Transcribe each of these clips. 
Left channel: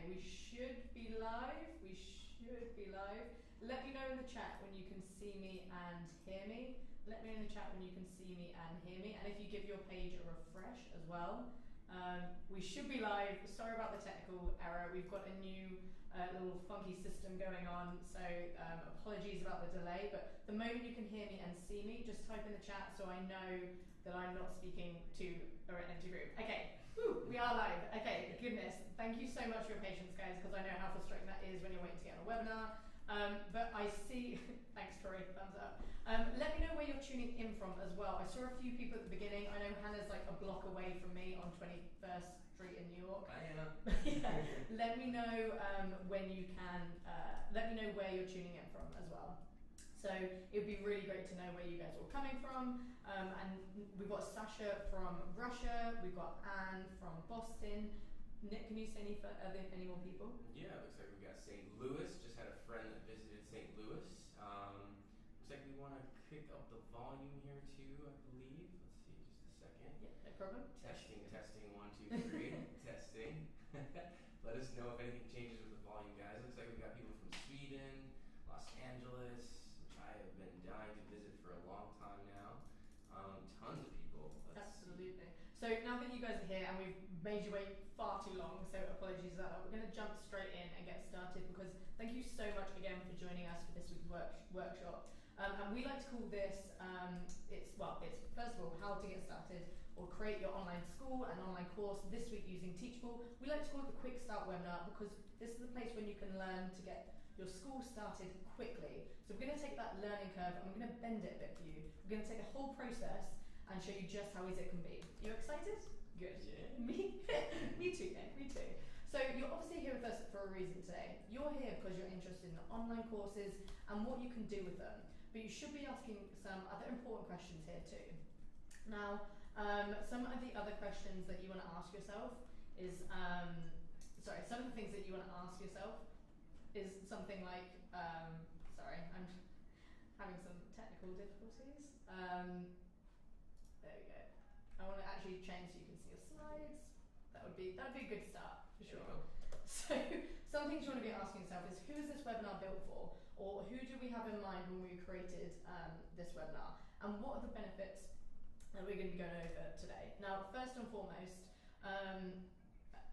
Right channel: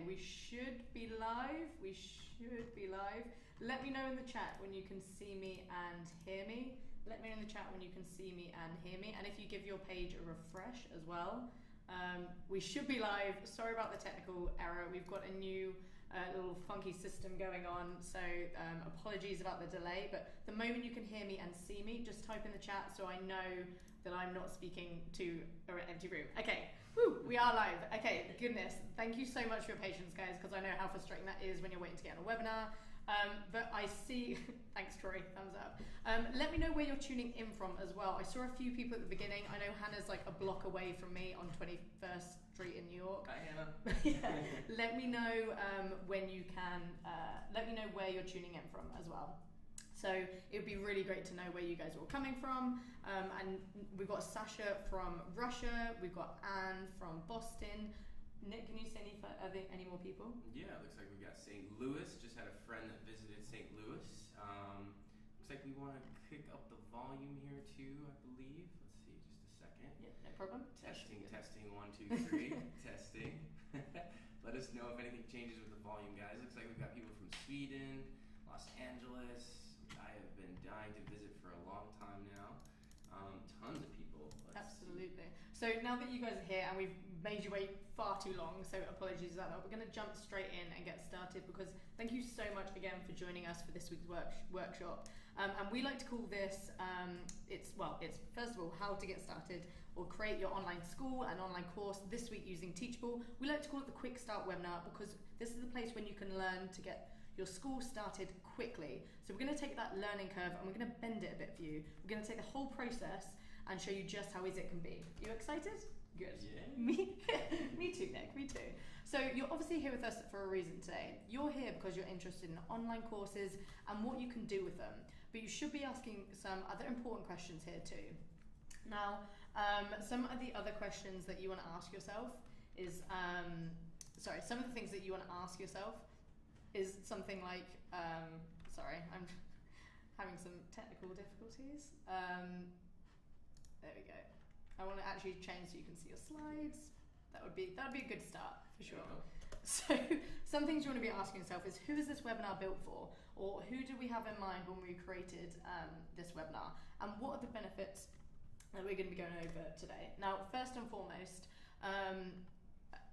Okay, we should be live. We should be live. Let me know in the chat when you can see me and hear me. Let me know in the chat when you can see me and hear me. And if you give your page a refresh as well. We should be live. Sorry about the technical error. We've got a new little funky system going on, so apologies about the delay, but the moment you can hear me and see me, just type in the chat so I know that I'm not speaking to an empty room. Okay, woo, we are live. Okay, goodness, thank you so much for your patience, guys, because I know how frustrating that is when you're waiting to get on a webinar. But I see, thanks Troy, thumbs up. Let me know where you're tuning in from as well. I saw a few people at the beginning. I know Hannah's like a block away from me on 21st Street in New York. Hi Hannah. Yeah. Let me know when you can, let me know where you're tuning in from as well. So it would be really great to know where you guys are all coming from. And we've got Sasha from Russia, we've got Anne from Boston. Nick, can you say any more people? Yeah, it looks like we've got St. Louis. Just had a friend that visited St. Louis. Looks like we want to kick up the volume here too, I believe. Let's see, just a second. Yeah, no problem. Testing, 1, 2, 3. Testing. Let us know if anything changes with the volume, guys. Looks like we've got people from Sweden, Los Angeles. I have been dying to visit for a long time now. Tons of people. Absolutely. So now that you guys are here and we've made you wait far too long, so apologies for that, we're going to jump straight in and get started because thank you so much again for joining us for this week's workshop. And we like to call this, it's first of all, how to get started or create your online school and online course this week using Teachable. We like to call it the Quick Start webinar because this is the place when you can learn to get your school started quickly. So we're going to take that learning curve and we're going to bend it a bit for you. We're going to take the whole process and show you just how easy it can be. You excited? Good. Yeah. Me too, Nick, me too. So you're obviously here with us for a reason today. You're here because you're interested in online courses and what you can do with them. But you should be asking some other important questions here too. Now, some of the other questions that you want to ask yourself is, some of the things that you want to ask yourself is something like, sorry, I'm having some technical difficulties. There we go. I want to actually change so you can see your slides. That would be a good start for sure. So some things you want to be asking yourself is, who is this webinar built for? Or who did we have in mind when we created this webinar? And what are the benefits that we're going to be going over today? Now, first and foremost,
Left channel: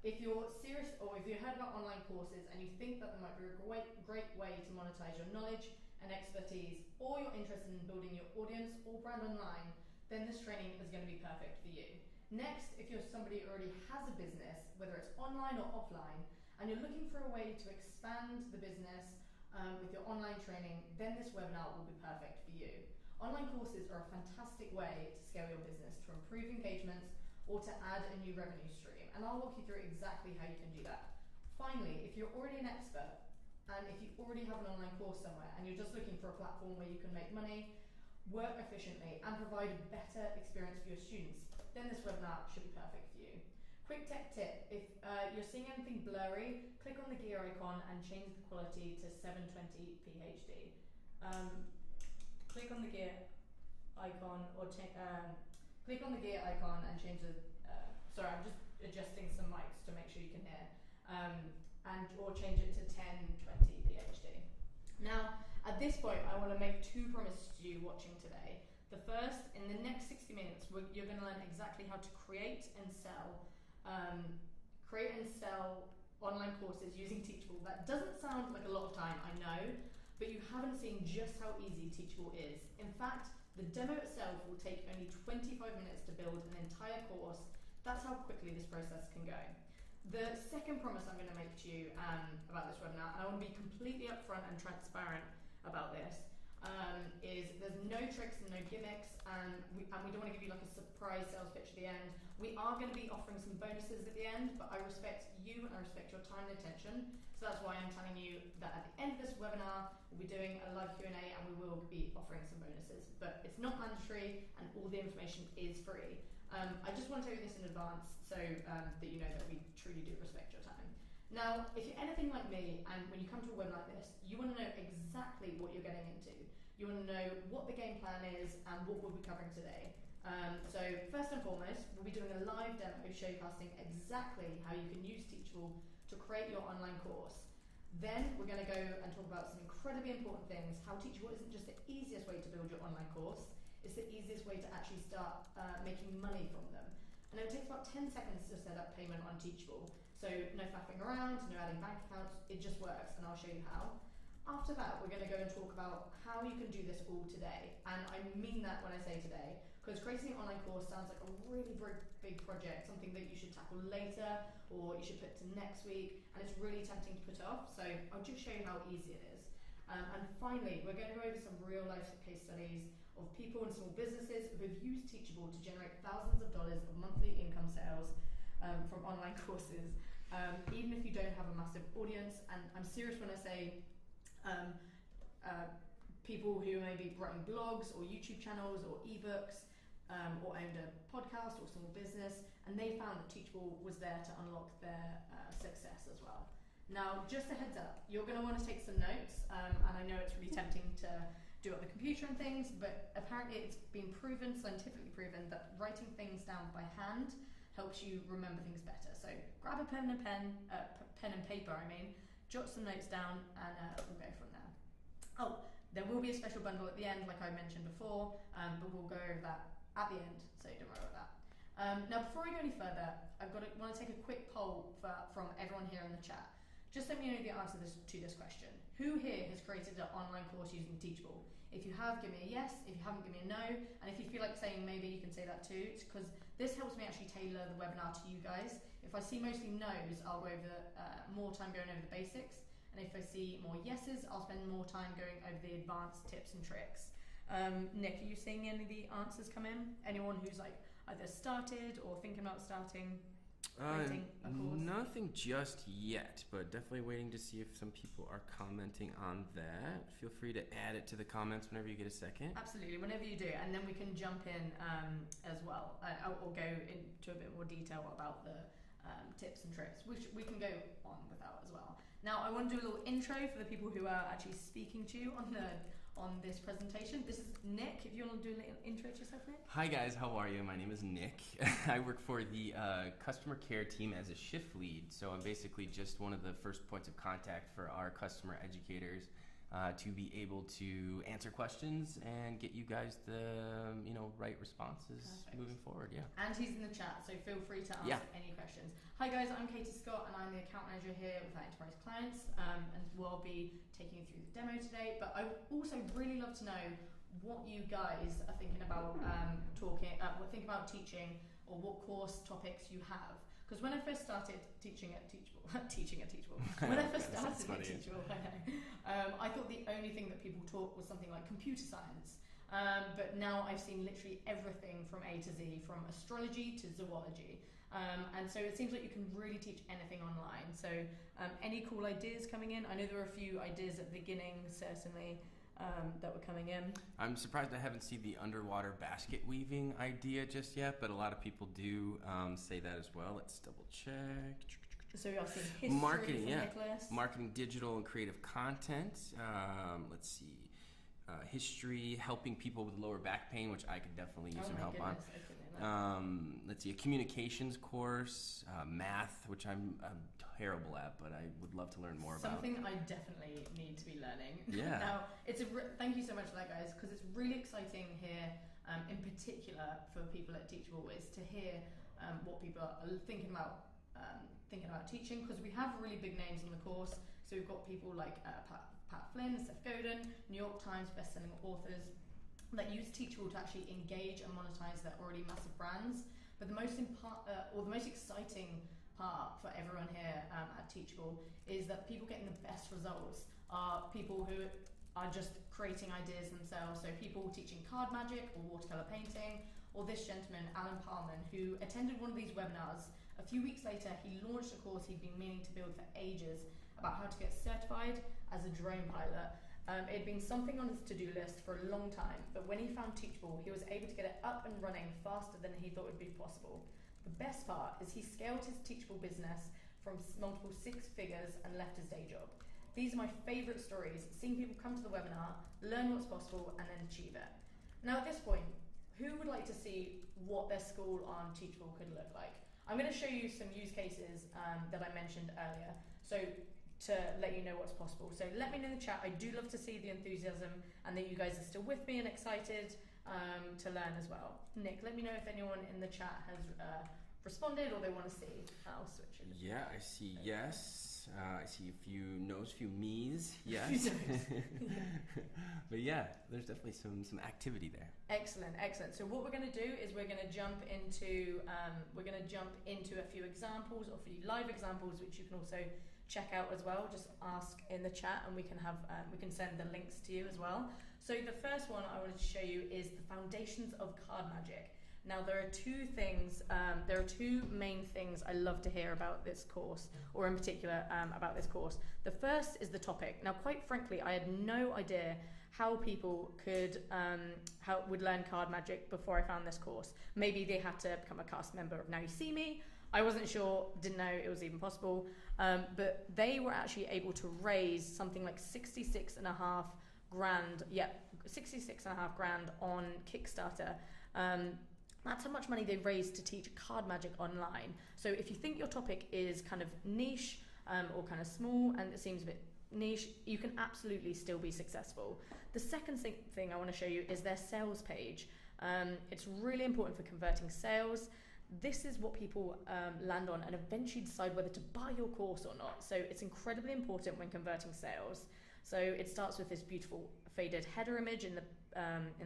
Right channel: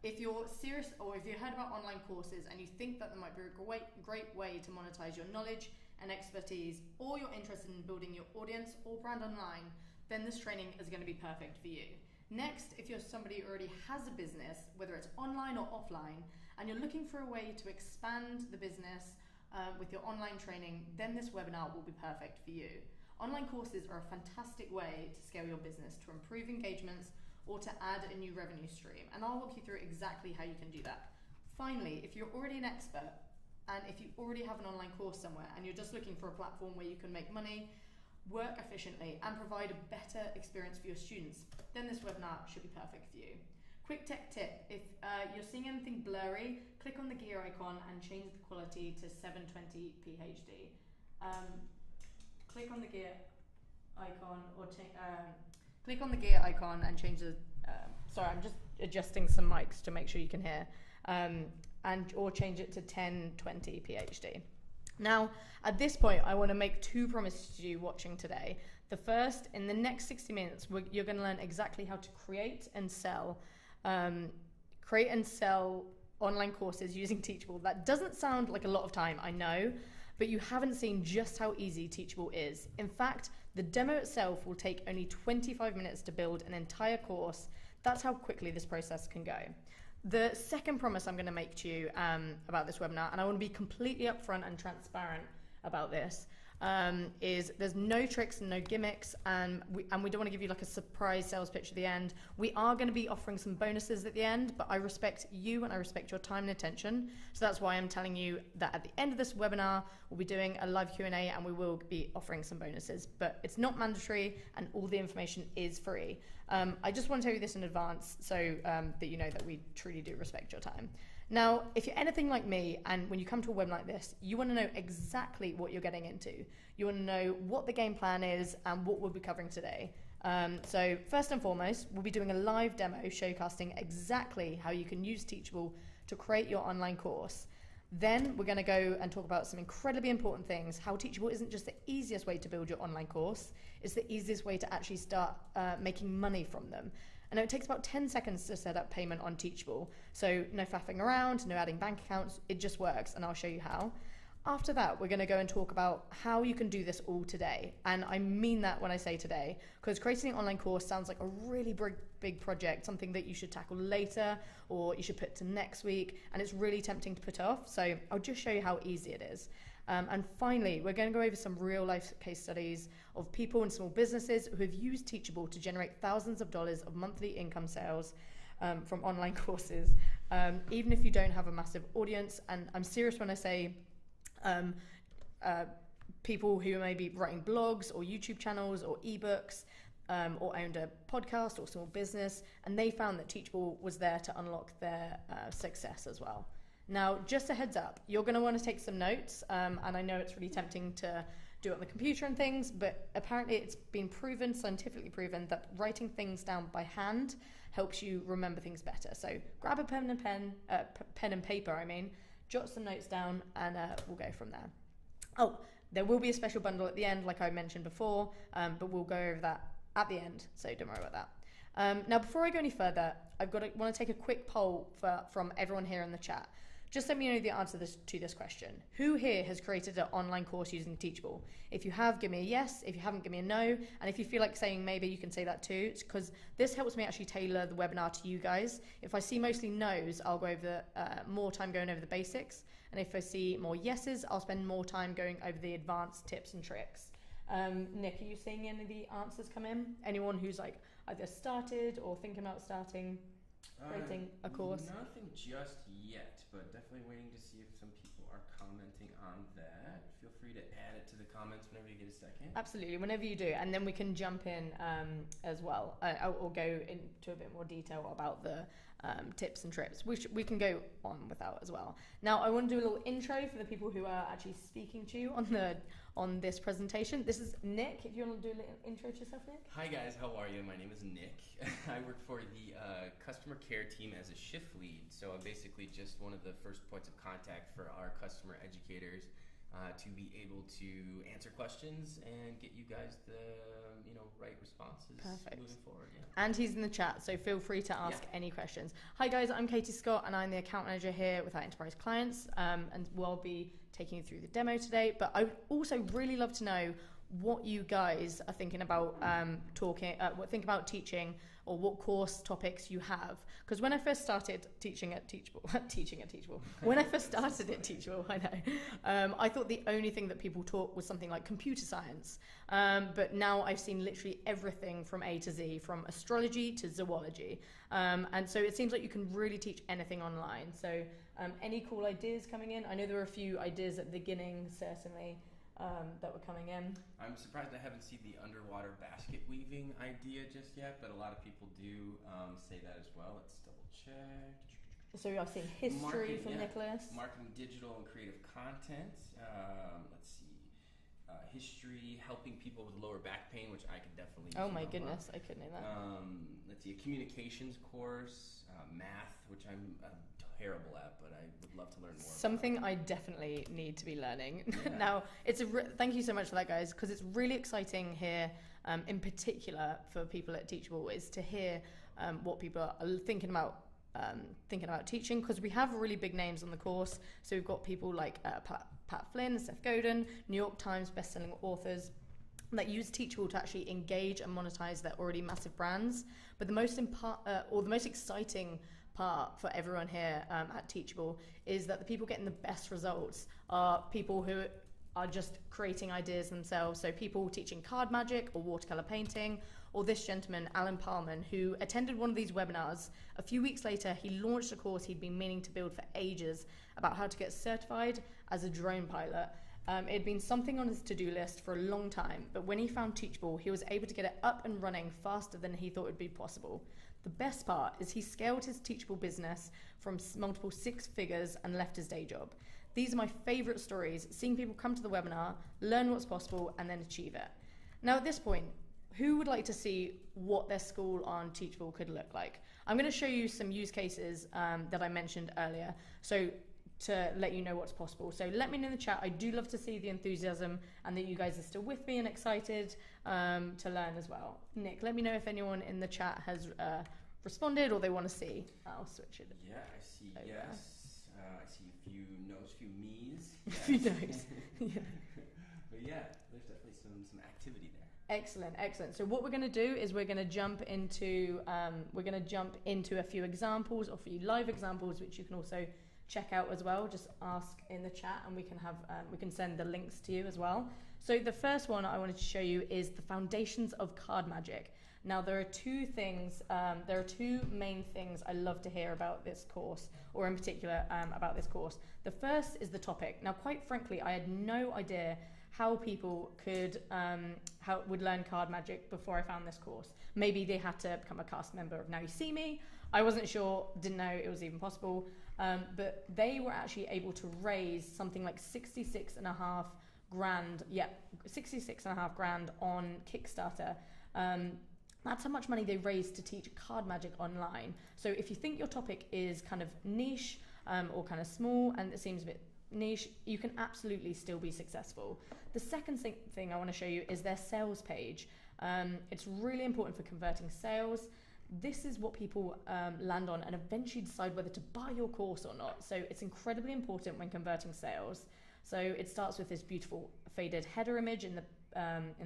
if you're serious or if you've heard about online courses and you think that there might be a great way to monetize your knowledge and expertise, or you're interested in building your audience or brand online, then this training is going to be perfect for you. Next, if you're somebody who already has a business, whether it's online or offline, and you're looking for a way to expand the business with your online training, then this webinar will be perfect for you. Online courses are a fantastic way to scale your business, to improve engagements, or to add a new revenue stream. And I'll walk you through exactly how you can do that. Finally, if you're already an expert, and if you already have an online course somewhere, and you're just looking for a platform where you can make money, work efficiently, and provide a better experience for your students, then this webinar should be perfect for you. Quick tech tip, if you're seeing anything blurry, click on the gear icon and change the quality to 720p HD. Click on the gear icon or click on the gear icon and change the, sorry, I'm just adjusting some mics to make sure you can hear, or change it to 1020p HD. Now, at this point, I want to make two promises to you watching today. The first, in the next 60 minutes, you're going to learn exactly how to create and sell online courses using Teachable. That doesn't sound like a lot of time, I know, but you haven't seen just how easy Teachable is. In fact, the demo itself will take only 25 minutes to build an entire course. That's how quickly this process can go. The second promise I'm going to make to you about this webinar, and I want to be completely upfront and transparent about this, is there's no tricks and no gimmicks, and we don't want to give you like a surprise sales pitch at the end. We are going to be offering some bonuses at the end, but I respect you and I respect your time and attention. So that's why I'm telling you that at the end of this webinar, we'll be doing a live Q&A and we will be offering some bonuses, but it's not mandatory and all the information is free. I just want to tell you this in advance so that you know that we truly do respect your time. Now, if you're anything like me, and when you come to a webinar like this, you want to know exactly what you're getting into. You want to know what the game plan is and what we'll be covering today. So first and foremost, we'll be doing a live demo showcasing exactly how you can use Teachable to create your online course. Then we're going to go and talk about some incredibly important things. How Teachable isn't just the easiest way to build your online course, it's the easiest way to actually start making money from them. And it takes about 10 seconds to set up payment on Teachable. So no faffing around, no adding bank accounts, it just works, and I'll show you how. After that, we're going to go and talk about how you can do this all today. And I mean that when I say today, because creating an online course sounds like a really big project, something that you should tackle later or you should put to next week, and it's really tempting to put off. So I'll just show you how easy it is. And finally, we're going to go over some real life case studies of people and small businesses who have used Teachable to generate thousands of dollars of monthly income sales from online courses, even if you don't have a massive audience. And I'm serious when I say people who may be writing blogs or YouTube channels or ebooks or owned a podcast or small business, and they found that Teachable was there to unlock their success as well. Now, just a heads up, you're going to want to take some notes, and I know it's really tempting to do it on the computer and things, but apparently it's been proven, scientifically proven, that writing things down by hand helps you remember things better. So grab a pen and paper, jot some notes down, and we'll go from there. Oh, there will be a special bundle at the end, like I mentioned before, but we'll go over that at the end, so don't worry about that. Now, before I go any further, want to take a quick poll from everyone here in the chat. Just let me know the answer to this question. Who here has created an online course using Teachable? If you have, give me a yes. If you haven't, give me a no. And if you feel like saying maybe, you can say that too, because this helps me actually tailor the webinar to you guys. If I see mostly no's, I'll go over more time going over the basics. And if I see more yeses, I'll spend more time going over the advanced tips and tricks. Nick, are you seeing any of the answers come in? Anyone who's like either started or thinking about starting? Creating a course? Nothing just yet, but definitely waiting to see if some people are commenting on that. Feel free to add it to the comments whenever you get a second. Absolutely, whenever you do, and then we can jump in as well. I'll go into a bit more detail about the tips and tricks, which we can go on without as well. Now, I want to do a little intro for the people who are actually speaking to you on this presentation. This is Nick. If you want to do a little intro to yourself, Nick. Hi guys, how are you? My name is Nick. I work for the customer care team as a shift lead. So I'm basically just one of the first points of contact for our customer educators to be able to answer questions and get you guys the right responses. Perfect. Moving forward. Yeah. And he's in the chat, so feel free to ask any questions. Hi guys, I'm Katie Scott, and I'm the account manager here with our enterprise clients, and we'll be taking you through the demo today. But I would also really love to know what you guys are thinking about think about teaching, or what course topics you have. Because when I first started teaching at Teachable, when I first started at Teachable, I know, I thought the only thing that people taught was something like computer science. But now I've seen literally everything from A to Z, from astrology to zoology. And so it seems like you can really teach anything online. So any cool ideas coming in? I know there were a few ideas at the beginning, certainly, that were coming in. I'm surprised I haven't seen the underwater basket weaving idea just yet, but a lot of people do say that as well. Let's double check. So you're seeing history from Nicholas. Marketing, digital, and creative content. Let's see. History, helping people with lower back pain, which I could definitely use some help on. Oh my goodness, I couldn't know that. Let's see, a communications course, math, which I'm terrible at, but I would love to learn more about. Something I definitely need to be learning. Yeah. Now, thank you so much for that, guys, because it's really exciting here, in particular for people at Teachable, is to hear what people are thinking about teaching, because we have really big names on the course. So we've got people like Pat Flynn, Seth Godin, New York Times bestselling authors that use Teachable to actually engage and monetize their already massive brands. But the most exciting part for everyone here at Teachable is that the people getting the best results are people who are just creating ideas themselves. So people teaching card magic or watercolor painting, or this gentleman, Alan Parman, who attended one of these webinars. A few weeks later, he launched a course he'd been meaning to build for ages about how to get certified as a drone pilot. It had been something on his to-do list for a long time, but when he found Teachable, he was able to get it up and running faster than he thought would be possible. The best part is he scaled his Teachable business from multiple six figures and left his day job. These are my favorite stories, seeing people come to the webinar, learn what's possible, and then achieve it. Now at this point, who would like to see what their school on Teachable could look like? I'm going to show you some use cases that I mentioned earlier. So to let you know what's possible. So let me know in the chat. I do love to see the enthusiasm and that you guys are still with me and excited to learn as well. Nick, let me know if anyone in the chat has responded or they want to see. I'll switch it. Yeah, I see yes. I see a few no's, a few me's. Yes. A few no's. Yeah. But yeah, there's definitely some activity there. Excellent, excellent. So what we're going to do is we're going to jump into a few examples, or a few live examples, which you can also check out as well. Just ask in the chat, and we can send the links to you as well. So the first one I wanted to show you is the foundations of card magic. Now there are two main things I love to hear about this course, or in particular about this course. The first is the topic. Now, quite frankly, I had no idea how people would learn card magic before I found this course. Maybe they had to become a cast member of Now You See Me. I wasn't sure, didn't know it was even possible, but they were actually able to raise something like 66.5 grand on Kickstarter. That's how much money they raised to teach card magic online. So if you think your topic is kind of niche or kind of small and it seems a bit niche, you can absolutely still be successful. The second thing I want to show you is their sales page. It's really important for converting sales. This is what people land on and eventually decide whether to buy your course or not. So it's incredibly important when converting sales. So it starts with this beautiful faded header image in the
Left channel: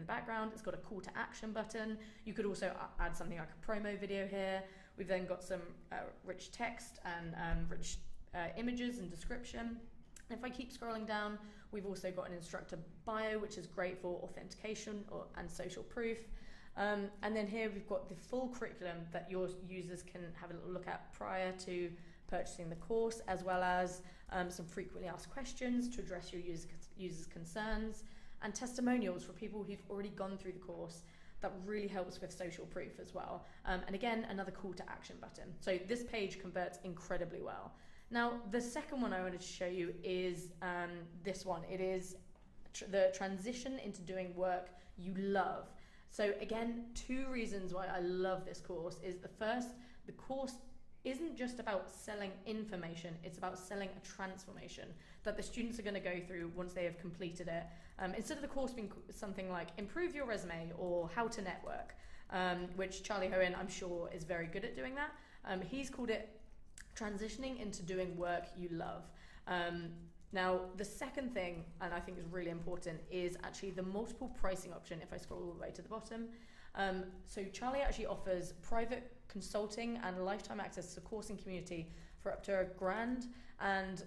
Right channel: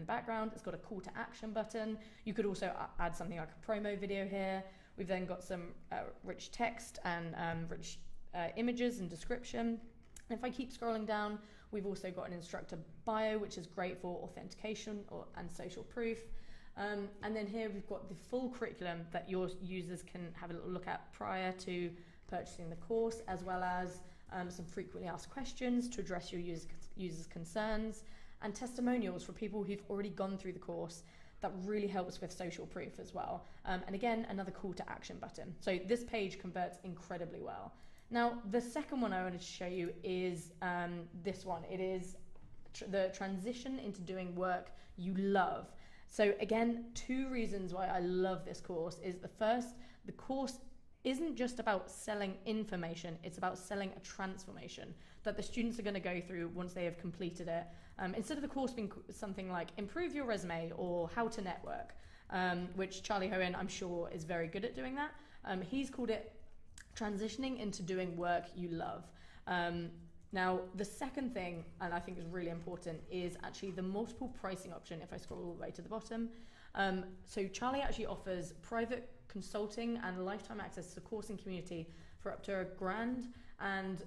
background. It's got a call to action button. You could also add something like a promo video here. We've then got some rich text and rich images and description. And if I keep scrolling down, we've also got an instructor bio, which is great for authentication and social proof. And then here we've got the full curriculum that your users can have a little look at prior to purchasing the course, as well as some frequently asked questions to address your users' concerns, and testimonials for people who've already gone through the course. That really helps with social proof as well. And again, another call to action button. So this page converts incredibly well. Now, the second one I wanted to show you is this one. It is the transition into doing work you love. So again, two reasons why I love this course is the first, the course isn't just about selling information, it's about selling a transformation that the students are going to go through once they have completed it. Instead of the course being something like improve your resume or how to network, which Charlie Hohen, I'm sure, is very good at doing that. He's called it transitioning into doing work you love. Now, the second thing, and I think is really important, is actually the multiple pricing option if I scroll all the way to the bottom. So Charlie actually offers private consulting and lifetime access to the course and community for up to $1,000, and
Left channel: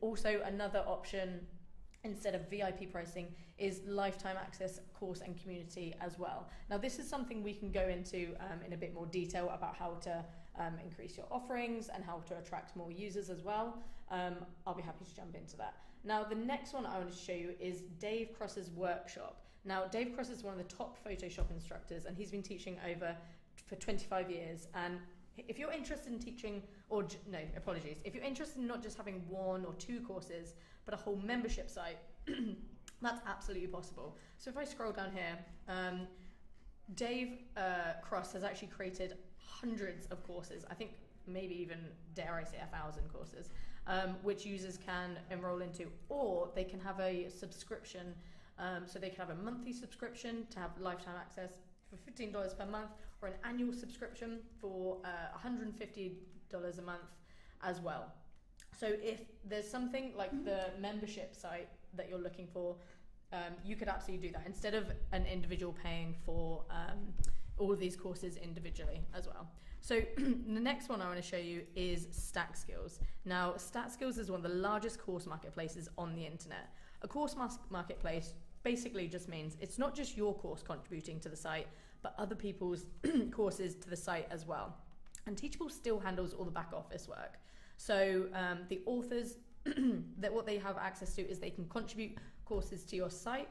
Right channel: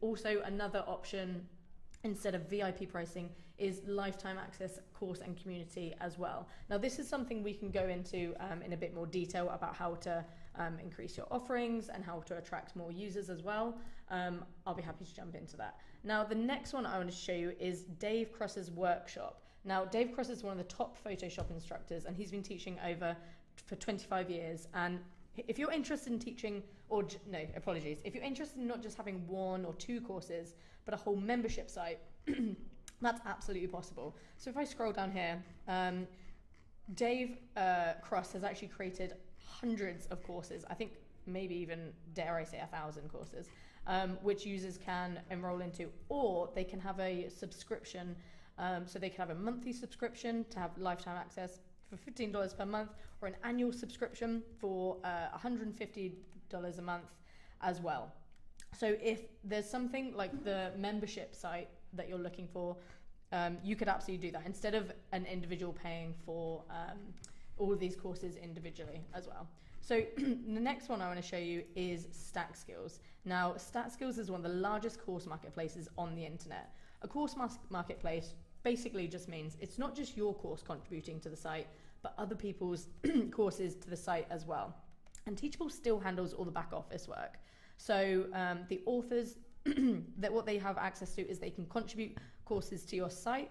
also another option instead of VIP pricing is lifetime access, course and community as well. Now this is something we can go into in a bit more detail about how to increase your offerings and how to attract more users as well. I'll be happy to jump into that. Now the next one I want to show you is Dave Cross's workshop. Now Dave Cross is one of the top Photoshop instructors and he's been teaching for 25 years. And if you're interested in teaching, if you're interested in not just having one or two courses, but a whole membership site, that's absolutely possible. So if I scroll down here, Dave Cross has actually created hundreds of courses, I think maybe even, dare I say, 1,000 courses, which users can enroll into, or they can have a subscription. So they can have a monthly subscription to have lifetime access for $15 per month, or an annual subscription for $150 a month as well. So if there's something like the membership site that you're looking for, you could absolutely do that instead of an individual paying for all of these courses individually as well. So the next one I want to show you is Stack Skills. Now, Stack Skills is one of the largest course marketplaces on the internet. A course marketplace basically just means it's not just your course contributing to the site, but other people's courses to the site as well. And Teachable still handles all the back office work. So the authors, that what they have access to is they can contribute courses to your site.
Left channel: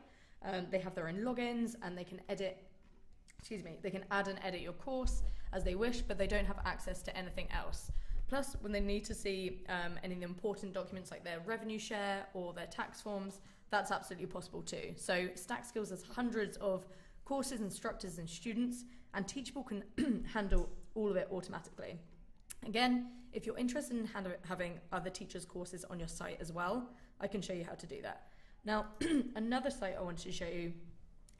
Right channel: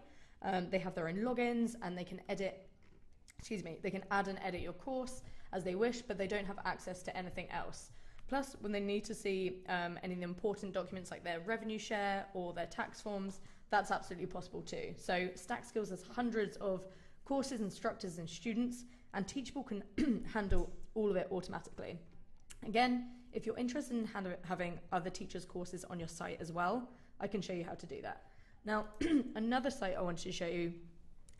They have their own logins and they can they can add and edit your course as they wish, but they don't have access to anything else. Plus, when they need to see any of the important documents like their revenue share or their tax forms, that's absolutely possible too. So Stack Skills has hundreds of courses, instructors and students, and Teachable can handle all of it automatically. Again, if you're interested in having other teachers' courses on your site as well, I can show you how to do that. Now, another site I wanted to show you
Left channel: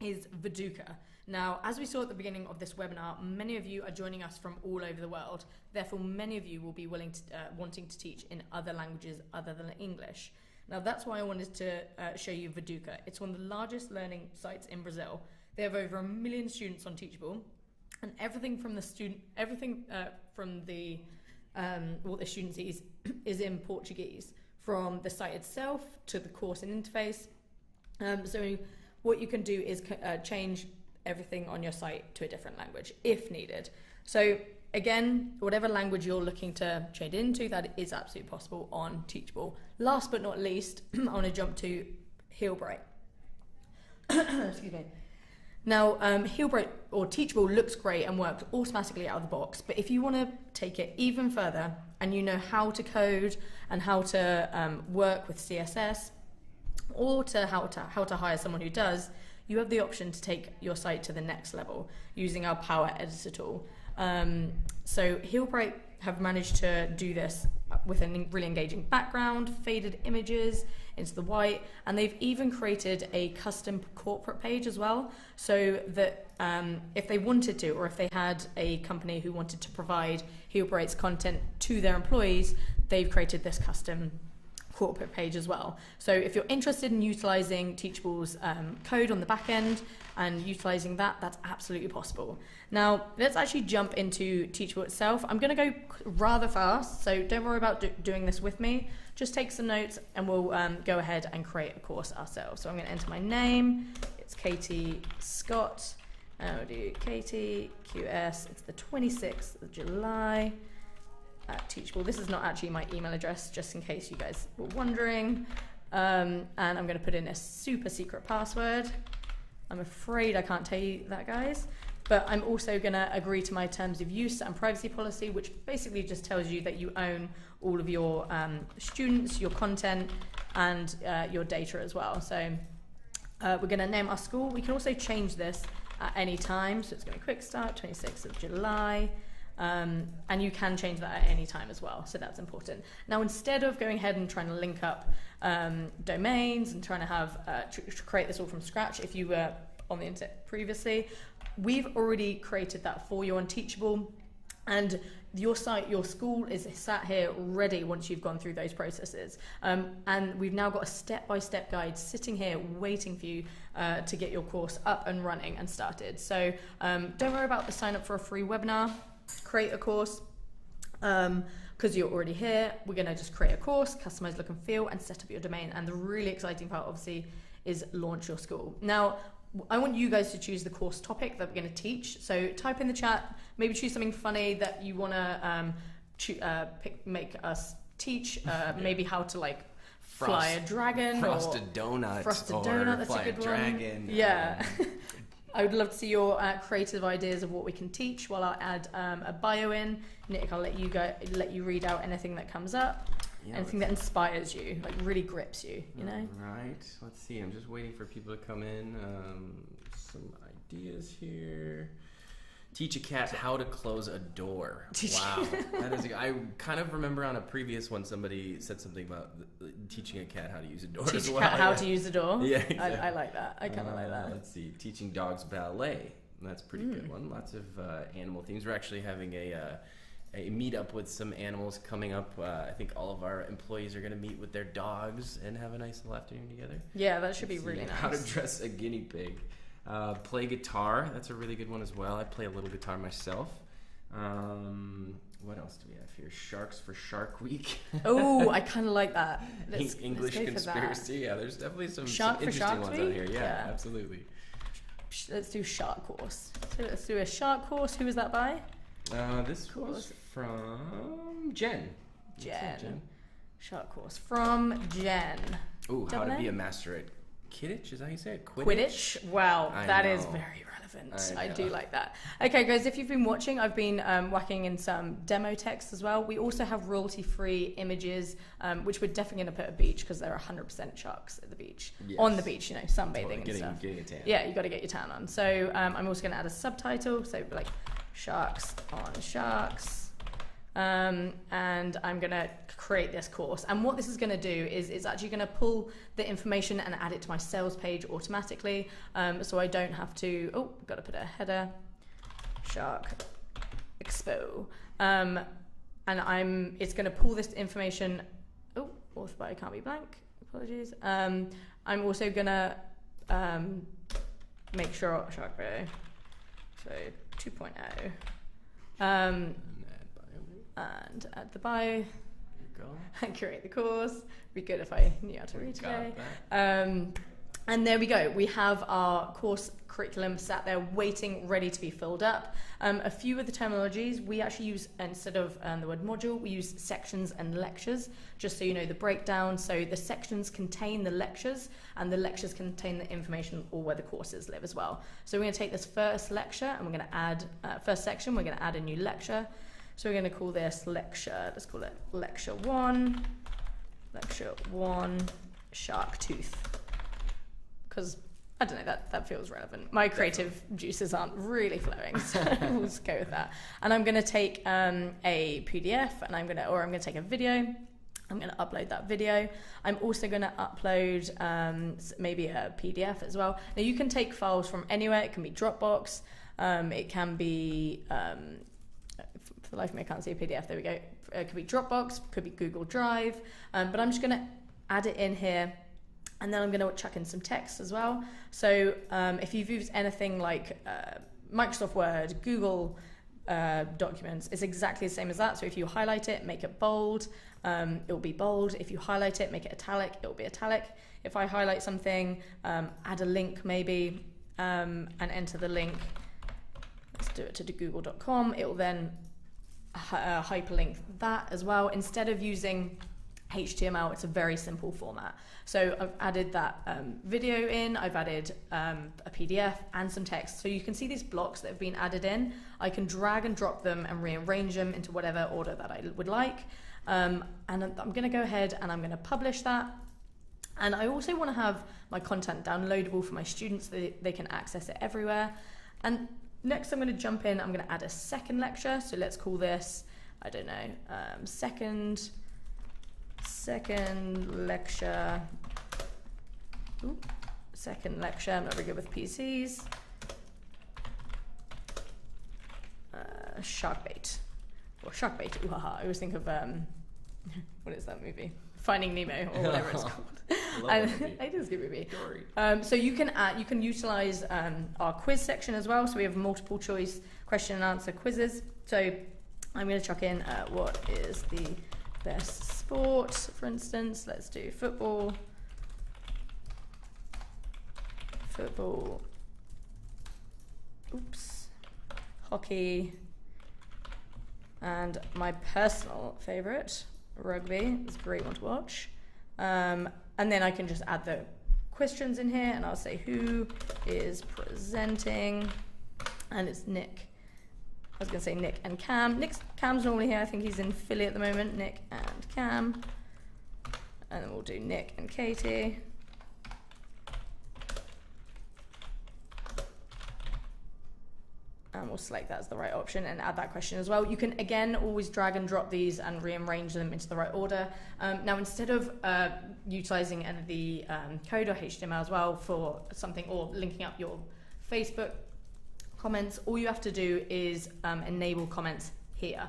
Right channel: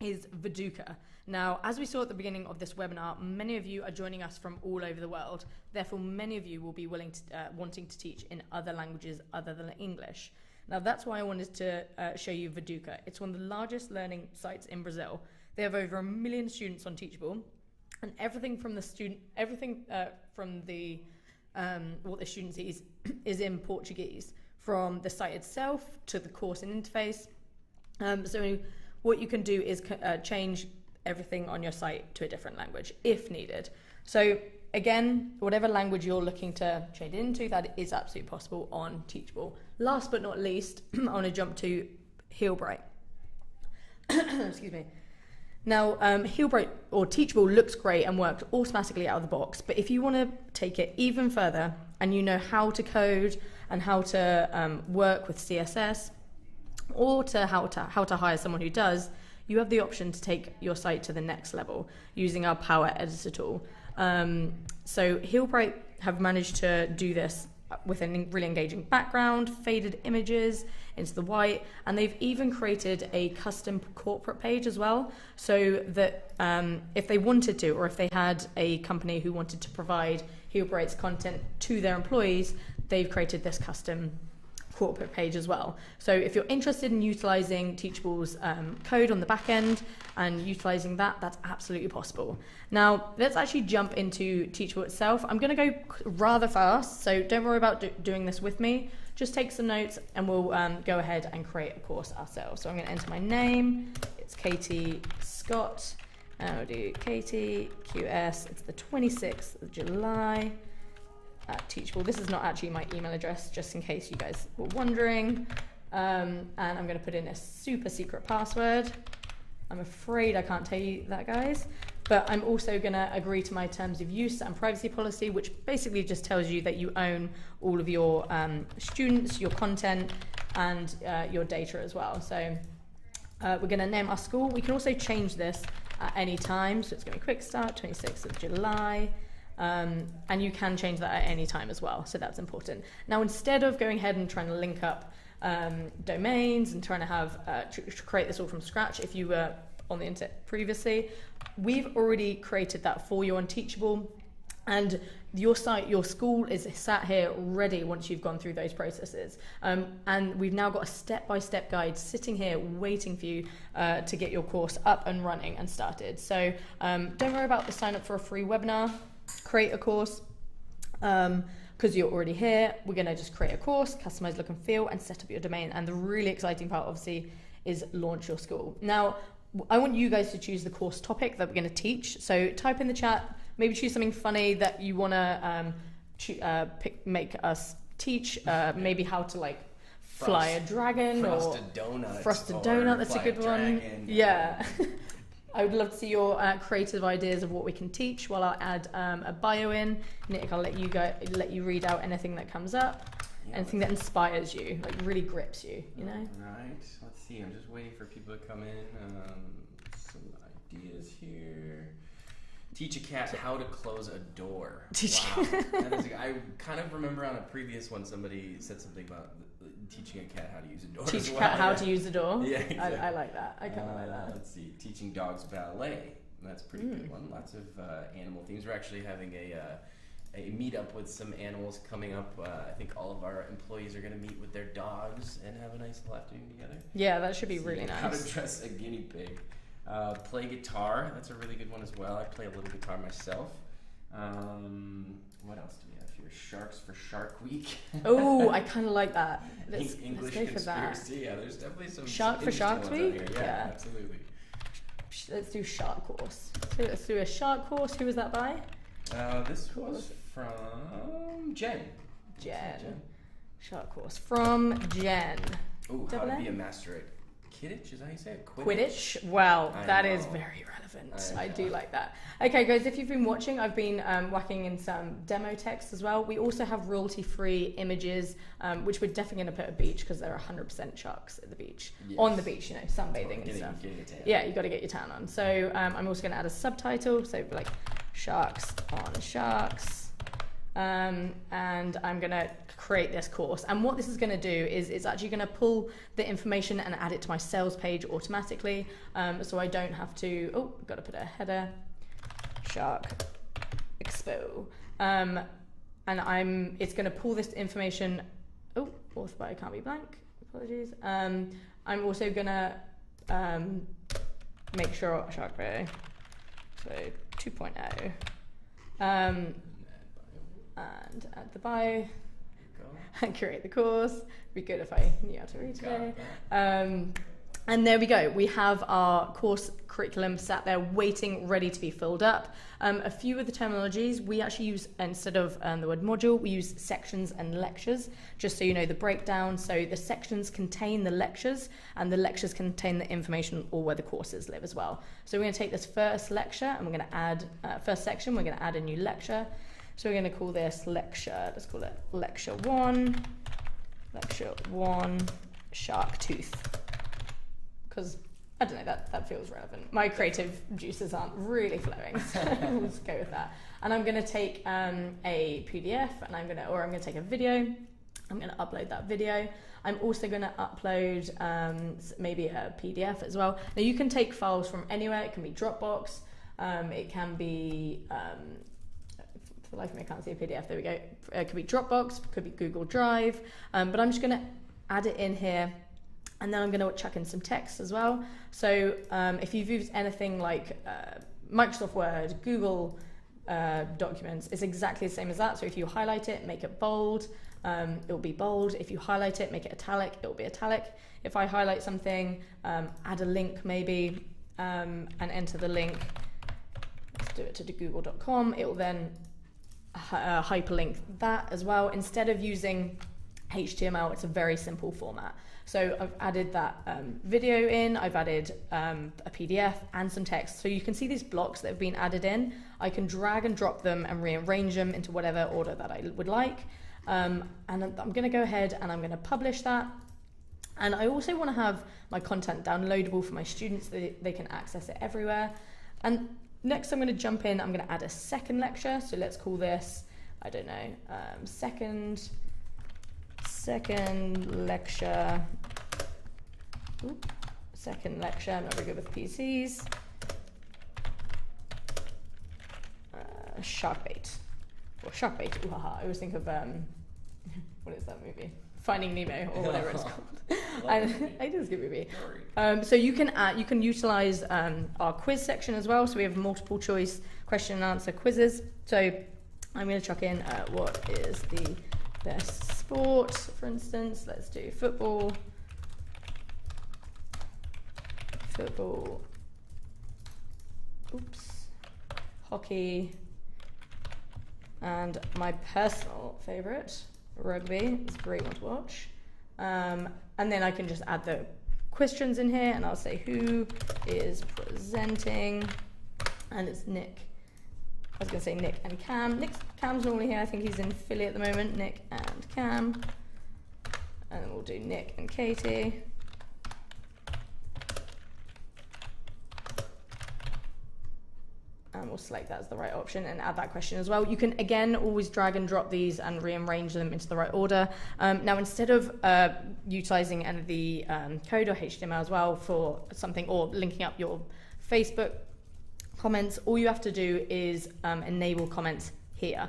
is Viduka. Now, as we saw at the beginning of this webinar, many of you are joining us from all over the world. Therefore, many of you will be wanting to teach in other languages other than English. Now, that's why I wanted to show you Viduka. It's one of the largest learning sites in Brazil. They have over 1 million students on Teachable, and everything from what the student sees is in Portuguese, from the site itself to the course and interface. So what you can do is change everything on your site to a different language if needed. So again, whatever language you're looking to trade into, that is absolutely possible on Teachable. Last but not least, I want to jump to Heelbright. Excuse me. Now, Heelbright or Teachable looks great and works automatically out of the box, but if you want to take it even further and you know how to code and how to work with CSS, or how to hire someone who does, you have the option to take your site to the next level using our Power Editor tool. So Heelbright have managed to do this with a really engaging background, faded images into the white, and they've even created a custom corporate page as well, so that if they wanted to, or if they had a company who wanted to provide Heelbright's content to their employees, they've created this custom corporate page as well. So if you're interested in utilizing Teachable's code on the back end and utilizing that, that's absolutely possible. Now, let's actually jump into Teachable itself. I'm going to go rather fast, so don't worry about doing this with me. Just take some notes and we'll go ahead and create a course ourselves. So I'm going to enter my name. It's Katie Scott. I'll do Katie QS. It's the 26th of July. At Teachable. This is not actually my email address, just in case you guys were wondering. And I'm going to put in a super secret password. I'm afraid I can't tell you that, guys. But I'm also going to agree to my terms of use and privacy policy, which basically just tells you that you own all of your students, your content, and your data as well. So we're going to name our school. We can also change this at any time. So it's going to be Quickstart, 26th of July. And you can change that at any time as well, so that's important. Now, instead of going ahead and trying to link up domains and trying to have to create this all from scratch, if you were on the internet previously, we've already created that for you on Teachable, and your site, your school is sat here ready once you've gone through those processes. And we've now got a step-by-step guide sitting here waiting for you to get your course up and running and started. So don't worry about the sign up for a free webinar. Create a course, because you're already here. We're going to just create a course, customize look and feel, and set up your domain. And the really exciting part, obviously, is launch your school. Now, I want you guys to choose the course topic that we're going to teach. So type in the chat, maybe choose something funny that you want to make us teach. Maybe how to fly a dragon, frosted donut. Frosted donut, that's a good one. Yeah. I would love to see your creative ideas of what we can teach. While I'll add a bio in, Nick, I'll let you read out anything that comes up, anything that inspires you, really grips you. You know. Right. Let's see. I'm just waiting for people to come in. Some ideas here. Teach a cat how to close a door. Wow. I kind of remember on a previous one somebody said something about teaching a cat how to use a door. Teach a cat how to use a door? Yeah, exactly. I like that. I kind of like that. Let's see. Teaching dogs ballet. That's a pretty good one. Lots of animal things. We're actually having a meetup with some animals coming up. I think all of our employees are going to meet with their dogs and have a nice little afternoon together. Yeah, that should be really nice. How to dress a guinea pig. Play guitar. That's a really good one as well. I play a little guitar myself. What else do we have here? Sharks for Shark Week. Oh, I kind of like that. English let's go conspiracy. Yeah, there's definitely some Shark for Shark Week. Yeah, absolutely. Let's do Shark course. Let's do a Shark course. Who was that by? This was from Jen. Jen. Shark course from Jen. Ooh, how to be a master at Quidditch? Is that how you say it? Quidditch? Wow, that is very relevant. I do like that. Okay, guys, if you've been watching, I've been whacking in some demo text as well. We also have royalty-free images, which we're definitely going to put at beach because there are 100% sharks at the beach. Yes. On the beach, sunbathing and stuff. Yeah, you got to get your tan on. So I'm also going to add a subtitle. So Sharks on Sharks. And I'm going to create this course. And what this is going to do is it's actually going to pull the information and add it to my sales page automatically. So I don't have to, got to put a header, Shark Expo. And it's going to pull this information. Author bio can't be blank. Apologies. I'm also going to make sure Shark Bio, so 2.0. And add the bio and create the course. It'd be good if I knew how to read today. And there we go. We have our course curriculum sat there waiting, ready to be filled up. A few of the terminologies we actually use, instead of the word module, we use sections and lectures, just so you know the breakdown. So the sections contain the lectures, and the lectures contain the information or where the courses live as well. So we're going to take this first lecture and we're going to add, first section, we're going to add a new lecture. So we're going to call this lecture, let's call it lecture 1, shark tooth. Because, I don't know, that feels relevant. My creative juices aren't really flowing, so we'll just go with that. And I'm going to take a PDF, and I'm going to take a video. I'm going to upload that video. I'm also going to upload maybe a PDF as well. Now you can take files from anywhere. It can be Dropbox. It can be, for the life of me I can't see a PDF. There we go. It could be Dropbox. It could be Google Drive. But I'm just going to add it in here. And then I'm going to chuck in some text as well. So if you've used anything like Microsoft Word, Google Documents, it's exactly the same as that. So if you highlight it, make it bold, it will be bold. If you highlight it, make it italic, it will be italic. If I highlight something, add a link maybe, and enter the link, let's do it to google.com, it will then hyperlink that as well. Instead of using HTML, it's a very simple format. So I've added that video in, I've added a PDF and some text. So you can see these blocks that have been added in. I can drag and drop them and rearrange them into whatever order that I would like. And I'm going to go ahead and I'm going to publish that. And I also want to have my content downloadable for my students so that they can access it everywhere. And next I'm going to jump in, I'm going to add a second lecture. So let's call this, I don't know, second lecture. Second lecture. I'm not very good with PCs. Shark bait. Or shark bait. Ooh, haha. I always think of what is that movie? Finding Nemo or whatever it's called. It is a good movie. So you can utilize our quiz section as well. So we have multiple choice question and answer quizzes. So I'm going to chuck in what is the best sport, for instance. Let's do football. Hockey, and my personal favorite, rugby. It's a great one to watch. And then I can just add the questions in here, and I'll say who is presenting, and it's Nick. I was going to say Nick and Cam. Cam's normally here. I think he's in Philly at the moment. Nick and Cam. And then we'll do Nick and Katie. And we'll select that as the right option and add that question as well. You can, again, always drag and drop these and rearrange them into the right order. Now, instead of utilizing any of the code or HTML as well for something, or linking up your Facebook comments, all you have to do is enable comments here.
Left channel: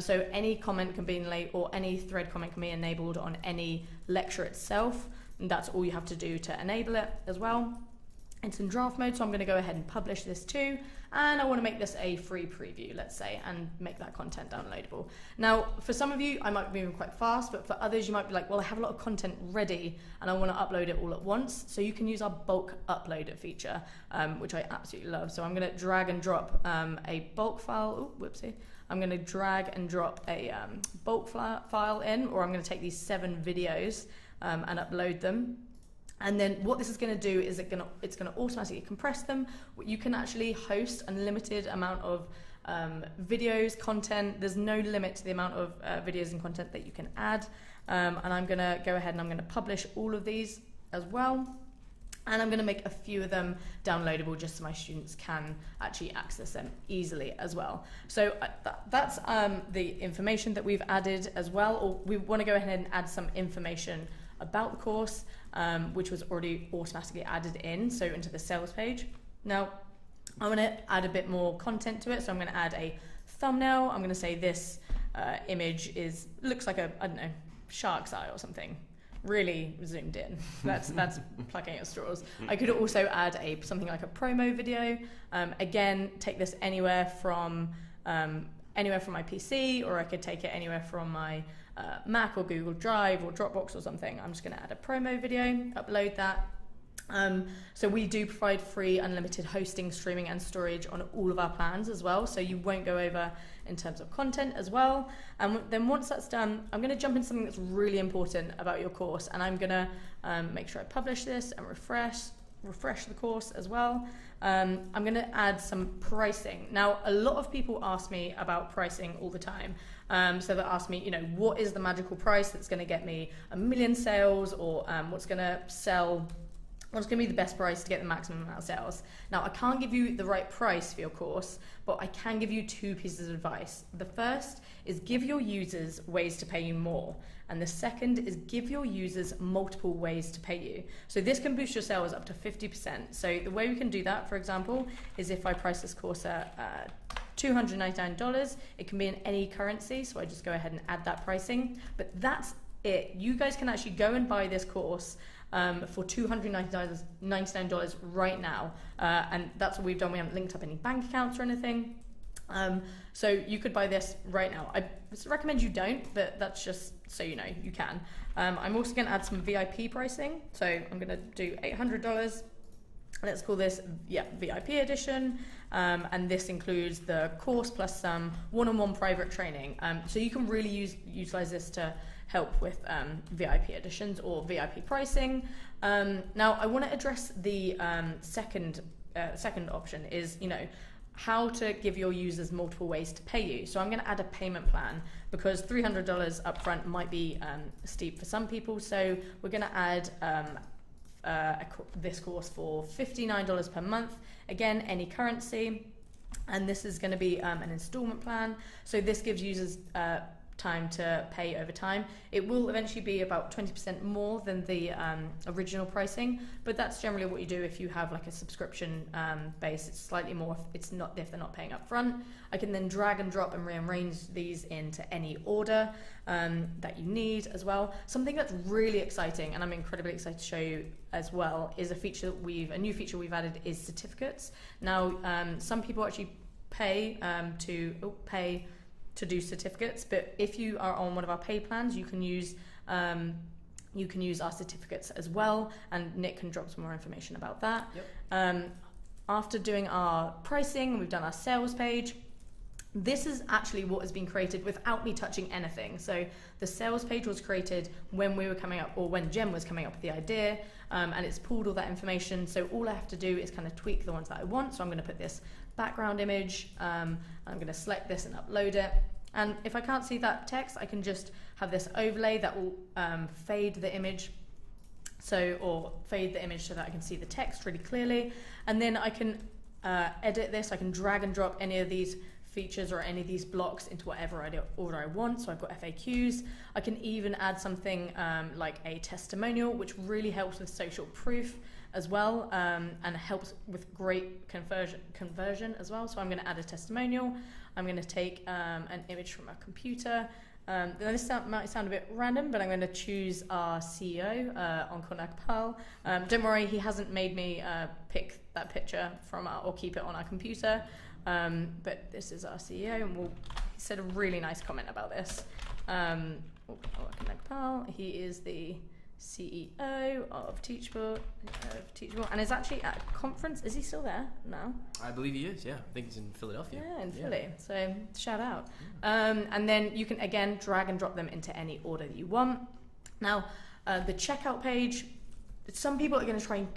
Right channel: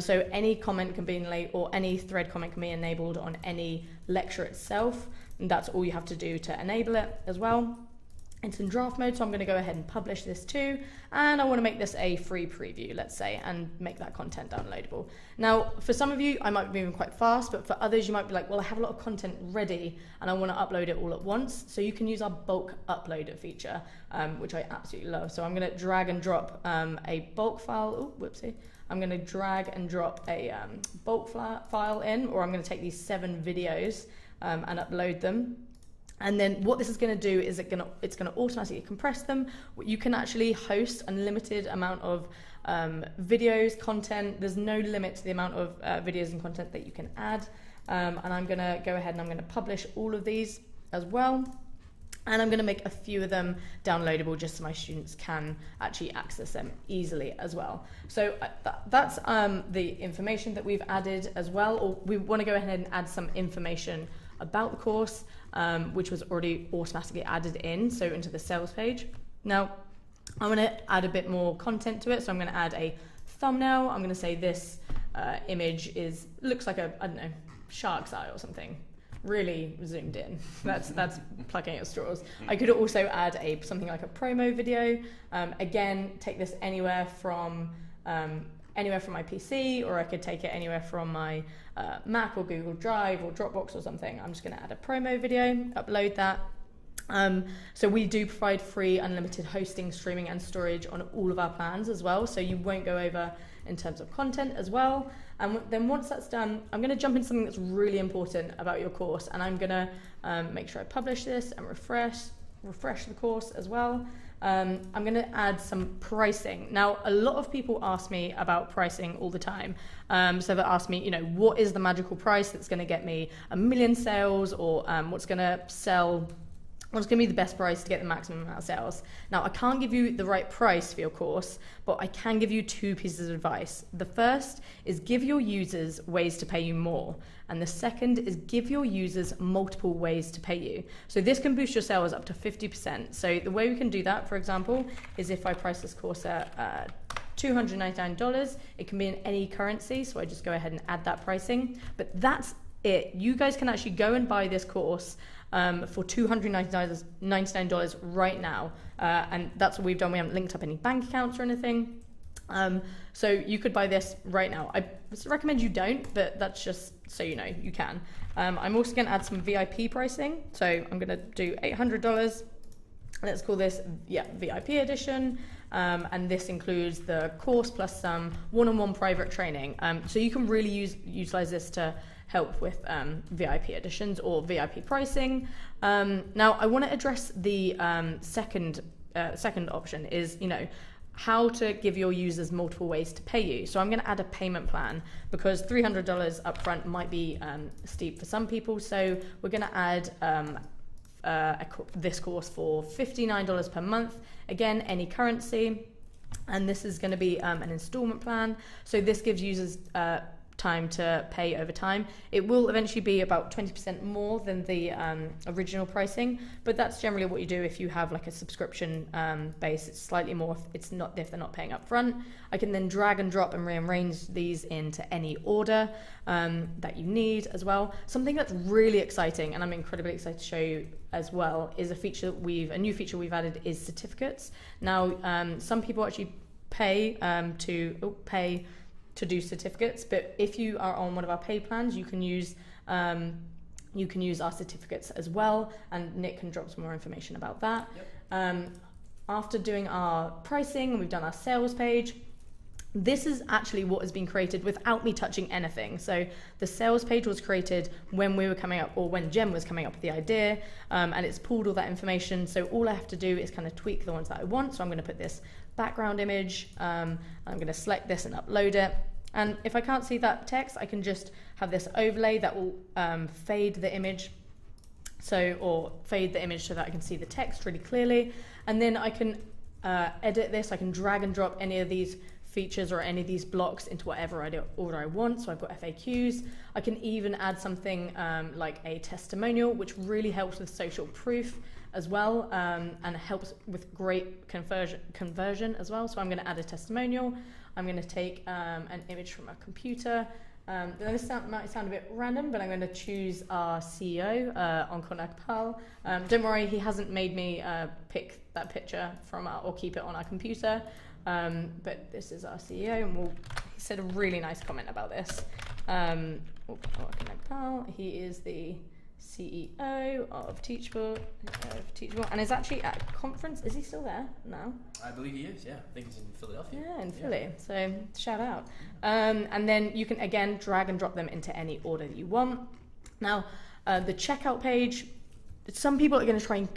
So any comment can be enabled, or any thread comment can be enabled on any lecture itself. And that's all you have to do to enable it as well. It's in draft mode, so I'm going to go ahead and publish this too. And I want to make this a free preview, let's say, and make that content downloadable. Now, for some of you, I might be moving quite fast, but for others, you might be like, well, I have a lot of content ready and I want to upload it all at once. So you can use our bulk uploader feature, which I absolutely love. So I'm going to drag and drop a bulk file. Oh, whoopsie. I'm going to drag and drop a bulk file in, or I'm going to take these 7 videos and upload them. And then what this is going to do is it's going to automatically compress them. You can actually host an unlimited amount of videos, content. There's no limit to the amount of videos and content that you can add. And I'm going to go ahead and I'm going to publish all of these as well. And I'm going to make a few of them downloadable just so my students can actually access them easily as well. So that's the information that we've added as well. Or we want to go ahead and add some information about the course, which was already automatically added in, so into the sales page. Now, I want to add a bit more content to it, so I'm going to add a thumbnail. I'm going to say this image looks like a, I don't know, shark's eye or something. Really zoomed in. That's plucking at straws. I could also add something like a promo video. Again, take this anywhere from my PC, or I could take it anywhere from my Mac or Google Drive or Dropbox or something. I'm just going to add a promo video, upload that. So we do provide free unlimited hosting, streaming and storage on all of our plans as well, so you won't go over in terms of content as well. And then once that's done, I'm going to jump into something that's really important about your course, and I'm going to make sure I publish this and refresh the course as well. I'm going to add some pricing. Now, a lot of people ask me about pricing all the time. So they ask me, what is the magical price that's going to get me 1 million sales, or what's going to be the best price to get the maximum amount of sales? Now, I can't give you the right price for your course, but I can give you 2 pieces of advice. The first is give your users ways to pay you more. And the second is give your users multiple ways to pay you. So this can boost your sales up to 50%. So the way we can do that, for example, is if I price this course at $299, it can be in any currency. So I just go ahead and add that pricing. But that's it. You guys can actually go and buy this course for $299 right now, and that's what we've done. We haven't linked up any bank accounts or anything, so you could buy this right now. I recommend you don't, but that's just so you know, you can. I'm also going to add some VIP pricing, so I'm going to do $800. Let's call this VIP edition, and this includes the course plus some one-on-one private training, so you can really utilize this to help with VIP editions or VIP pricing. Now, I want to address the second option is, how to give your users multiple ways to pay you. So I'm going to add a payment plan because $300 upfront might be steep for some people. So we're going to add this course for $59 per month. Again, any currency. And this is going to be an installment plan. So this gives users time to pay over time. It will eventually be about 20% more than the original pricing, but that's generally what you do if you have like a subscription base. It's slightly more if they're not paying up front. I can then drag and drop and rearrange these into any order that you need as well. Something that's really exciting, and I'm incredibly excited to show you as well, is a new feature we've added is certificates. Now, some people actually pay to do certificates, but if you are on one of our paid plans, you can use our certificates as well, and Nick can drop some more information about that. Yep. After doing our pricing, we've done our sales page. This is actually what has been created without me touching anything. So the sales page was created when we were coming up, or when Jem was coming up with the idea, and it's pulled all that information. So all I have to do is kind of tweak the ones that I want. So I'm going to put this background image. I'm going to select this and upload it. And if I can't see that text, I can just have this overlay that will fade the image. Or fade the image so that I can see the text really clearly. And then I can edit this. I can drag and drop any of these features or any of these blocks into whatever order I want. So I've got FAQs. I can even add something like a testimonial, which really helps with social proof as well, and helps with great conversion as well. So I'm going to add a testimonial. I'm going to take an image from a computer. This might sound a bit random, but I'm going to choose our CEO, Ankon Akpal. Don't worry, he hasn't made me pick that picture from or keep it on our computer. But this is our CEO, and he said a really nice comment about this. Ankon Akpal, he is the CEO of Teachable, and is actually at a conference. Is he still there now? I believe he is, yeah. I think he's in Philadelphia. Yeah, in Philly. So shout out. And then you can, again, drag and drop them into any order that you want. Now, the checkout page, some people are going to try and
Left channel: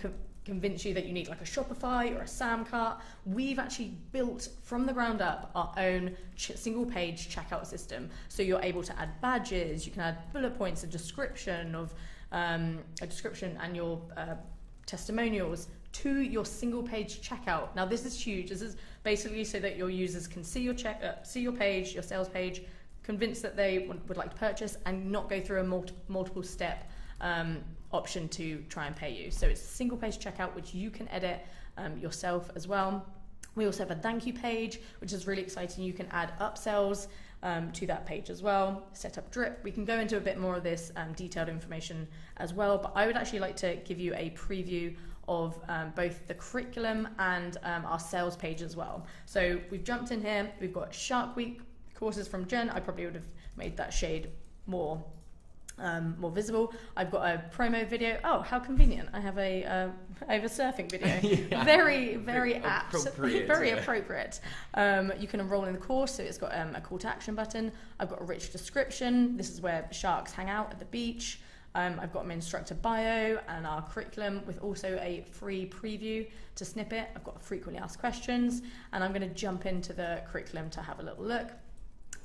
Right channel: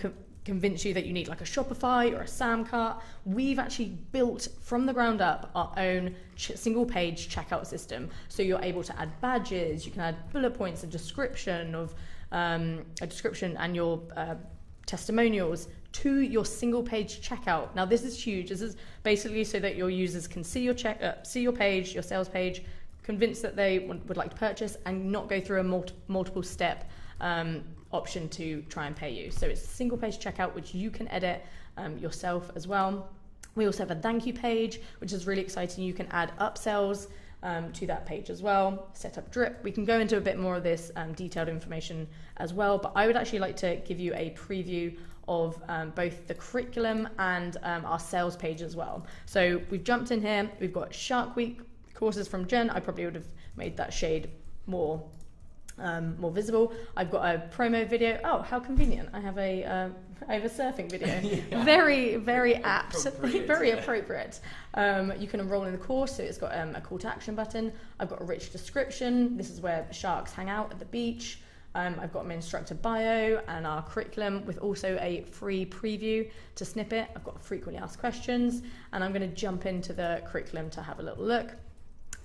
convince you that you need like a Shopify or a Samcart. We've actually built from the ground up our own single page checkout system. So you're able to add badges, you can add bullet points, a description and your testimonials, to your single page checkout. Now this is huge. This is basically so that your users can see your page, your sales page, convinced that they would like to purchase, and not go through a multiple step option to try and pay you. So it's a single page checkout, which you can edit yourself as well. We also have a thank you page, which is really exciting. You can add upsells to that page as well. Set up drip. We can go into a bit more of this detailed information as well, but I would actually like to give you a preview of both the curriculum and our sales page as well. So we've jumped in here. We've got Shark Week courses from Jen. I probably would have made that shade more visible. I've got a promo video. Oh, how convenient! I have a surfing video. Yeah. Very apt, very appropriate. You can enroll in the course, so it's got a call to action button. I've got a rich description. This is where sharks hang out at the beach. I've got my instructor bio and our curriculum, with also a free preview to snippet. I've got frequently asked questions, and I'm going to jump into the curriculum to have a little look.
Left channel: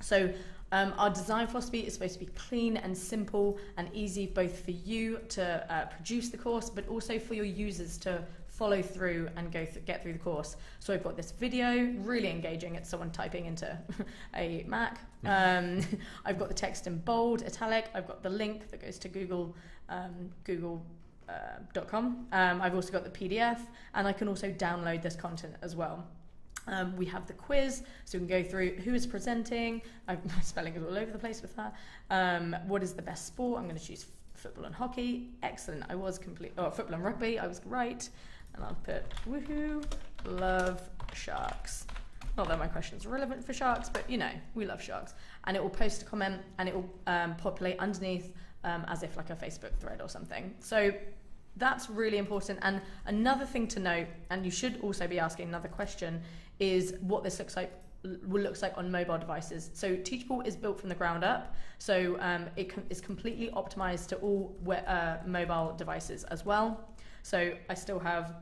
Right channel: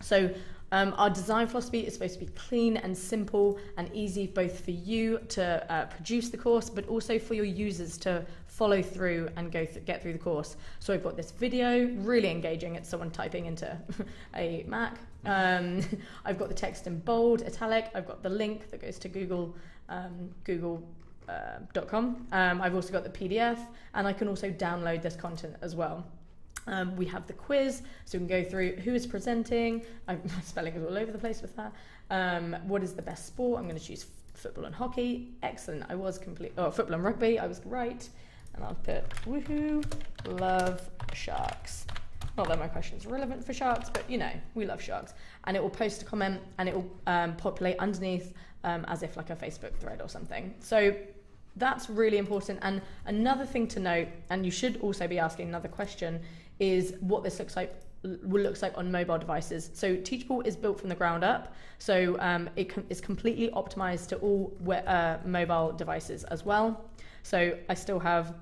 So our design philosophy is supposed to be clean and simple and easy, both for you to produce the course, but also for your users to follow through and get through the course. So I've got this video, really engaging. It's someone typing into a Mac. I've got the text in bold, italic. I've got the link that goes to google.com. I've also got the PDF, and I can also download this content as well. We have the quiz, so we can go through who is presenting. My spelling is all over the place with that. What is the best sport? I'm going to choose football and hockey. Excellent. Football and rugby. I was right. And I'll put woohoo, love sharks. Not that my question is relevant for sharks, but we love sharks. And it will post a comment, and it will populate underneath as if like a Facebook thread or something. So that's really important. And another thing to note, and you should also be asking another question, is what this looks like on mobile devices. So Teachable is built from the ground up. So it is completely optimized to all mobile devices as well. So I still have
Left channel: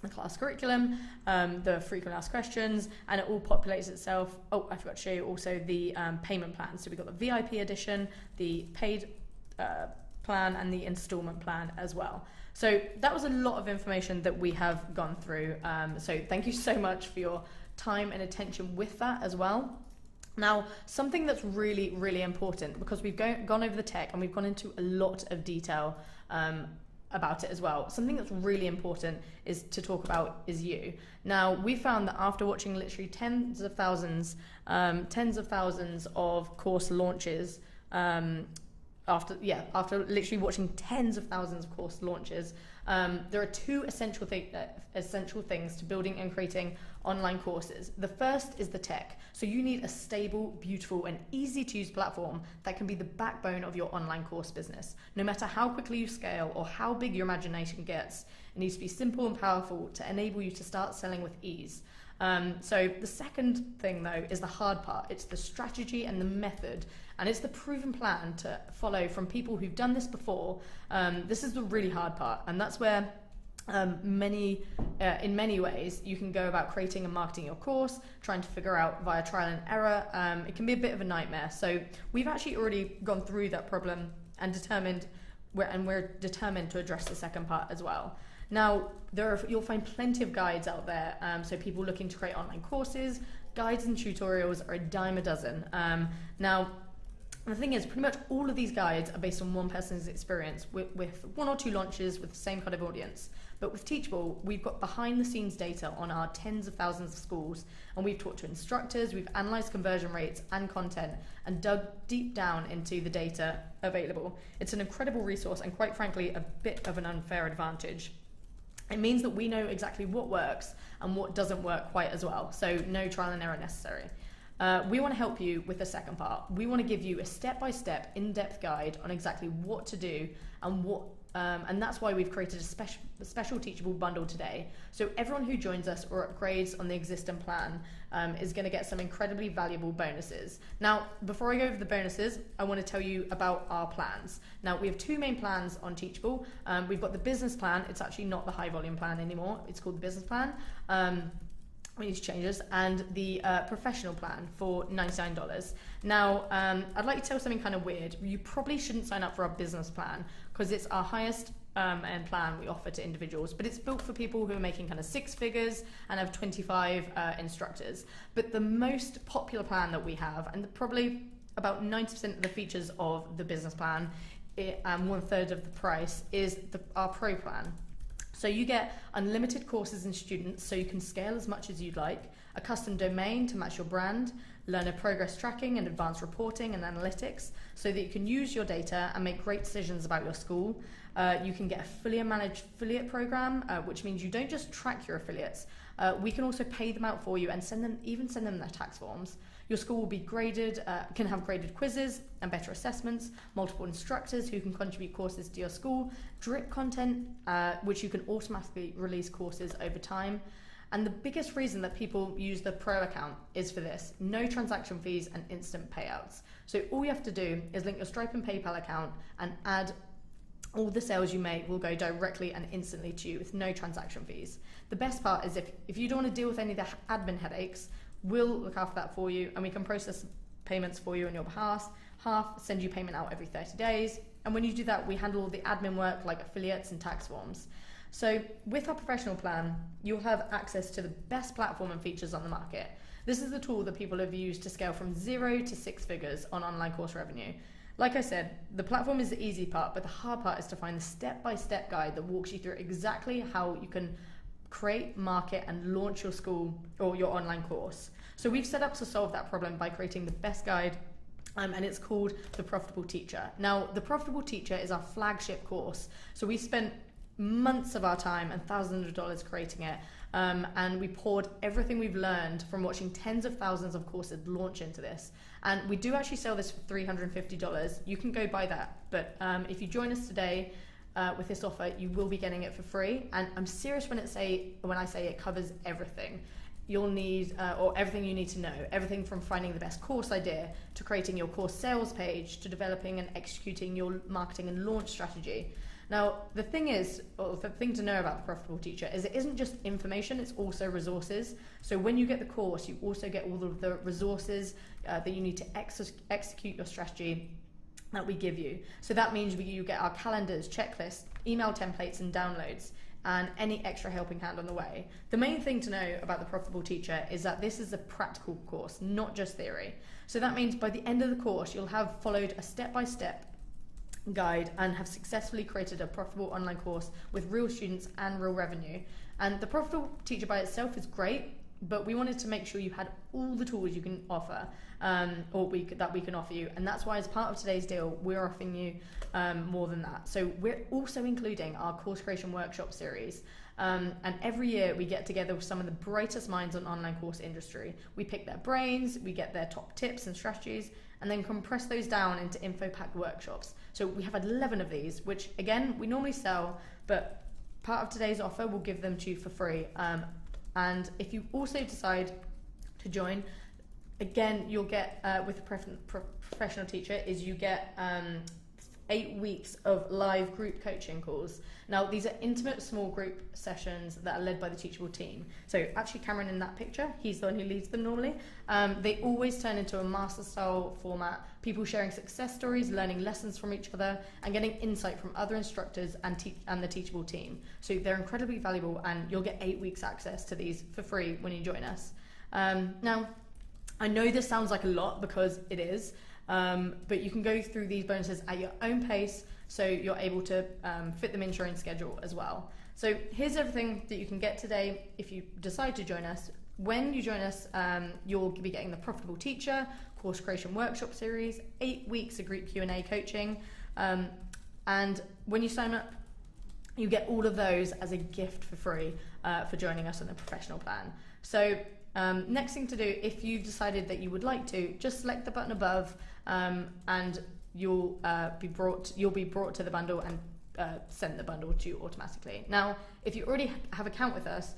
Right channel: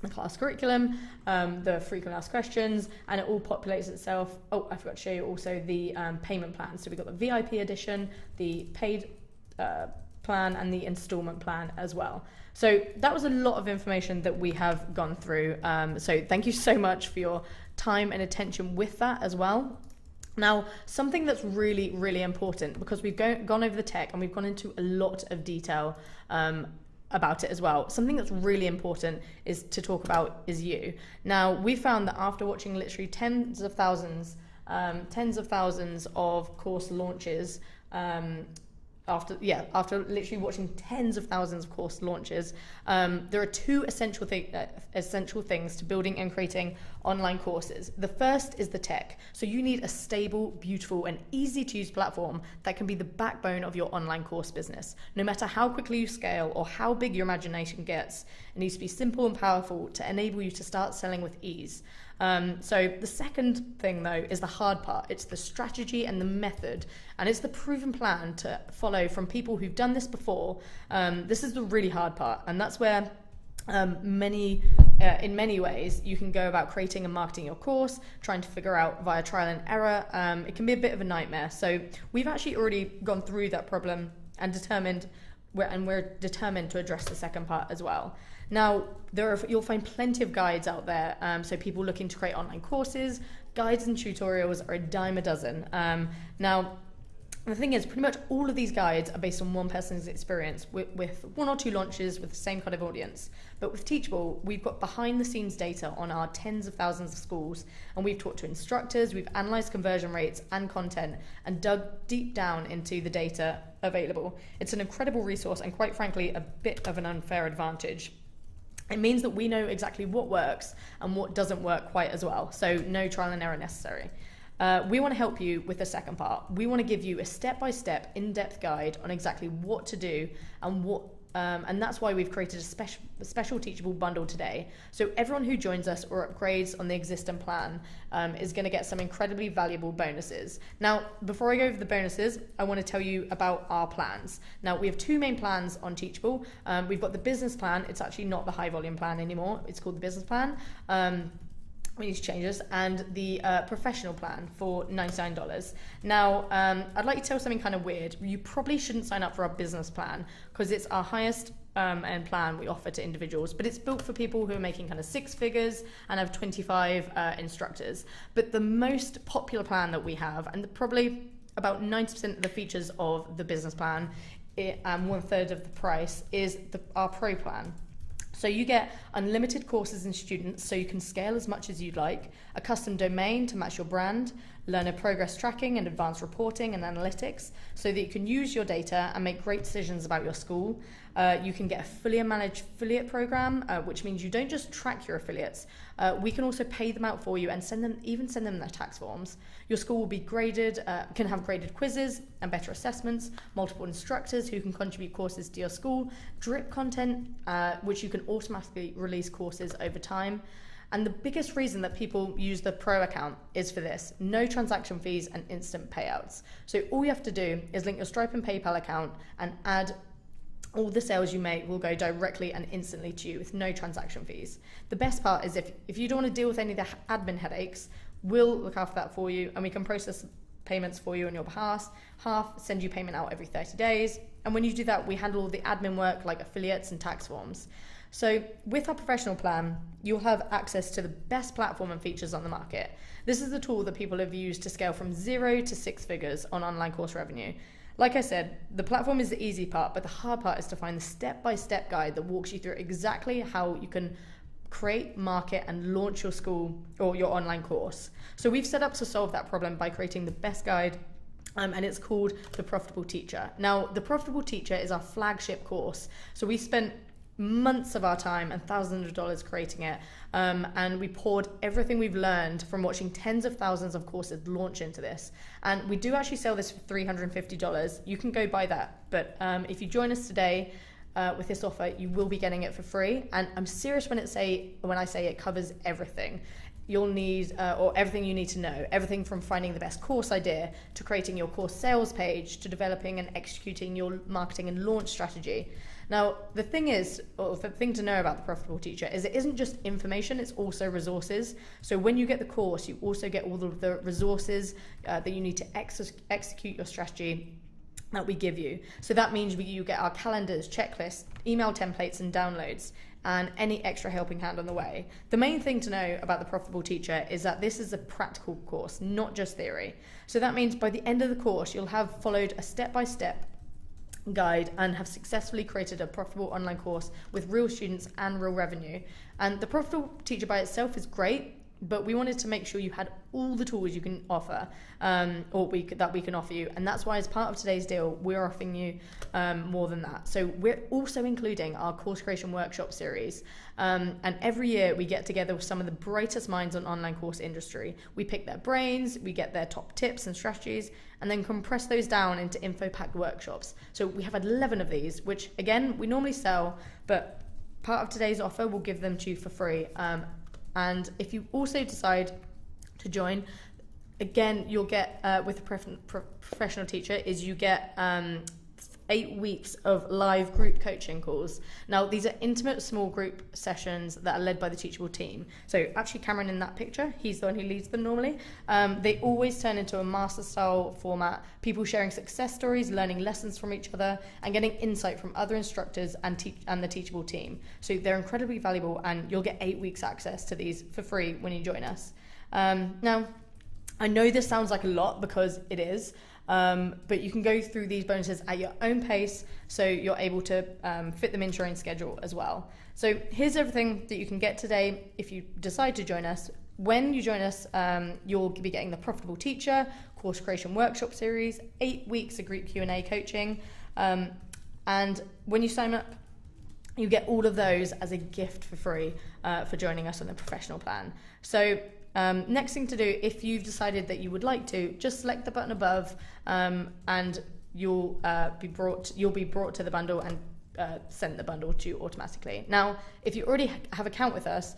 the class curriculum, the frequent asked questions, and it all populates itself. Oh, I forgot to show you also the payment plan. So we've got the VIP edition, the paid plan, and the installment plan as well. So that was a lot of information that we have gone through. So thank you so much for your time and attention with that as well. Now, something that's really, really important, because we've gone over the tech and we've gone into a lot of detail about it as well. Something that's really important is to talk about is you. Now, we found that after watching literally tens of thousands of course launches, after literally watching tens of thousands of course launches, there are two essential things to building and creating online courses. The first is the tech. So you need a stable, beautiful, and easy to use platform that can be the backbone of your online course business. No matter how quickly you scale or how big your imagination gets, it needs to be simple and powerful to enable you to start selling with ease. So the second thing, though, is the hard part. It's the strategy and the method, and it's the proven plan to follow from people who've done this before. This is the really hard part, and that's where in many ways you can go about creating and marketing your course, trying to figure out via trial and error. It can be a bit of a nightmare. So we've actually already gone through that problem and we're determined to address the second part as well. Now, you'll find plenty of guides out there, so people looking to create online courses, guides and tutorials are a dime a dozen. Now, the thing is, pretty much all of these guides are based on one person's experience with one or two launches with the same kind of audience. But with Teachable, we've got behind-the-scenes data on our tens of thousands of schools, and we've talked to instructors, we've analysed conversion rates and content, and dug deep down into the data available. It's an incredible resource, and quite frankly, a bit of an unfair advantage. It means that we know exactly what works and what doesn't work quite as well, so no trial and error necessary. We want to help you with the second part. We want to give you a step-by-step, in-depth guide on exactly what to do and that's why we've created a special Teachable bundle today. So everyone who joins us or upgrades on the existing plan is going to get some incredibly valuable bonuses. Now, before I go over the bonuses, I want to tell you about our plans. Now, we have two main plans on Teachable. We've got the business plan. It's actually not the high volume plan anymore. It's called the business plan. we need to change this, and the professional plan for $99. Now, I'd like to tell something kind of weird. You probably shouldn't sign up for our business plan because it's our highest end plan we offer to individuals, but it's built for people who are making kind of 6 figures and have 25 instructors. But the most popular plan that we have, and probably about 90% of the features of the business plan, and 1/3 of the price, is our pro plan. So you get unlimited courses and students, so you can scale as much as you'd like, a custom domain to match your brand, learner progress tracking and advanced reporting and analytics, so that you can use your data and make great decisions about your school. You can get a fully managed affiliate program, which means you don't just track your affiliates. We can also pay them out for you and send them their tax forms. Your school will be graded, can have graded quizzes and better assessments, multiple instructors who can contribute courses to your school, drip content, which you can automatically release courses over time. And the biggest reason that people use the pro account is for this: no transaction fees and instant payouts. So all you have to do is link your Stripe and PayPal account and add all the sales you make will go directly and instantly to you with no transaction fees. The best part is if you don't want to deal with any of the admin headaches, we'll look after that for you, and we can process payments for you on your behalf, send you payment out every 30 days. And when you do that, we handle all the admin work like affiliates and tax forms. So with our professional plan, you'll have access to the best platform and features on the market. This is the tool that people have used to scale from 0 to 6 figures on online course revenue. Like I said, the platform is the easy part, but the hard part is to find the step-by-step guide that walks you through exactly how you can create, market, and launch your school or your online course. So we've set up to solve that problem by creating the best guide, and it's called The Profitable Teacher. Now, The Profitable Teacher is our flagship course. So we spent months of our time and thousands of dollars creating it, and we poured everything we've learned from watching tens of thousands of courses launch into this. And we do actually sell this for $350. You can go buy that, but if you join us today with this offer, you will be getting it for free. And I'm serious when I say it covers everything you'll need, or everything you need to know. Everything from finding the best course idea to creating your course sales page to developing and executing your marketing and launch strategy. Now, the thing to know about the Profitable Teacher is it isn't just information, it's also resources. So when you get the course, you also get all of the resources that you need to execute your strategy that we give you. So that means you get our calendars, checklists, email templates, and downloads, and any extra helping hand on the way. The main thing to know about the Profitable Teacher is that this is a practical course, not just theory. So that means by the end of the course, you'll have followed a step-by-step guide and have successfully created a profitable online course with real students and real revenue. And the Profitable Teacher by itself is great, but we wanted to make sure you had all the tools you can offer, that we can offer you. And that's why, as part of today's deal, we're offering you more than that. So we're also including our course creation workshop series. And every year we get together with some of the brightest minds on online course industry. We pick their brains, we get their top tips and strategies, and then compress those down into info-packed workshops. So we have 11 of these, which again, we normally sell, but part of today's offer, we'll give them to you for free. And if you also decide to join, again, you'll get, with a professional teacher, is you get 8 weeks of live group coaching calls. Now, these are intimate small group sessions that are led by the Teachable team. So actually Cameron in that picture, he's the one who leads them normally. They always turn into a master style format, people sharing success stories, learning lessons from each other, and getting insight from other instructors and the Teachable team. So they're incredibly valuable, and you'll get 8 weeks access to these for free when you join us. Now, I know this sounds like a lot because it is, but you can go through these bonuses at your own pace, so you're able to fit them into your own schedule as well. So here's everything that you can get today if you decide to join us. When you join us, you'll be getting the Profitable Teacher, course creation workshop series, 8 weeks of group Q&A coaching, and when you sign up, you get all of those as a gift for free for joining us on the professional plan. So next thing to do, if you've decided that you would like to, just select the button above, and you'll be brought to the bundle and sent the bundle to you automatically. Now, if you already have an account with us,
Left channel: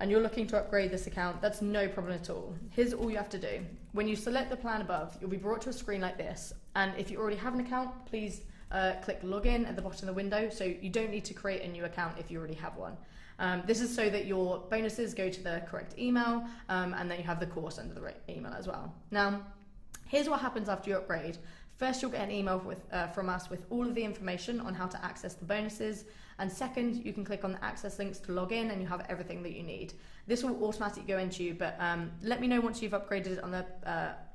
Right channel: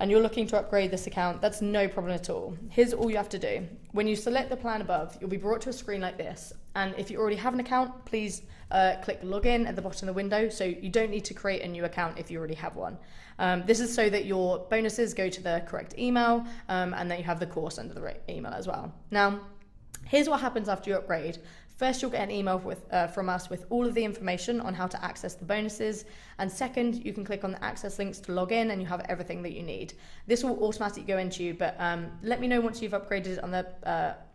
and you're looking to upgrade this account, that's no problem at all. Here's all you have to do. When you select the plan above, you'll be brought to a screen like this. And if you already have an account, please click login at the bottom of the window. So you don't need to create a new account if you already have one. This is so that your bonuses go to the correct email, and that you have the course under the right email as well. Now, here's what happens after you upgrade. First, you'll get an email from us with all of the information on how to access the bonuses. And second, you can click on the access links to log in and you have everything that you need. This will automatically go into you, but let me know once you've upgraded it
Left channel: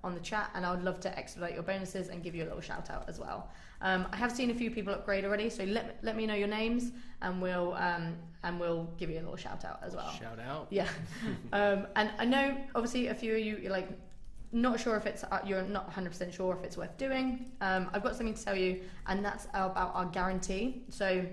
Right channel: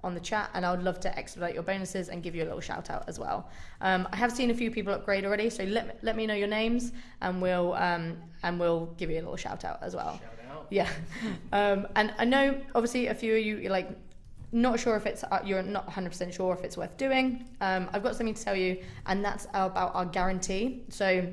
on the chat, and I would love to expedite your bonuses and give you a little shout out as well. I have seen a few people upgrade already, so let me know your names, and we'll give you a little shout out as well. Shout out. Yeah. And I know obviously a few of you, you're like, not sure if it's, you're not 100% sure if it's worth doing. I've got something to tell you, and that's about our guarantee. So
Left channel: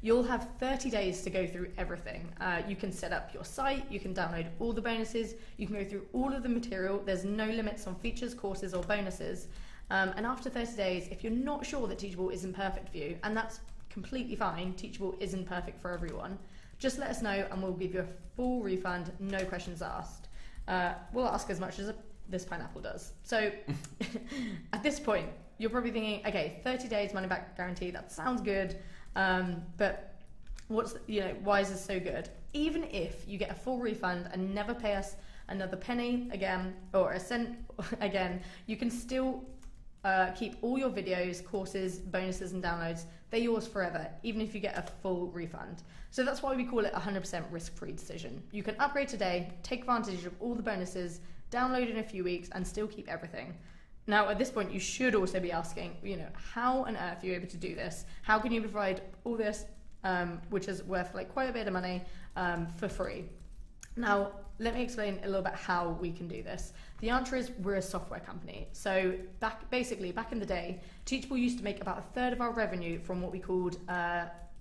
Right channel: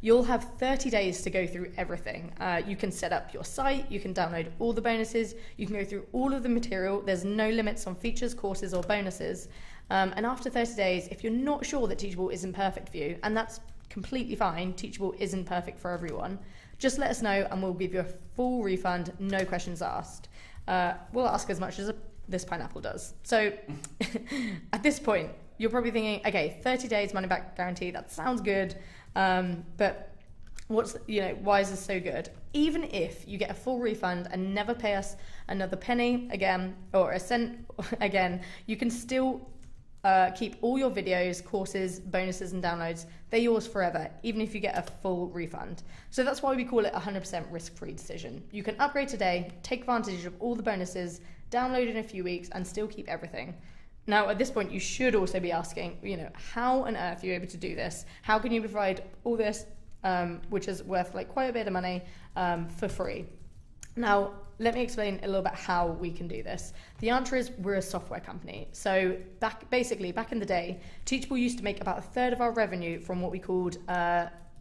you'll have 30 days to go through everything. You can set up your site, you can download all the bonuses, you can go through all of the material. There's no limits on features, courses, or bonuses. And after 30 days, if you're not sure that Teachable isn't perfect for you, and that's completely fine, Teachable isn't perfect for everyone, just let us know and we'll give you a full refund, no questions asked. We'll ask as much as this pineapple does. So at this point, you're probably thinking, okay, 30 days money back guarantee, that sounds good. But why is this so good? Even if you get a full refund and never pay us another penny again or a cent again, you can still keep all your videos, courses, bonuses, and downloads. They're yours forever, even if you get a full refund. So that's why we call it a 100% risk-free decision. You can upgrade today, take advantage of all the bonuses, download in a few weeks, and still keep everything. Now, at this point, you should also be asking, how on earth are you able to do this? How can you provide all this, which is worth like quite a bit of money, for free? Now, let me explain a little bit how we can do this. The answer is we're a software company. So back in the day, Teachable used to make about a third of our revenue from what we called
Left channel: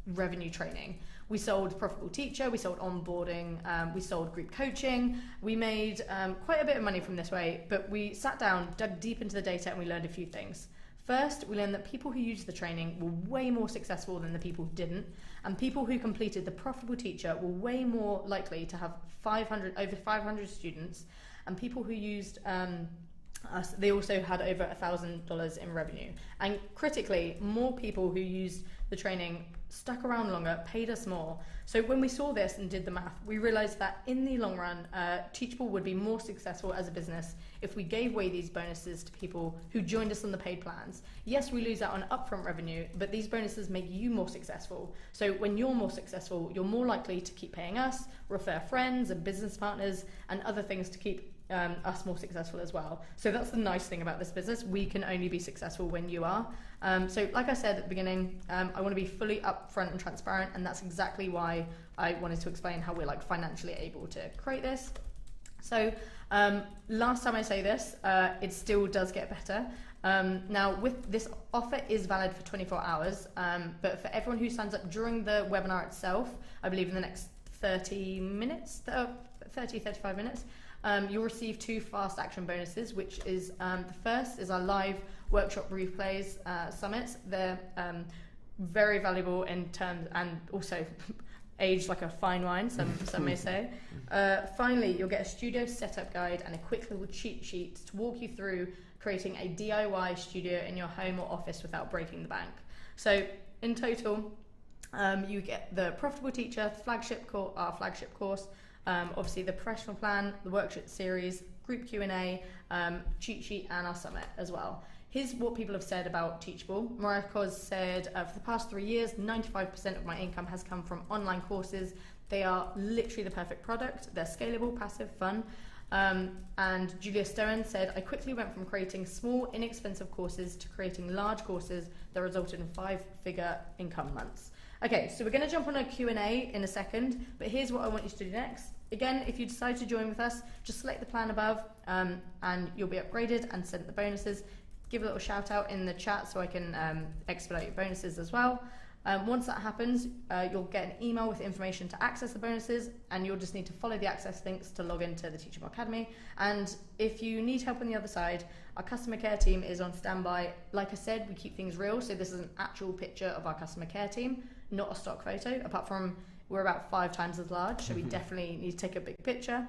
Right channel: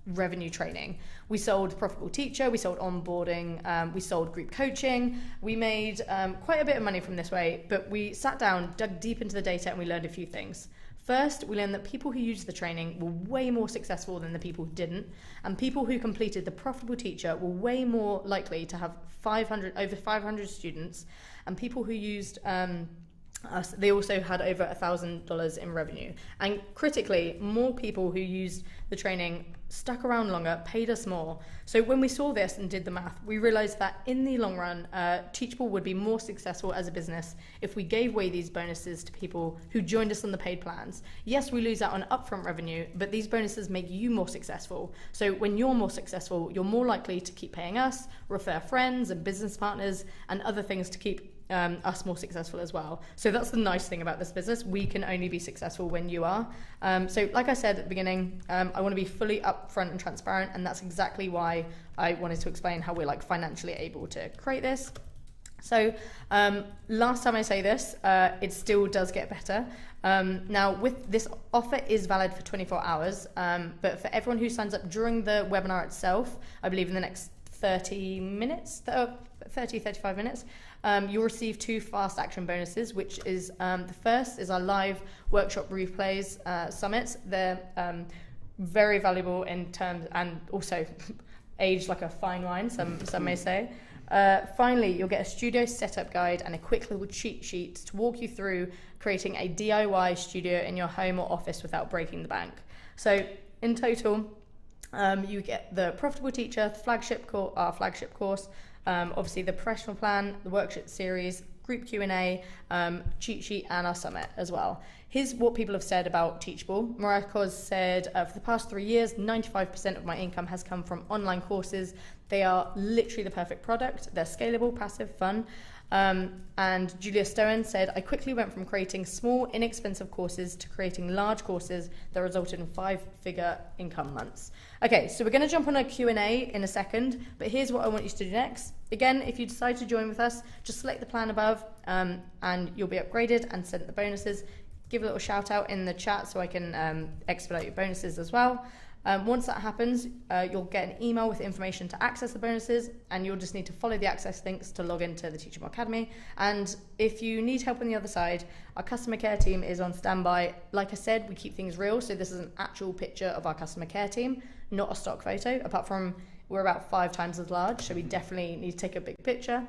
revenue training. We sold Profitable Teacher, we sold onboarding, we sold group coaching. We made quite a bit of money from this way, but we sat down, dug deep into the data, and we learned a few things. First, we learned that people who used the training were way more successful than the people who didn't, and people who completed the Profitable Teacher were way more likely to have over 500 students, and people who used us, they also had over $1,000 in revenue. And critically, more people who used the training stuck around longer, paid us more. So when we saw this and did the math, we realized that in the long run, Teachable would be more successful as a business if we gave away these bonuses to people who joined us on the paid plans. Yes, we lose out on upfront revenue, but these bonuses make you more successful. So when you're more successful, you're more likely to keep paying us, refer friends and business partners, and other things to keep us more successful as well. So that's the nice thing about this business. We can only be successful when you are. So like I said at the beginning, I want to be fully upfront and transparent, and that's exactly why I wanted to explain how we're like financially able to create this. So last time I say this, it still does get better. Now with this offer is valid for 24 hours, but for everyone who signs up during the webinar itself, I believe in the next 35 minutes, you'll receive 2 fast action bonuses, which is the first is our live workshop replays summits. They're very valuable in terms, and also aged like a fine wine, some may say. Finally, you'll get a studio setup guide and a quick little cheat sheet to walk you through creating a DIY studio in your home or office without breaking the bank. So in total, you get the Profitable Teacher, our flagship course, obviously the professional plan, the worksheet series, group Q&A, cheat sheet, and our summit as well. Here's what people have said about Teachable. Mariah said, for the past 3 years, 95% of my income has come from online courses. They are literally the perfect product. They're scalable, passive, fun. And Julia Stowen said, I quickly went from creating small, inexpensive courses to creating large courses that resulted in 5-figure income months. Okay, so we're going to jump on a Q&A in a second, but here's what I want you to do next. Again, if you decide to join with us, just select the plan above, and you'll be upgraded and sent the bonuses. Give a little shout out in the chat so I can expedite your bonuses as well. Once that happens, you'll get an email with information to access the bonuses, and you'll just need to follow the access links to log into the Teachable Academy. And if you need help on the other side, our customer care team is on standby. Like I said, we keep things real, so this is an actual picture of our customer care team, not a stock photo, apart from we're about 5 times as large, so we definitely need to take a big picture.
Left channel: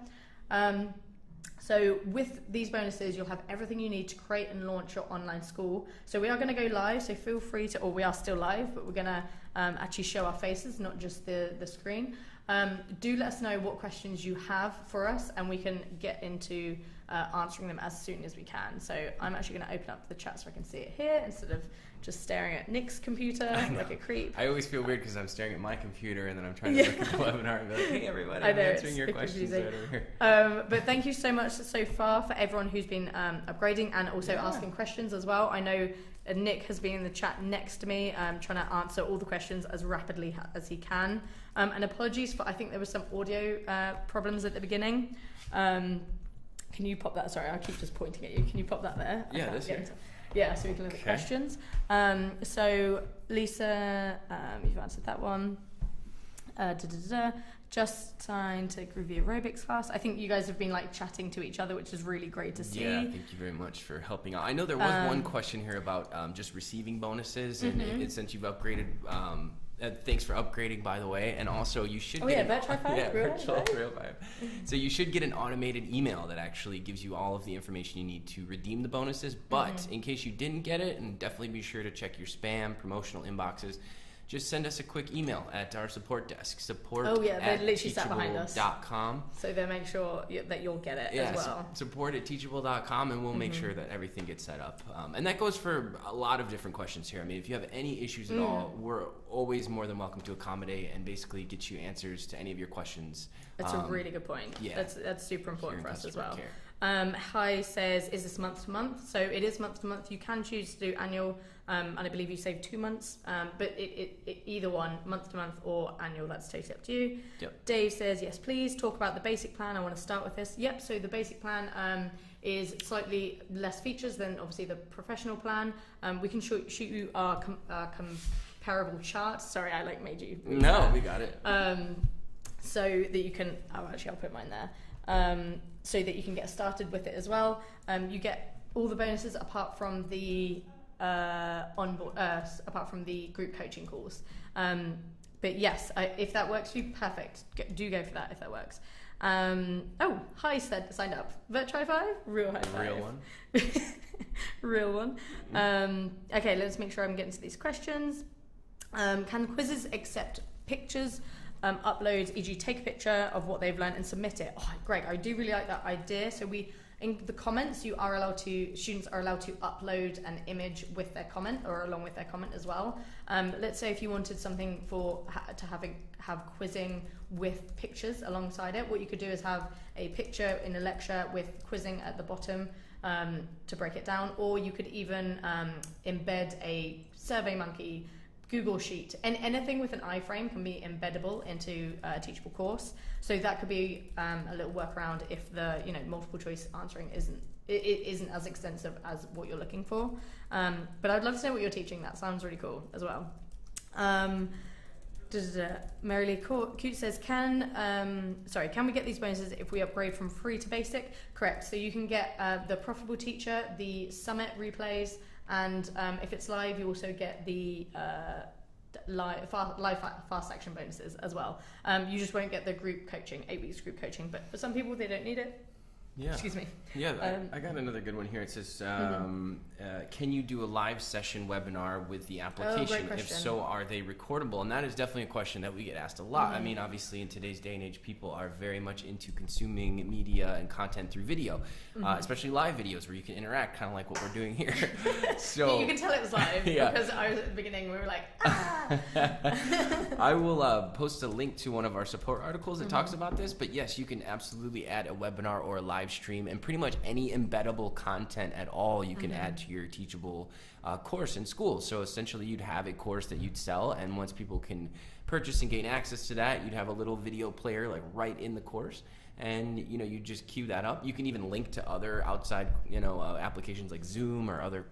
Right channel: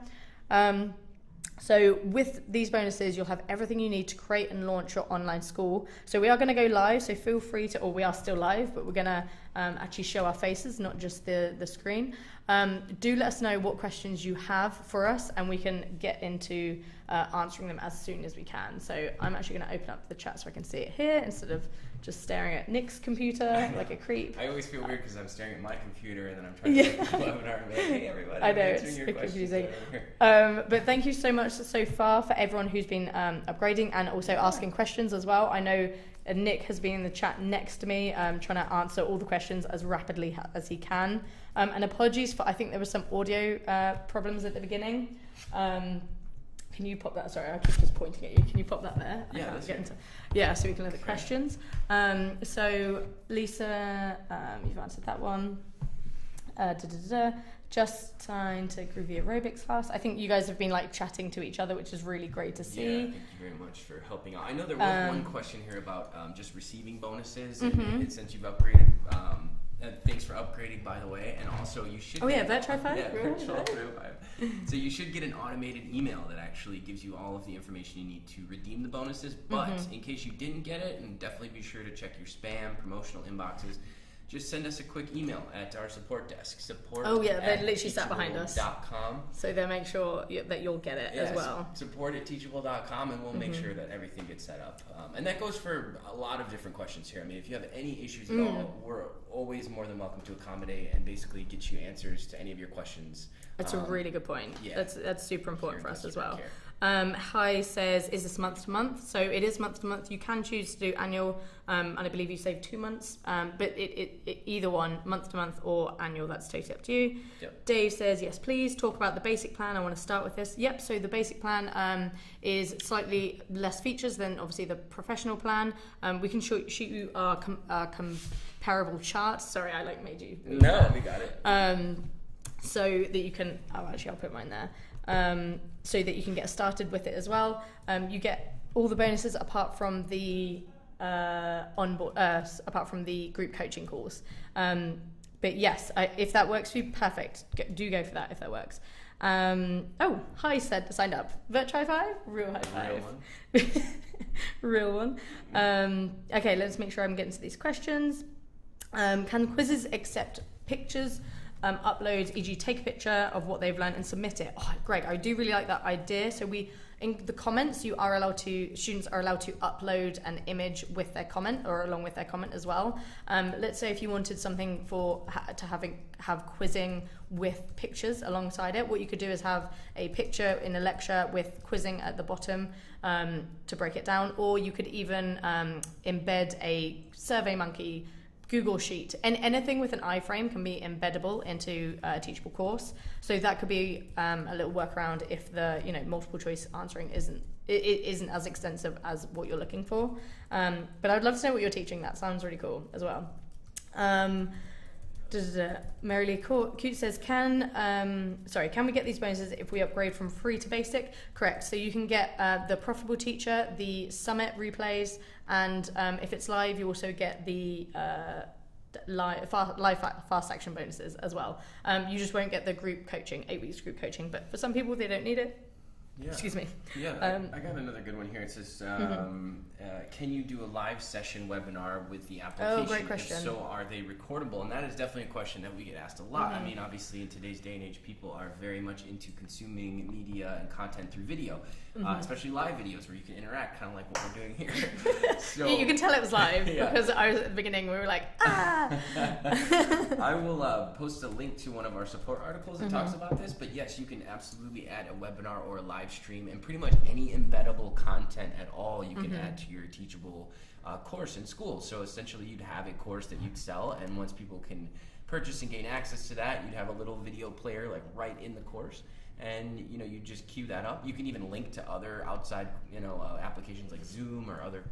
So with these bonuses, you'll have everything you need to create and launch your online school. So we are going to go live, so feel free to, or we are still live, but we're going to actually show our faces, not just the screen. Do let us know what questions you have for us, and we can get into answering them as soon as we can. So I'm actually going to open up the chat so I can see it here instead of just staring at Nick's computer like a creep. I always feel weird because I'm staring at my computer and then I'm trying to look at the webinar and be like, hey everybody, I know, I'm answering your it's questions. confusing. But thank you so much so far for everyone who's been upgrading and also asking questions as well. I know Nick has been in the chat next to me trying to answer all the questions as rapidly as he can. And apologies for, I think there was some audio problems at the beginning. Can you pop that? Sorry, I keep just pointing at you. Can you pop that there? Yeah, I can't get into. Yeah, so we can look at questions. So Lisa, you've answered that one. Just signed to Groovy Aerobics class. I think you guys have been like chatting to each other, which is really great to see. Yeah, thank you very much for helping out. I know there was one question here about just receiving bonuses, and since you've upgraded. Thanks for upgrading, by the way, and also you should. Oh yeah, Virtual 5. Yeah, Virtual 5. So you should get an automated email that actually gives you all of the information you need to redeem the bonuses. But in case you didn't get it, and definitely be sure to check your spam, promotional inboxes. Just send us a quick email at our support desk. Support. Oh yeah, they literally sat behind us. .com. So they'll make sure that you'll get it as well. Support at teachable.com, and we'll make sure that everything gets set up. And that goes for a lot of different questions here. I mean, if you have any issues at all, we're always more than welcome to accommodate and basically get you answers to any of your questions. That's a really good point. Yeah. That's super important for us as well. Care. Hi says, is this month to month? So it is month to month. You can choose to do annual, and I believe you save 2 months. But it either one, month to month or annual, that's totally up to you. Yep. Dave says, yes, please talk about the basic plan. I want to start with this. Yep. So the basic plan is slightly less features than obviously the professional plan. We can shoot you our comparable charts. Sorry, I like made you. No, we got it. So that you can. Oh, actually, I'll put mine there. So that you can get started with it as well. You get all the bonuses apart from the apart from the group coaching calls. But yes, if that works for you, perfect. Do go for that if that works. Oh, hi, signed up. Virtual 5, real high five. Real one. Okay, let's make sure I'm getting to these questions. Can quizzes accept pictures? Upload, e.g. take a picture of what they've learned and submit it. Oh, Greg, I do really like that idea. So in the comments, students are allowed to upload an image with their comment or along with their comment as well. Let's say if you wanted something to have quizzing with pictures alongside it, what you could do is have a picture in a lecture with quizzing at the bottom to break it down, or you could even embed a SurveyMonkey Google Sheet, and anything with an iframe can be embeddable into a teachable course. So that could be a little workaround if the multiple choice answering isn't as extensive as what you're looking for. But I'd love to know what you're teaching. That sounds really cool as well. Mary Lee Cute says, can we get these bonuses if we upgrade from free to basic? Correct. So you can get the Profitable Teacher, the Summit replays, and if it's live, you also get the live fast action bonuses as well. You just won't get the group coaching, 8 weeks group coaching, but for some people they don't need it. Yeah. Excuse me. Yeah, I got another good one here. It says, can you do a live session webinar with the application? Oh, great question. If so, are they recordable? And that is definitely a question that we get asked a lot. I mean, obviously in today's day and age, people are very much into consuming media and content through video, especially live videos where you can interact, kind of like what we're doing here. So you can tell it was live because I was at the beginning, we were like, ah! I will post a link to one of our support articles that talks about this, but yes, you can absolutely add a webinar or a live stream, and pretty much any embeddable content at all you can add to your Teachable course in school. So essentially you'd have a course that you'd sell, and once people can purchase and gain access to that, you'd have a little video player like right in the course, and you just queue that up. You can even link to other outside applications like Zoom or other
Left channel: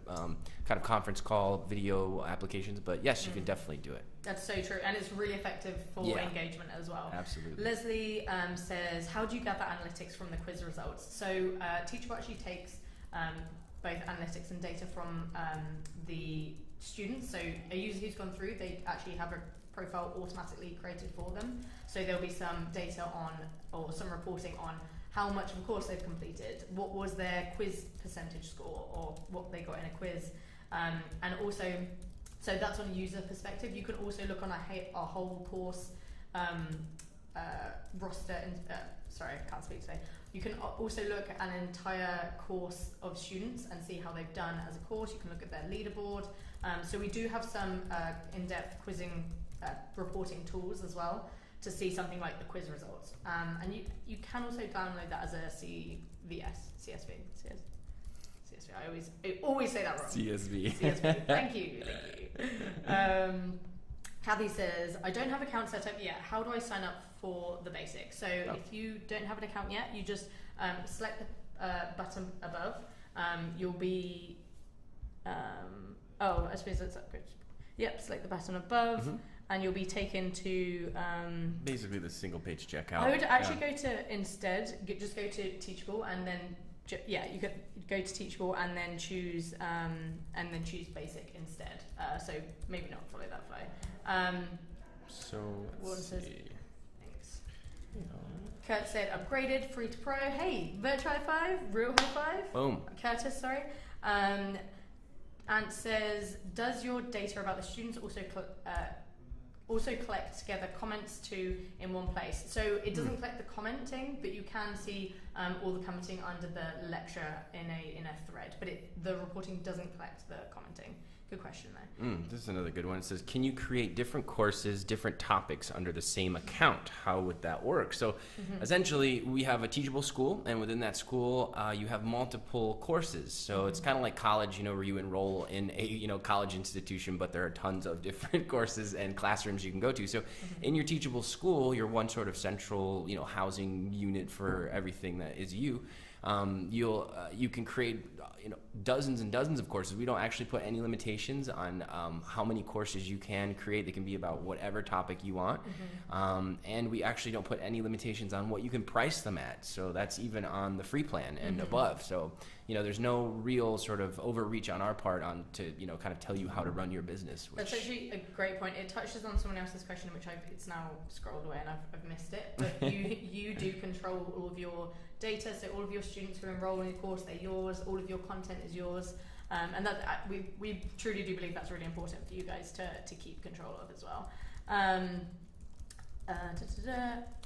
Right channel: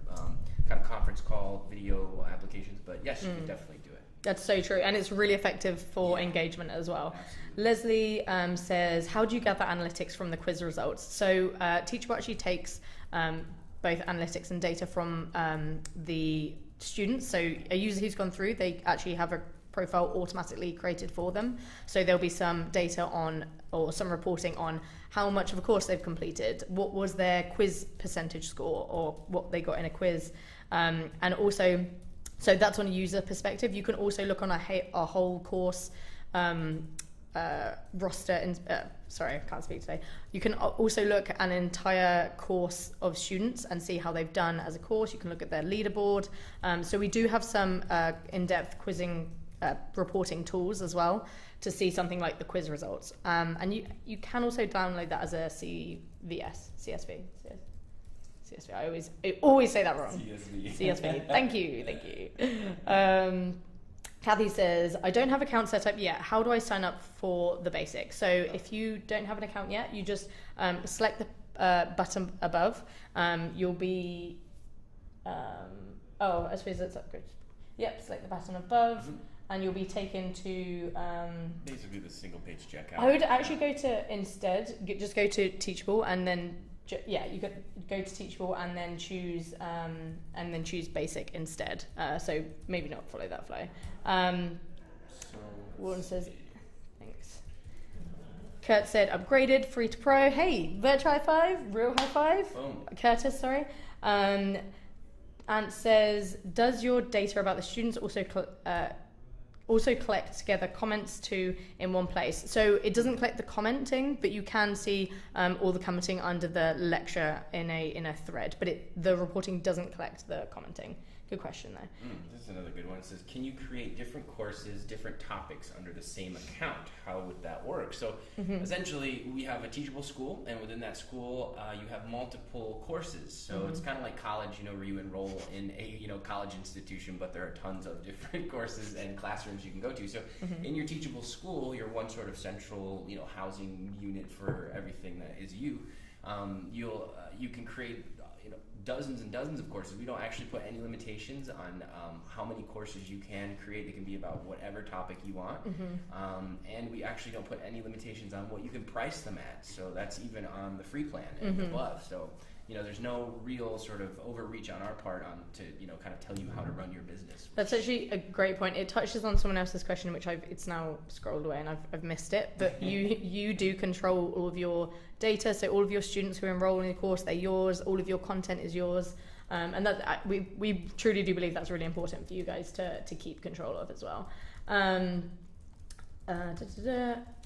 kind of conference call video applications, but yes, you can definitely do it. That's so true, and it's really effective for engagement as well. Absolutely. Leslie says, how do you gather analytics from the quiz results? So Teachable actually takes both analytics and data from the students. So a user who's gone through, they actually have a profile automatically created for them. So there'll be some data on, or some reporting on how much of a course they've completed, what was their quiz percentage score, or what they got in a quiz. And also, so that's on a user perspective. You can also look on a whole course roster, and sorry, I can't speak today. You can also look at an entire course of students and see how they've done as a course. You can look at their leaderboard. So we do have some in-depth quizzing reporting tools as well to see something like the quiz results. And you can also download that as a CSV. I always say that wrong. CSV. Thank you. Kathy says, I don't have an account set up yet. How do I sign up for the basics? So if you don't have an account yet, you just select the button above. You'll be, I suppose that's upgrade. Yep, select the button above. And you'll be taken to basically the single page checkout. I would actually go to just go to Teachable, and then you could go to Teachable and then choose basic instead. So maybe not follow that flow. Warren says, thanks. Kurt said upgraded, free to pro. Hey, virtual high five, real high five. Boom. Curtis, sorry. Ant says, does your data about the students also collect together comments too in one place? So it doesn't collect the commenting, but you can see all the commenting under the lecture in a thread, but the reporting doesn't collect the commenting. Good question though. This is another good one. It says, can you create different courses, different topics under the same account? How would that work? So essentially we have a teachable school, and within that school you have multiple courses. So it's kind of like college, where you enroll in a college institution, but there are tons of different courses and classrooms you can go to. So in your teachable school, you're one sort of central housing unit for everything that is you. You can create dozens and dozens of courses. We don't actually put any limitations on how many courses you can create. It can be about whatever topic you want. And we actually don't put any limitations on what you can price them at. So that's even on the free plan and above. So there's no real sort of overreach on our part to kind of tell you how to run your business. That's actually a great point. It touches on someone else's question, which it's now scrolled away and I've missed it. But you do control all of your data, so all of your students who enroll in the course, they're yours. All of your content is yours, and that we truly do believe that's really important for you guys to keep control of as well.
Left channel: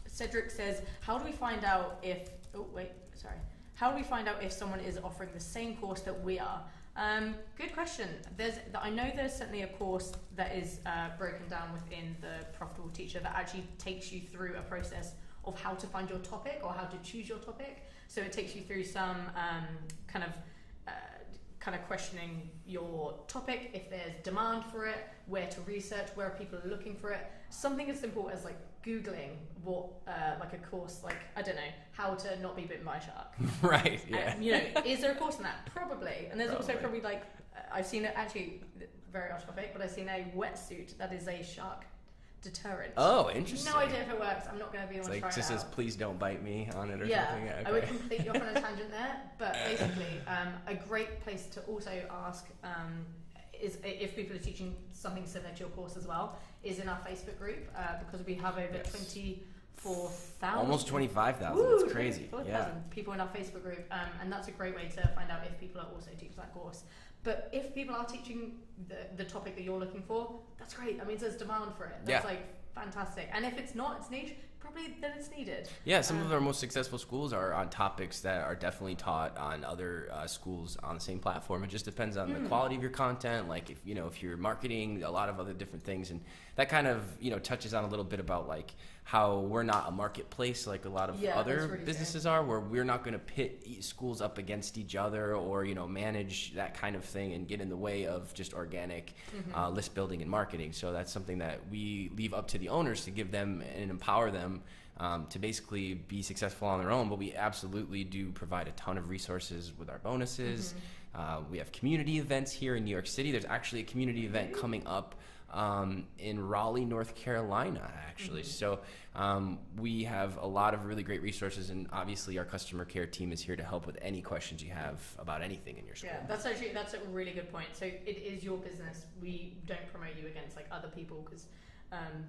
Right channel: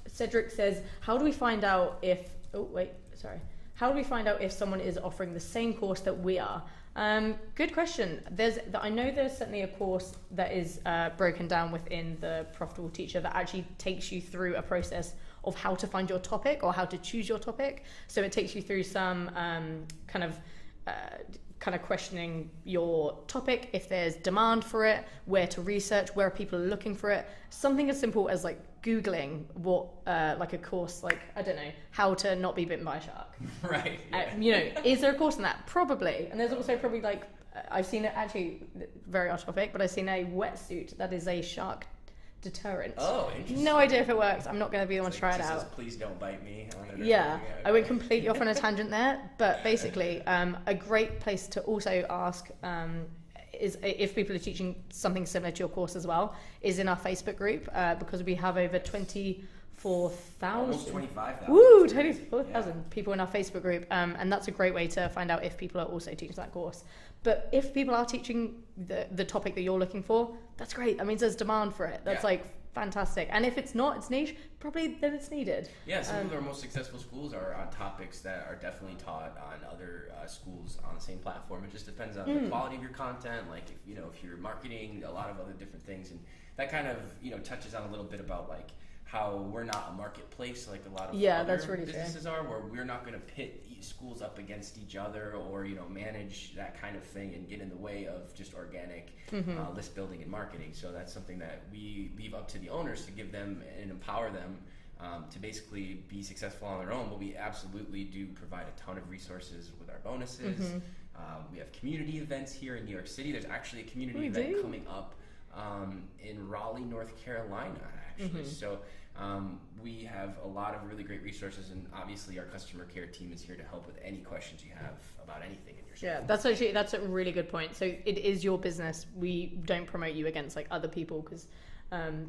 Cedric says, how do we find out if someone is offering the same course that we are? Good question. I know there's certainly a course that is broken down within the Profitable Teacher that actually takes you through a process of how to find your topic or how to choose your topic. So it takes you through some kind of questioning your topic, if there's demand for it, where to research, where people are looking for it. Something as simple as like Googling what like a course, like, I don't know, how to not be bitten by a shark. Right. Yeah. Is there a course in that? Probably. And there's also probably like, I've seen it, actually very off topic, but I've seen a wetsuit that is a shark deterrent. Oh, interesting. No idea if it works. I'm not going to be the one to try it out. Says, please don't bite me on it. Or yeah, something. I went completely off on a tangent there, but basically, a great place to also ask is if people are teaching something similar to your course as well, is in our Facebook group, because we have over 24,000, almost 25,000. Woo, 24,000 people in our Facebook group, and that's a great way to find out if people are also teaching that course. But if people are teaching the topic that you're looking for, that's great. That means there's demand for it. That's like fantastic. And if it's not, it's niche, probably then it's needed. Yeah, some of our most successful schools are on topics that are definitely taught on other schools on the same platform. It just depends on the quality of your content. Like if you're marketing, a lot of other different things, and that kind of touches on a little bit about like how we're not a marketplace like a lot of other really businesses are, where we're not going to pit schools up against each other or manage that kind of thing and get in the way of just organic list building and marketing. So that's something that we leave up to the owners to give them and empower them to basically be successful on their own. But we absolutely do provide a ton of resources with our bonuses. We have community events here in New York City. There's actually a community event coming up in Raleigh, North Carolina, actually. So we have a lot of really great resources, and obviously our customer care team is here to help with any questions you have about anything in your school. Yeah, that's a really good point. So it is your business. We don't promote you against like other people, because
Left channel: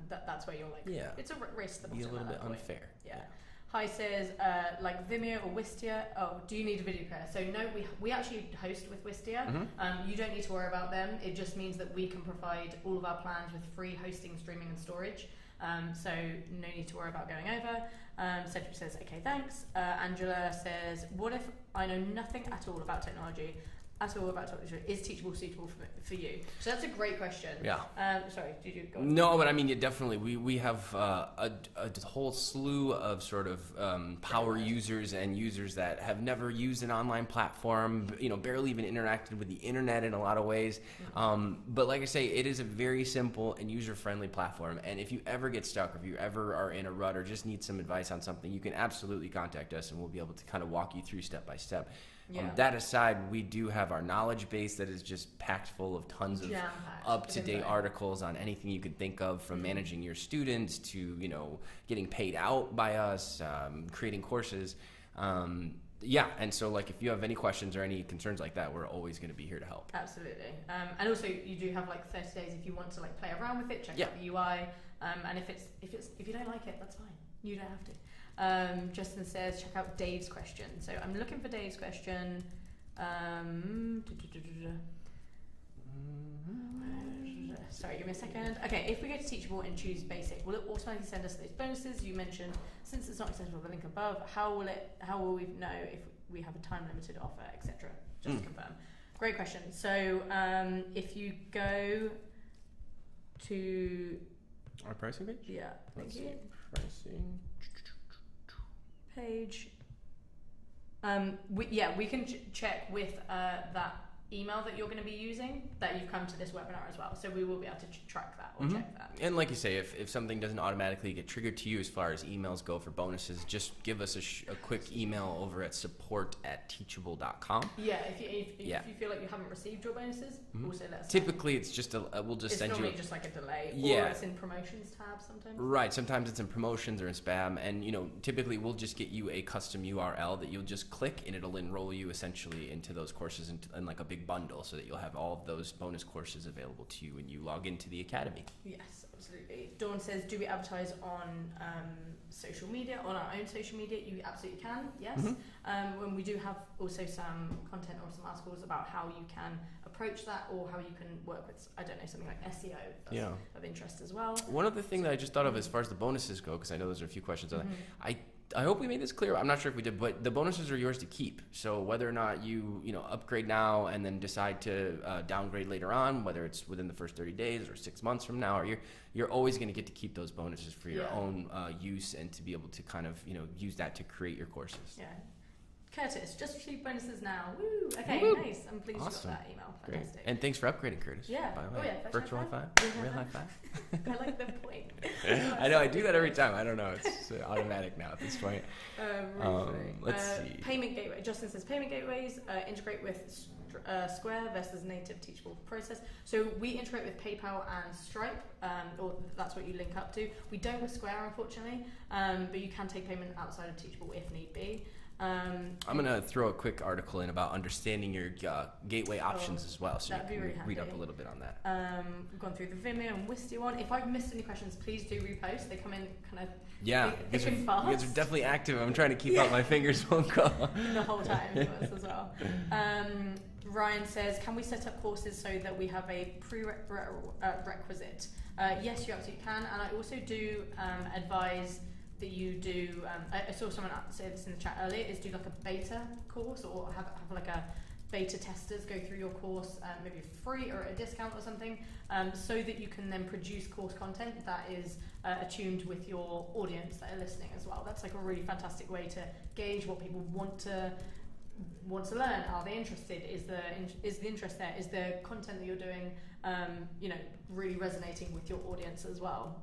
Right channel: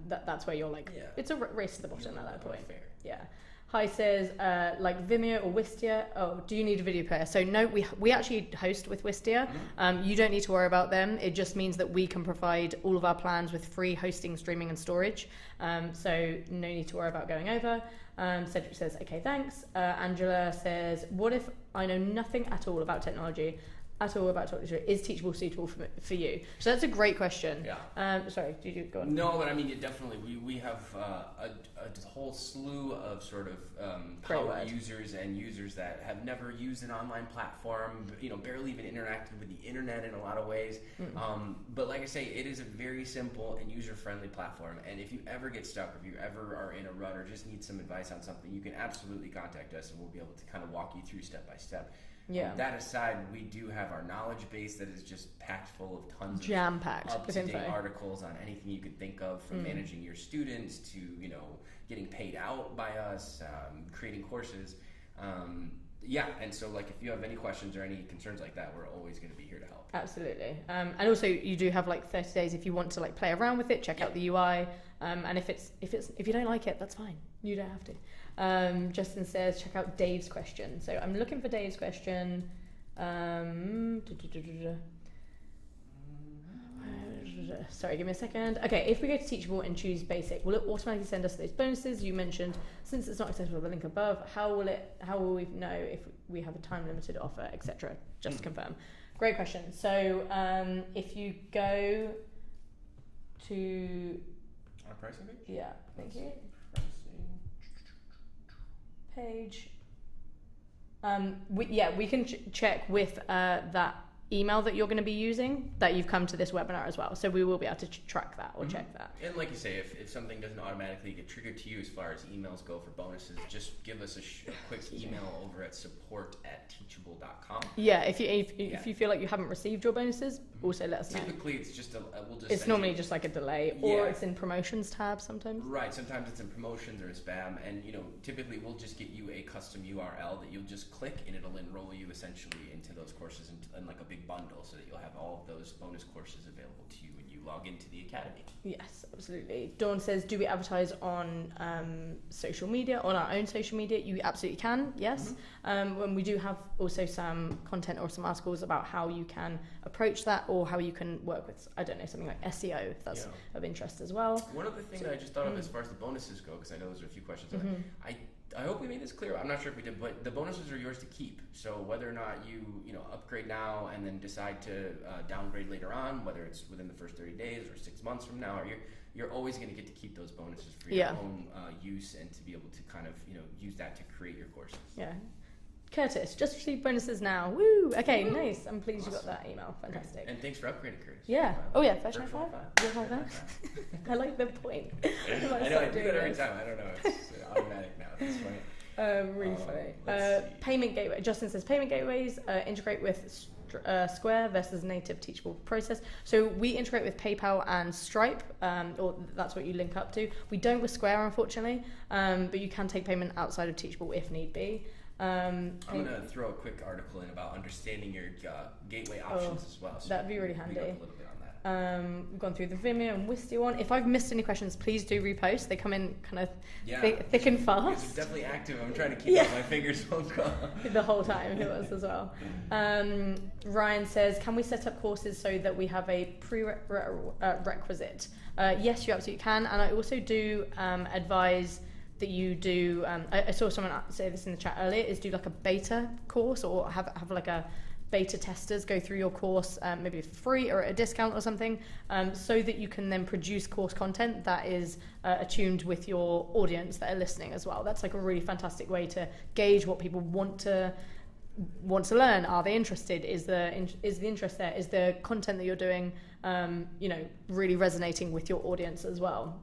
that's where you're like, it's a race to the bottom at that point. Unfair. Yeah. Hi says, like Vimeo or Wistia. Oh, do you need a video player? So no, we actually host with Wistia. You don't need to worry about them. It just means that we can provide all of our plans with free hosting, streaming, and storage. So no need to worry about going over. Cedric says, okay, thanks. Angela says, what if I know nothing at all about technology? Is Teachable suitable for you? So that's a great question. Yeah. Sorry, did you go on? No, but I mean, definitely. We have a whole slew of sort of power users and users that have never used an online platform, barely even interacted with the internet in a lot of ways. But like I say, it is a very simple and user-friendly platform. And if you ever get stuck, or if you ever are in a rut or just need some advice on something, you can absolutely contact us and we'll be able to kind of walk you through step by step. That aside, we do have our knowledge base that is just packed full of tons of up-to-date articles on anything you can think of, from managing your students to getting paid out by us, creating courses. And so like if you have any questions or any concerns like that, we're always going to be here to help. Absolutely. And also you do have like 30 days if you want to like play around with it, check out the UI. And if you don't like it, that's fine. You don't have to. Justin says, check out Dave's question. So I'm looking for Dave's question. Sorry, give me a second. Okay, if we go to Teachable and choose Basic, will it automatically send us those bonuses you mentioned? Since it's not accessible with the link above, how will we know if we have a time limited offer, etc.? Just to confirm. Great question. So if you go to our pricing page? Yeah, thank you. Pricing page. We can check with that email that you're going to be using that you've come to this webinar as well. So we will be able to track that or check that. And like you say, if something doesn't automatically get triggered to you as far as emails go for bonuses, just give us a quick email over at support@teachable.com. Yeah, if you feel like you haven't received your bonuses, also let us know. Typically, it's just it's normally just like a delay, or it's in promotions tab sometimes. Right, sometimes it's in promotions or in spam, and typically we'll just get you a custom URL that you'll just click, and it'll enroll you essentially into those courses in like a big bundle, so that you'll have all of those bonus courses available to you when you log into the academy. Yes, absolutely. Dawn says, do we advertise on social media, on our own social media? You absolutely can, yes. When we do have also some content or some articles about how you can approach that, or how you can work with, I don't know, something like SEO, if that's of interest as well. One other thing that I just thought of as far as the bonuses go, because I know those are a few questions on it, I hope we made this clear. I'm not sure if we did, but the bonuses are yours to keep. So whether or not you upgrade now and then decide to downgrade later on, whether it's within the first 30 days or 6 months from now, or you're always going to get to keep those bonuses for your own use, and to be able to kind of use that to create your courses. Yeah. Curtis, just received bonuses now. Woo! Okay, nice. I'm pleased you got that email. Fantastic. Great. And thanks for upgrading, Curtis. Yeah. Oh yeah, Virtual high five. Real high five. I like the point. I know, I do that every time. I don't know. It's automatic now at this point. Let's see. Payment gateway. Justin says payment gateways integrate with Square versus native Teachable process. So we integrate with PayPal and Stripe, or that's what you link up to. We don't with Square, unfortunately, but you can take payment outside of Teachable if need be. I'm going to throw a quick article in about understanding your gateway options as well. So that'd be really handy. Read up a little bit on that. We've gone through the Vimeo and Wistia one. If I've missed any questions, please do repost. They come in kind of thick and fast. You guys are definitely active. I'm trying to keep up. My fingers won't go. The whole time it was as well. Ryan says, can we set up courses so that we have a prerequisite? Yes, you absolutely can. And I also do advise that you do, I saw someone say this in the chat earlier, is do like a beta course, or have like a beta testers go through your course, maybe for free or at a discount or something, so that you can then produce course content that is attuned with your audience that are listening as well. That's like a really fantastic way to gauge what people want to learn. Are they interested? Is the interest there? Is the content that you're doing, really resonating with your audience as well?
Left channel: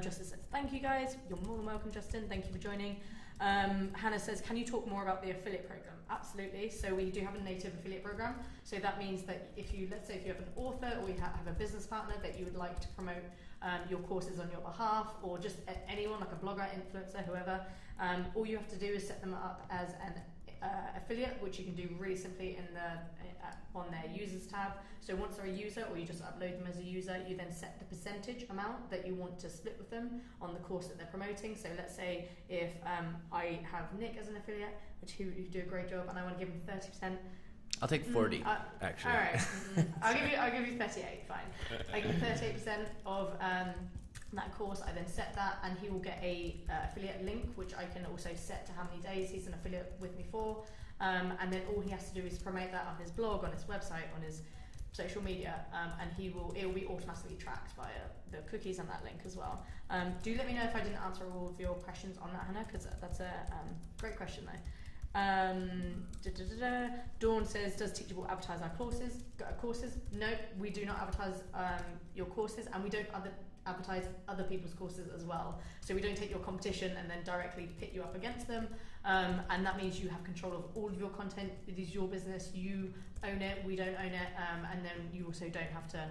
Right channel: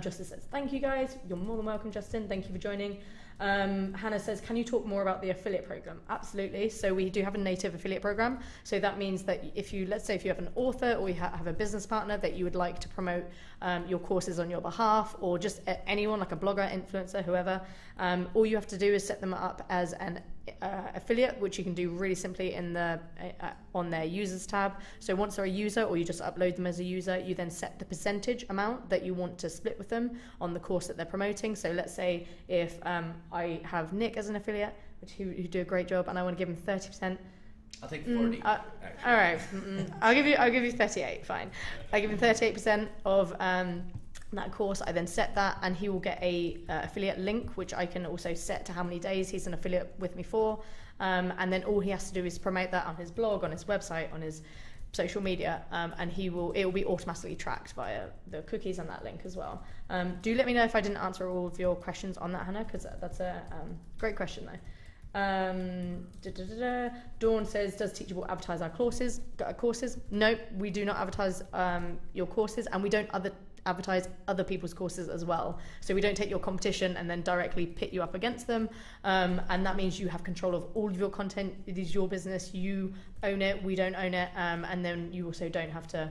Justin says, thank you guys. You're more than welcome, Justin. Thank you for joining. Hannah says, can you talk more about the affiliate program? Absolutely. So we do have a native affiliate program. So that means that let's say if you have an author, or you have a business partner that you would like to promote your courses on your behalf, or just anyone like a blogger, influencer, whoever, all you have to do is set them up as affiliate, which you can do really simply in the on their users tab. So once they're a user, or you just upload them as a user, you then set the percentage amount that you want to split with them on the course that they're promoting. So let's say if I have Nick as an affiliate, who do a great job, and I want to give him 30%. I'll take 40. Actually. All right, I'll give you 38. Fine, I give him 38% of that course. I then set that, and he will get a affiliate link, which I can also set to how many days he's an affiliate with me for. And then all he has to do is promote that on his blog, on his website, on his social media, and it will be automatically tracked via the cookies on that link as well. Do let me know if I didn't answer all of your questions on that, Hannah, because that's a great question though. Dawn says, does Teachable advertise our courses? No, we do not advertise your courses, and we don't advertise other people's courses as well. So we don't take your competition and then directly pit you up against them, and that means you have control of all of your content. It is your business, you own it, we don't own it, and then you also don't have to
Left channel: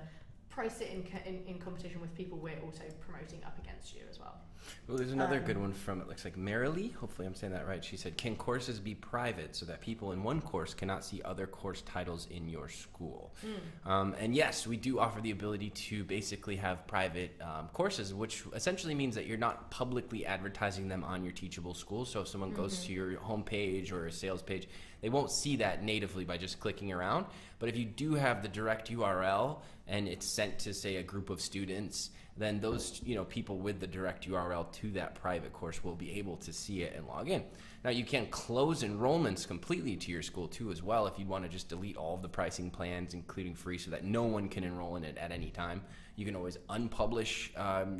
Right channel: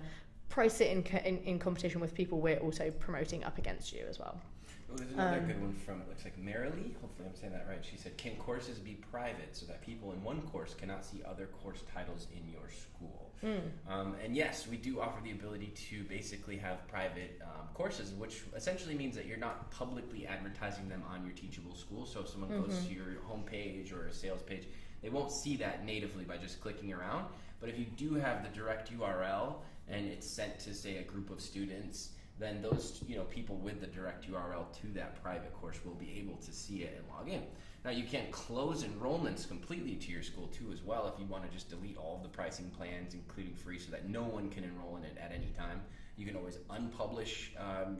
price it in competition with people we're also promoting up against you as well. Well, there's another good one from, it looks like Marilee, hopefully I'm saying that right. She said, can courses be private so that people in one course cannot see other course titles in your school? And yes, we do offer the ability to basically have private courses, which essentially means that you're not publicly advertising them on your Teachable school. So if someone goes to your homepage or a sales page, they won't see that natively by just clicking around. But if you do have the direct URL and it's sent to, say, a group of students, then those people with the direct URL to that private course will be able to see it and log in. Now you can close enrollments completely to your school too as well if you want to just delete all of the pricing plans, including free, so that no one can enroll in it at any time. You can always unpublish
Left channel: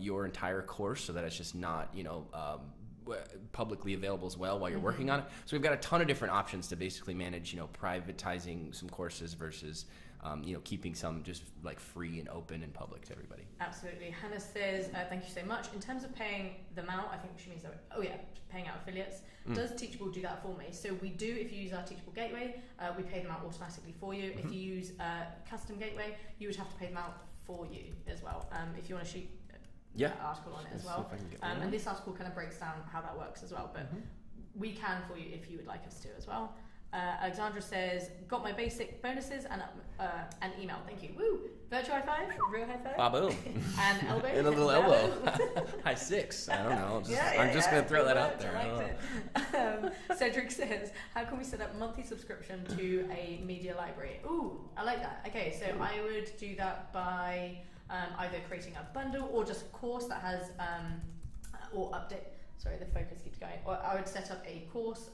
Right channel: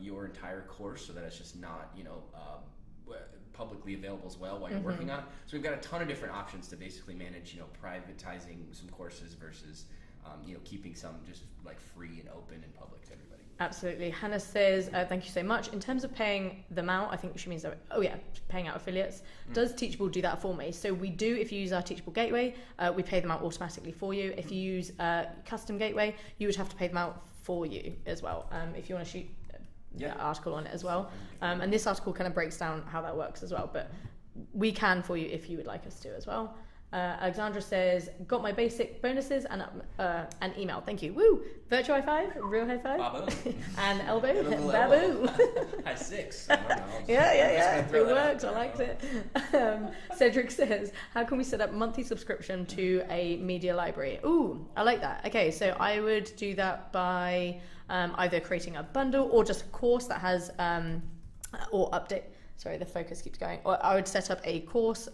your entire course so that it's just not publicly available as well while you're working on it. So we've got a ton of different options to basically manage privatizing some courses versus keeping some just like free and open and public to everybody. Absolutely. Hannah says, thank you so much. In terms of paying them out, I think she means that, paying out affiliates. Does Teachable do that for me? So we do. If you use our Teachable Gateway, we pay them out automatically for you. If you use Custom Gateway, you would have to pay them out for you as well. If you want to shoot an article on it as well. And this article kind of breaks down how that works as well. But we can for you if you would like us to as well. Alexandra says, got my basic bonuses and email. Thank you. Woo! Virtual high five, real high five. Babu. And elbow. And a little Babu. High six. I don't know. I'm Just going to throw that out there. I liked it. Cedric says, how can we set up monthly subscription to a media library? Ooh, I like that. Okay, so I would do that by either creating a bundle or just a course that has, or update. Sorry, the focus keeps going. Or I would set up a course,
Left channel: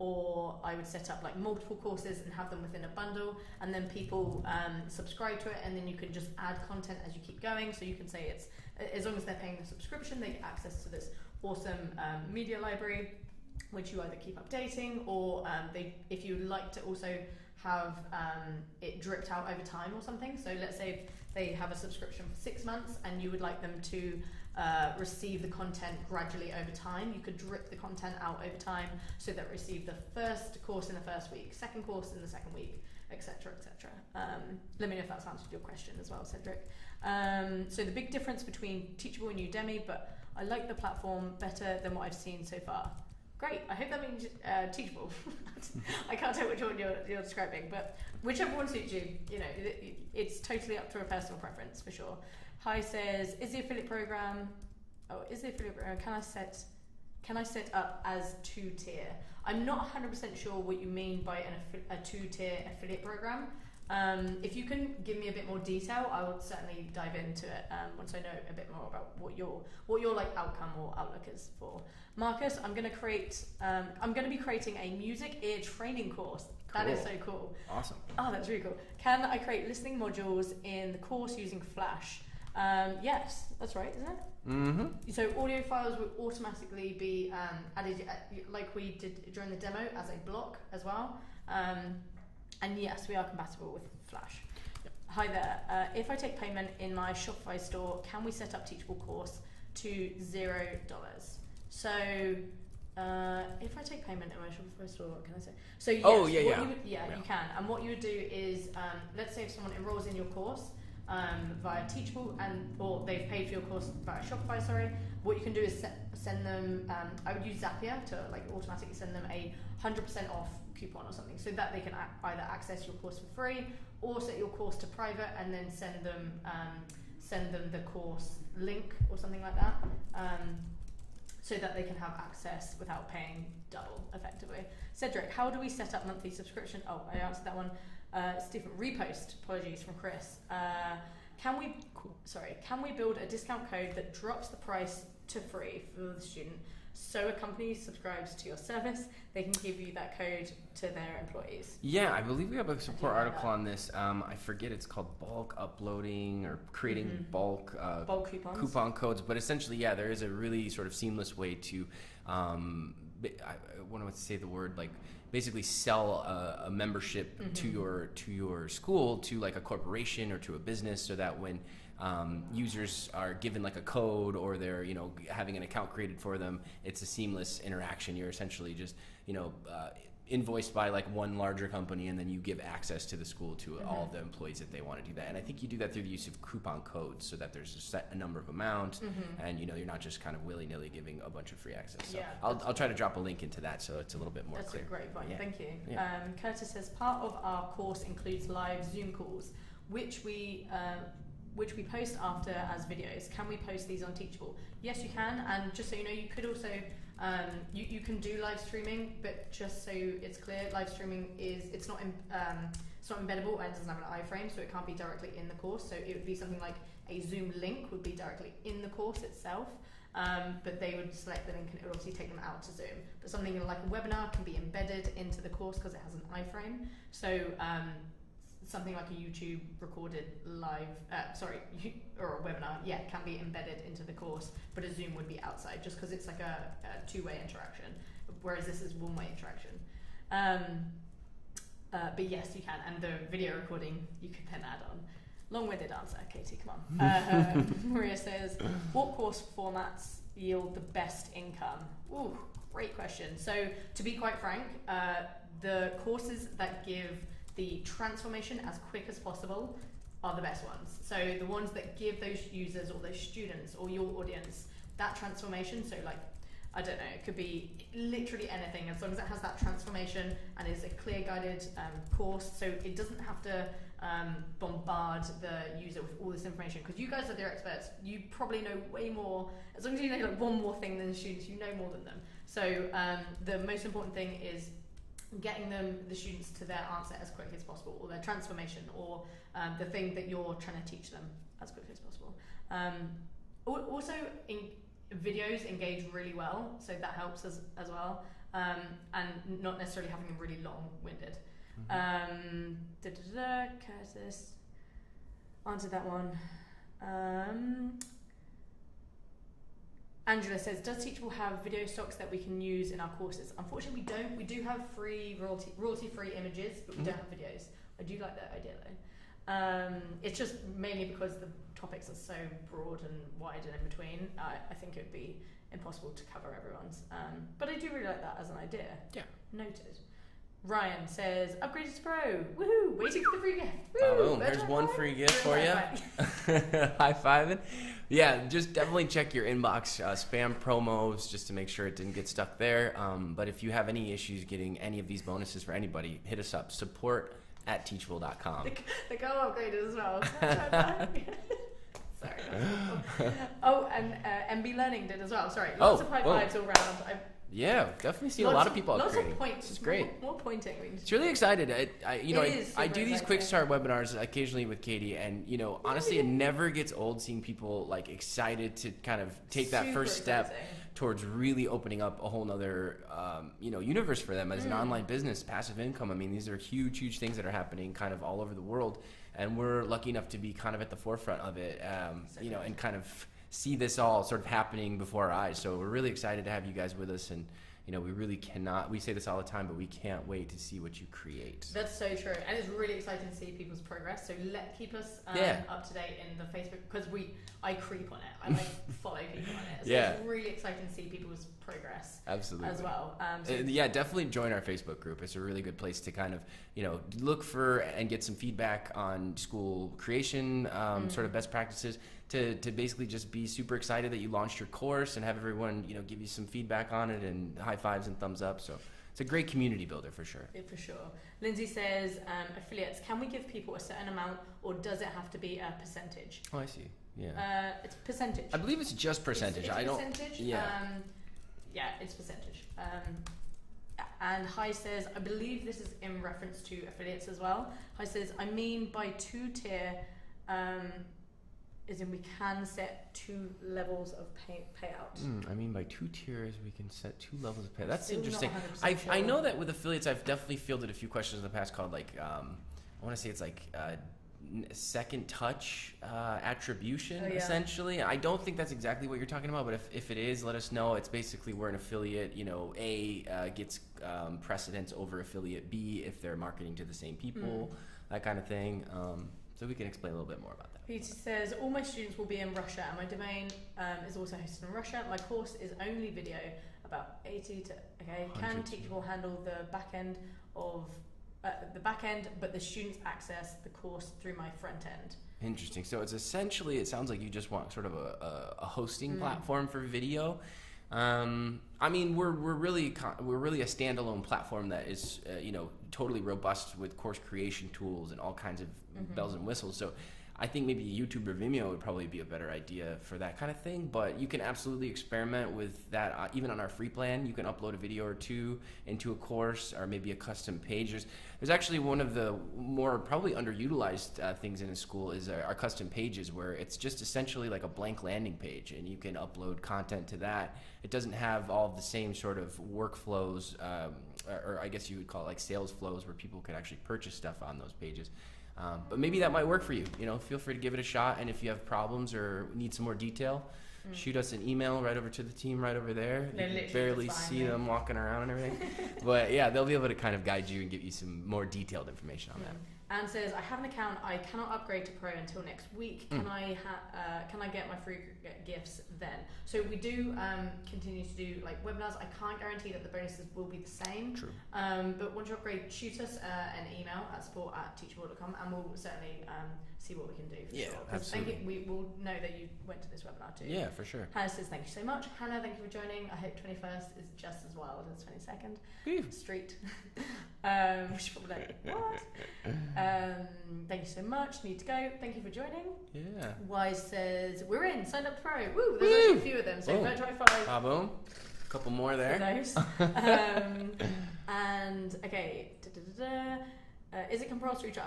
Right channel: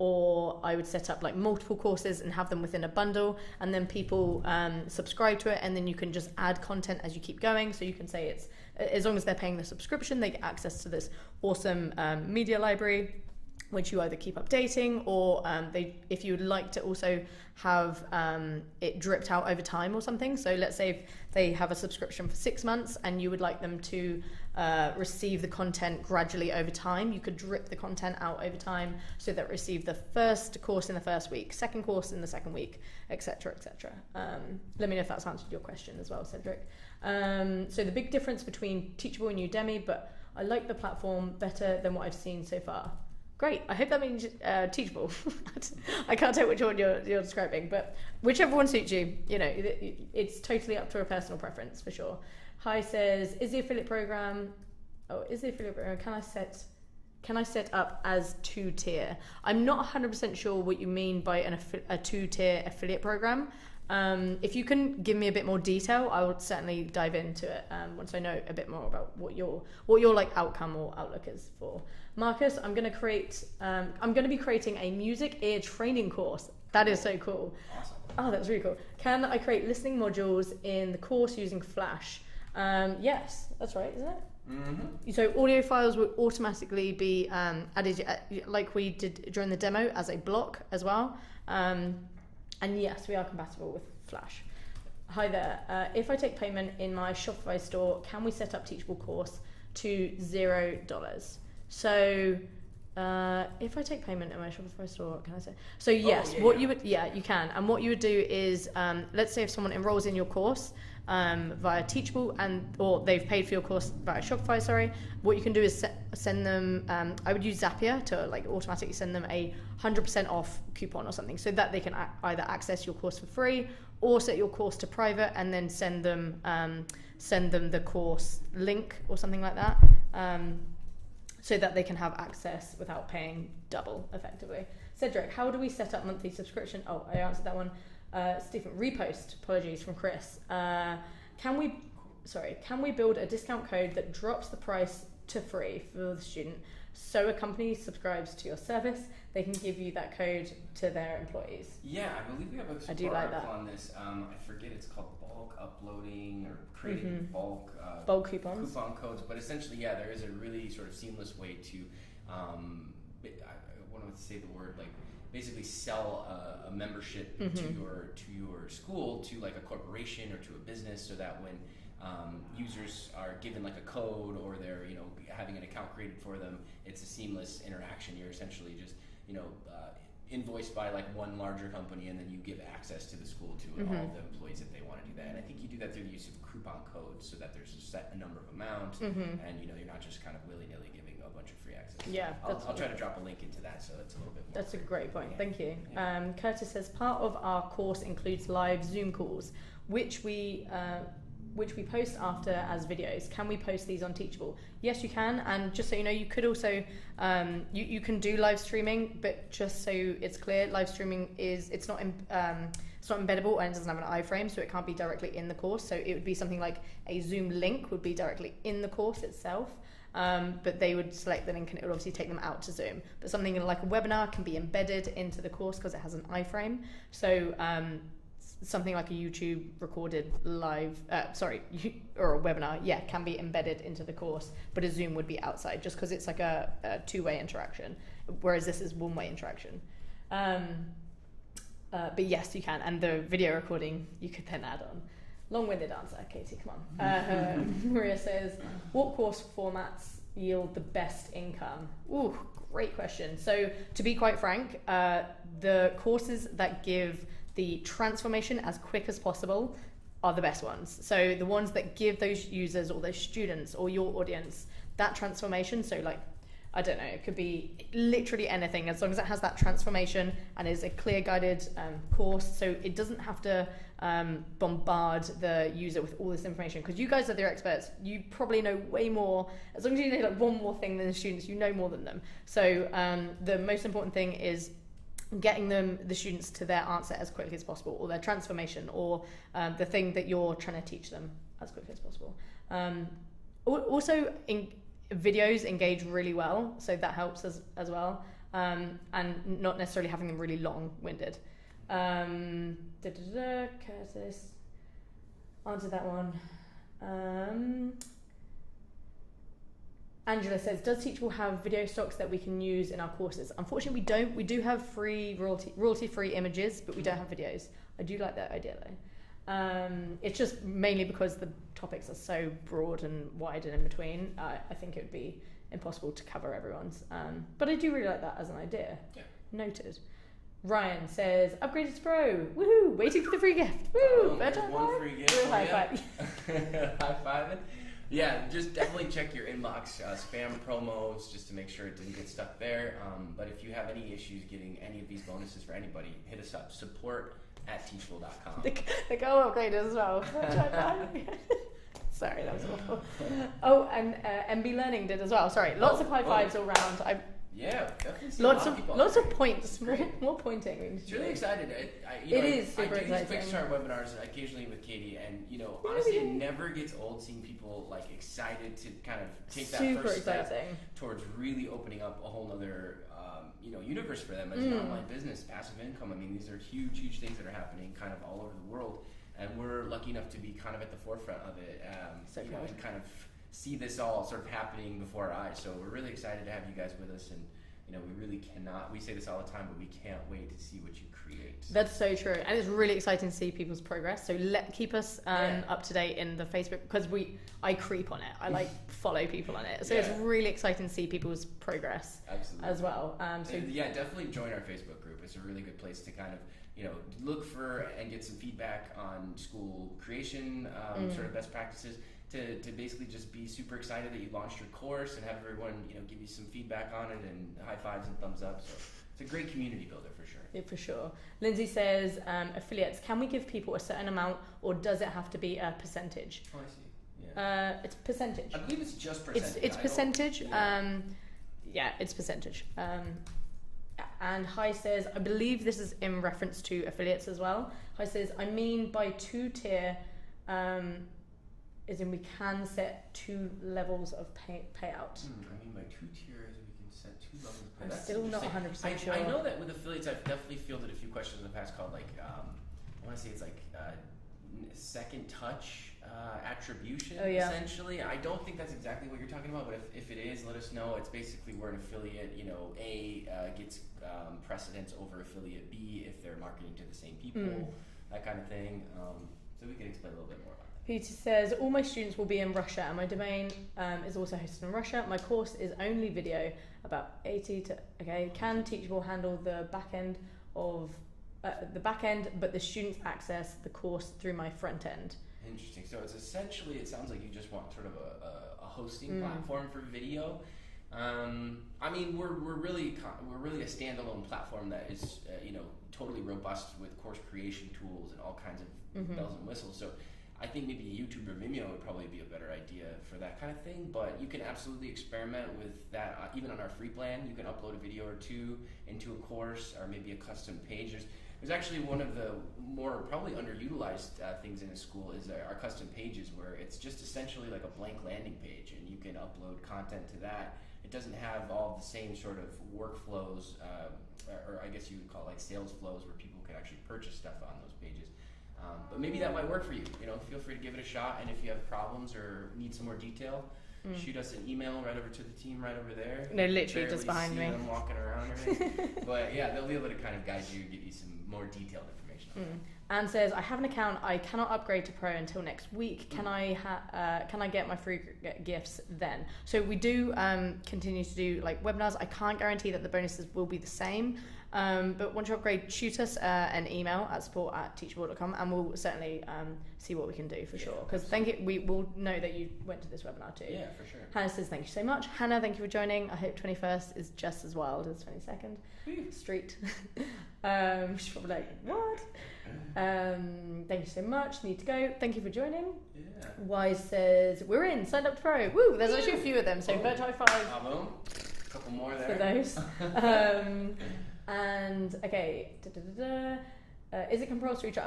or I would set up like multiple courses and have them within a bundle, and then people subscribe to it, and then you can just add content as you keep going. So you can say it's, as long as they're paying the subscription, they get access to this awesome media library, which you either keep updating, or if you would like to also have it dripped out over time or something. So let's say if they have a subscription for 6 months and you would like them to receive the content gradually over time, you could drip the content out over time so that receive the first course in the first week, second course in the second week, etc., etc. Let me know if that's answered your question as well, Cedric. So the big difference between Teachable and Udemy, but I like the platform better than what I've seen so far. Great. I hope that means Teachable. I can't tell which one you're describing, but whichever one suits you. It's totally up to a personal preference for sure. Hi says, is the affiliate program? Can I set up as 2-tier? I'm not 100% sure what you mean by a 2-tier affiliate program. If you can give me a bit more detail, I would certainly dive into it once I know a bit more about what your like outcome or outlook is for. Marcus, I'm going to be creating a music ear training course. That is so cool. Awesome. Oh, that's really cool. Can I create listening modules in the course using Flash? Yes, that's right, isn't it? Mm-hmm. So audio files will automatically be added, like we did during the demo, as a block as well. And yes, we are compatible with Flash. Hi there. If I take payment in my Shopify store, can we set up Teachable course to $0? So If I take payment in my Shopify store, can I say? So yes, you can. And what you would do is, let's say if someone enrolls in your course via Teachable or they've paid for your course via Shopify, sorry, what you can do is send them, I would use Zapier to like automatically send them a 100% off coupon or something, so that they can either access your course for free or set your course to private and then send them the course link or something like that. So that they can have access without paying double, effectively. Cedric, how do we set up monthly subscription? Oh, I answered that one. Stephen, repost, apologies, from Chris. Can we build a discount code that drops the price to free for the student, so a company subscribes to your service, they can give you that code to their employees? Yeah, I believe we have a support article on this. I forget, it's called bulk uploading or creating bulk coupons. Coupon codes. But essentially, yeah, there is a really sort of seamless way to, I want to say the word, like basically sell a membership to your school, to like a corporation or to a business, so that when users are given like a code or they're having an account created for them, it's a seamless interaction. You're essentially just invoiced by like one larger company, and then you give access to the school to all of the employees that they want to do that. And I think you do that through the use of coupon codes, so that there's a number of amount, and you're not just kind of willy-nilly giving a bunch of free access. So yeah, I'll try to drop a link into that so it's a little bit more That's clear. a great point. Yeah. Thank you. Yeah. Curtis says part of our course includes live Zoom calls, which we post after as videos. Can we post these on Teachable? Yes, you can. And just so you know, you could also you can do live streaming, but just so it's clear, live streaming it's not embeddable and it doesn't have an iframe, so it can't be directly in the course. So it would be something like a Zoom link would be directly in the course itself. But they would select the link and it would obviously take them out to Zoom. But something like a webinar can be embedded into the course because it has an iframe. So something like a YouTube recorded live, or a webinar, can be embedded into the course, but a Zoom would be outside, just because it's like a two-way interaction, whereas this is one-way interaction. But yes, you can, and the video recording you could then add on. Long-winded answer, Katie, come on. Maria says, what course formats yield the best income? Ooh, great question. So to be quite frank, the courses that give the transformation as quick as possible are the best ones. So the ones that give those users or those students or your audience that transformation, so like, I don't know, it could be literally anything, as long as it has that transformation and is a clear guided course, so it doesn't have to bombard the user with all this information, because you guys are their experts. You probably know way more. As long as you know like one more thing than the students, you know more than them. So the most important thing is getting the students to their answer as quickly as possible, or their transformation, or the thing that you're trying to teach them as quickly as possible. Also, videos engage really well, so that helps as well, and not necessarily having them really long-winded. Curtis answered that one. Angela says, does Teachable have video stocks that we can use in our courses? Unfortunately, we don't. We do have free royalty-free images, but we don't have videos. I do like that idea though. It's just mainly because the topics are so broad and wide and in between. I think it would be impossible to cover everyone's. But I do really like that as an idea. Yeah. Noted. Ryan says, upgraded to Pro. Woohoo! Waiting for the free gift. Woo! Oh, there's one free gift for you. High five. Yeah, just definitely check your inbox, spam promos, just to make sure it didn't get stuck there. But if you have any issues getting any of these bonuses for anybody, hit us up, support@teachable.com. The go upgraded as well. Sorry, that's awful. Oh, and MB Learning did as well. Sorry, lots of high fives all round. Yeah, definitely see a lot of people. Lots of points. It's great. More pointing. It's really excited. I do these quick start webinars occasionally with Katie, and honestly, it never gets old seeing people like excited to kind of take that first step towards really opening up a whole nother universe for them as an online business, passive income. I mean, these are huge things that are happening kind of all over the world, and we're lucky enough to be kind of at the forefront of it. And kind of see this all sort of happening before our eyes. So we're really excited to have you guys with us, and we really cannot, we say this all the time, but we can't wait to see what you create. That's so true, and it's really exciting to see people's progress. So keep us up to date in the Facebook, because I creep on it. I like follow people on it, so it's really exciting to see people's progress. Absolutely. As well. Definitely join our Facebook group. It's a really good place to kind of look for and get some feedback on school creation, sort of best practices. To basically just be super excited that you launched your course and have everyone give you some feedback on it and high fives and thumbs up. So it's a great community builder for sure. Yeah, for sure. Lindsay says, affiliates, can we give people a certain amount, or does it have to be a percentage? Oh, I see. Yeah. It's percentage. I believe it's just percentage. It's percentage. It's percentage. And Hi says, I believe this is in reference to affiliates as well. Hi says, I mean by 2-tier, as in we can set 2 levels of payout. I mean by 2 tiers we can set 2 levels of payout. That's still interesting. Not 100% sure. I know that with affiliates I've definitely fielded a few questions in the past called I want to say it's second touch attribution, essentially. I don't think that's exactly what you're talking about, but if it is, let us know. It's basically where an affiliate, A gets precedence over affiliate B if they're marketing to the same people, that kind of thing. So we can explain a little bit more about that. Peter says, all my students will be in Russia, and my domain is also hosted in Russia. My course is only video, about 80 to, can Teachable handle the back end of but the students access the course through my front end. Interesting. So it's essentially, it sounds like you just want sort of a hosting platform for video. I mean, we're really a standalone platform that is totally robust with course creation tools and all kinds of bells and whistles. So I think maybe YouTube or Vimeo would probably be a better idea for that kind of thing, but you can absolutely experiment with that. Even on our free plan, you can upload a video or 2 into a course, or maybe a custom page. There's actually one of the more probably underutilized things in a school is our custom pages, where it's just essentially like a blank landing page, and you can upload content to that. It doesn't have all the same sort of workflows, or I guess you would call it like sales flows, where people can actually purchase stuff on those pages. But maybe that might work for you. Feel free to give it a shot, and if you have problems or need some more detail, shoot us an email right over to the team right over there. No, literally just behind me. See them walking around and everything. But yeah, they'll be able to kind of guide you and give you some more detailed information on that. Anne says, I have an account. I cannot upgrade to Pro until next week. Can I get my free gifts then? So we do continue to do like webinars. I can't guarantee that the bonuses will be the same. True. But once you upgrade, shoot us an email at support@teachable.com, and we'll certainly see what we can do for sure. Because we will know that you went to this webinar too. Yeah, for sure. Hannah says, thank you so much. Hannah, thank you for joining. I hope 21st is just as wild as 22nd. Street. She's probably like, what? Thank you so much. Need to go. Thank you for joining. Yeah. Wise says, we're in. Signed up to Pro. Woo! There's actually a few of them. So virtual high five. Boom. A couple more there. For those. And okay. Is it compulsory to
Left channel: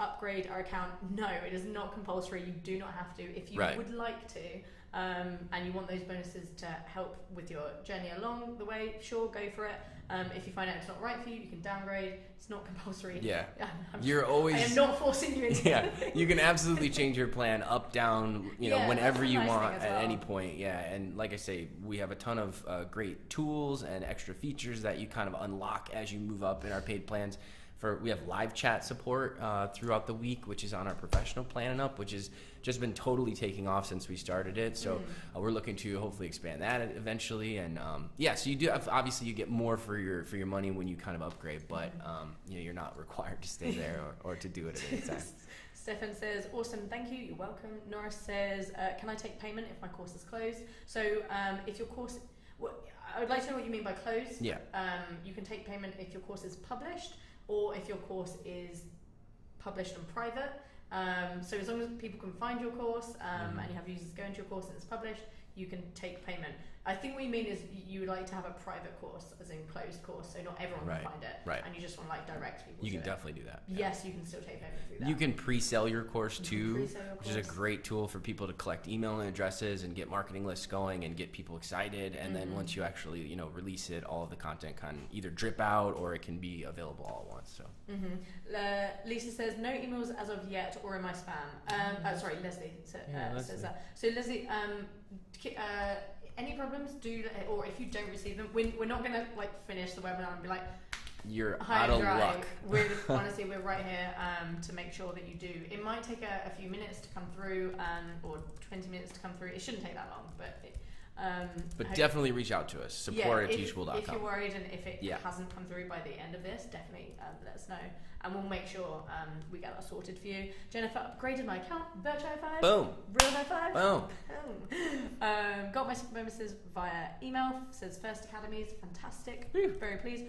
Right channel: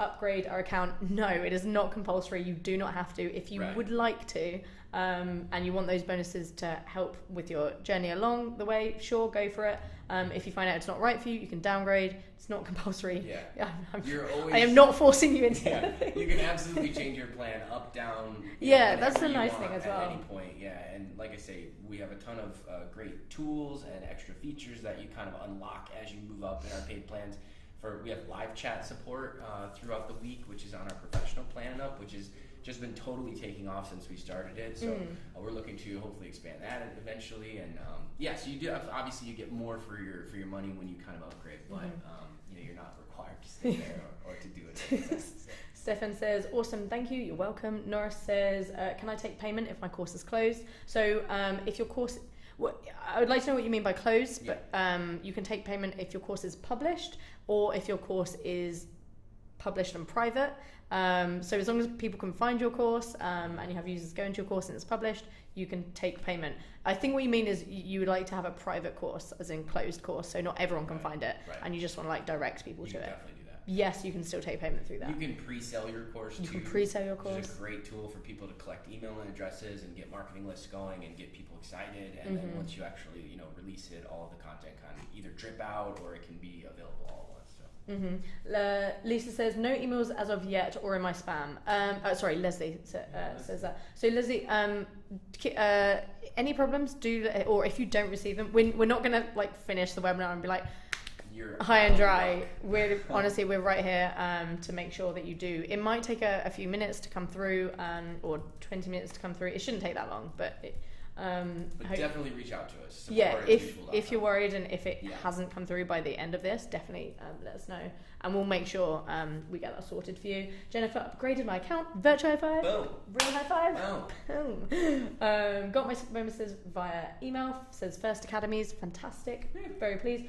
upgrade our account? No, it is not compulsory. You do not have to. If you would like to, and you want those bonuses to help with your journey along the way, sure, go for it. If you find out it's not right for you, you can downgrade. It's not compulsory. Yeah. I am not forcing you into anything. You can absolutely change your plan up, down, whenever you want at any point. Yeah, and like I say, we have a ton of great tools and extra features that you kind of unlock as you move up in our paid plans. We have live chat support throughout the week, which is on our professional plan and up, which has just been totally taking off since we started it. So we're looking to hopefully expand that eventually. And so you do have, obviously you get more for your money when you kind of upgrade, but you're not required to stay there or to do it at any time. Stefan says, awesome, thank you, you're welcome. Norris says, can I take payment if my course is closed? So if your course, I would like to know what you mean by closed. Yeah. You can take payment if your course is published, or if your course is published and private. So as long as people can find your course and you have users go into your course and it's published, you can take payment. I think what you mean is you would like to have a private course, as in closed course, so not everyone can find it, and you just want to like direct people to it. You can definitely do that. Yes, you can still take payment through that. You can pre-sell your course too. You can pre-sell your course. Which is a great tool for people to collect email addresses and get marketing lists going and get people excited. And then once you actually release it, all of the content can either drip out or it can be available all at once. So Lisa says no emails as of yet or in my spam. Sorry, Leslie says that. So Leslie, any problems? Or if you don't receive them, we're not gonna like finish the webinar and be like, you're high and dry. We're honestly we're right here to make sure that you do. It might take a few minutes to come through, or 20 minutes to come through. It shouldn't take that long, but. Definitely reach out to us. Support at teachable.com. If you're worried and if it hasn't come through by the end of this, definitely let us know, and we'll make sure we get that sorted for you. Jennifer upgraded my account. Virtual high five. Boom. Real high five. Boom. Got my super bonuses via email. Says First Academies. Fantastic. Very pleased.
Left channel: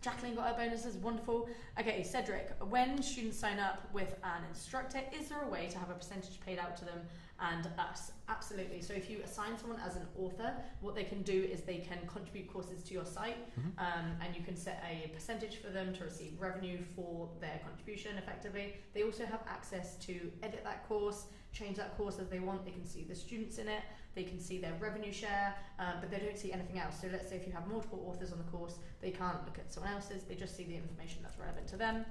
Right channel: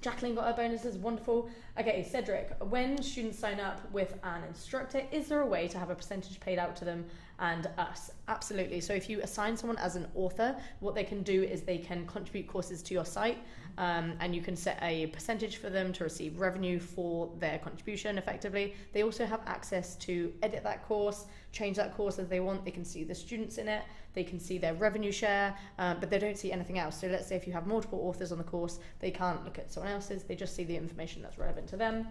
Jacqueline got her bonuses. Wonderful. Okay, Cedric. When students sign up with an instructor, is there a way to have a percentage paid out to them and us? Absolutely. So if you assign someone as an author, what they can do is they can contribute courses to your site, and you can set a percentage for them to receive revenue for their contribution effectively. They also have access to edit that course, change that course as they want. They can see the students in it, they can see their revenue share, but they don't see anything else. So let's say if you have multiple authors on the course, they can't look at someone else's, they just see the information that's relevant to them.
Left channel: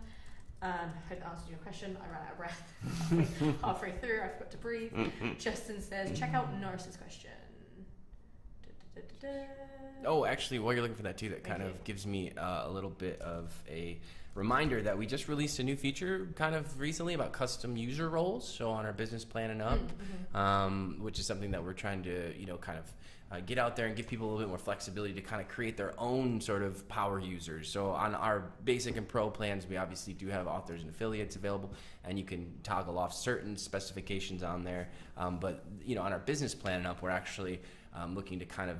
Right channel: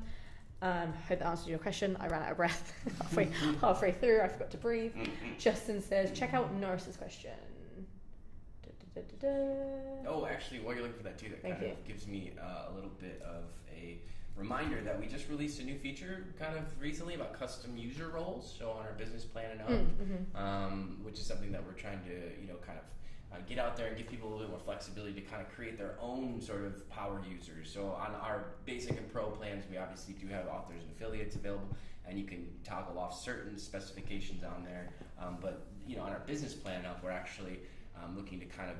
Hope that answers your question. I ran out of breath halfway through. I forgot to breathe. Justin says, check out Norris's question. Oh, actually, while you're looking for that too, that kind of gives me a little bit of a reminder that we just released a new feature kind of recently about custom user roles. So on our business plan and up, which is something that we're trying to, kind of get out there and give people a little bit more flexibility to kind of create their own sort of power users. So on our basic and pro plans, we obviously do have authors and affiliates available, and you can toggle off certain specifications on there. But on our business plan up, we're actually looking to kind of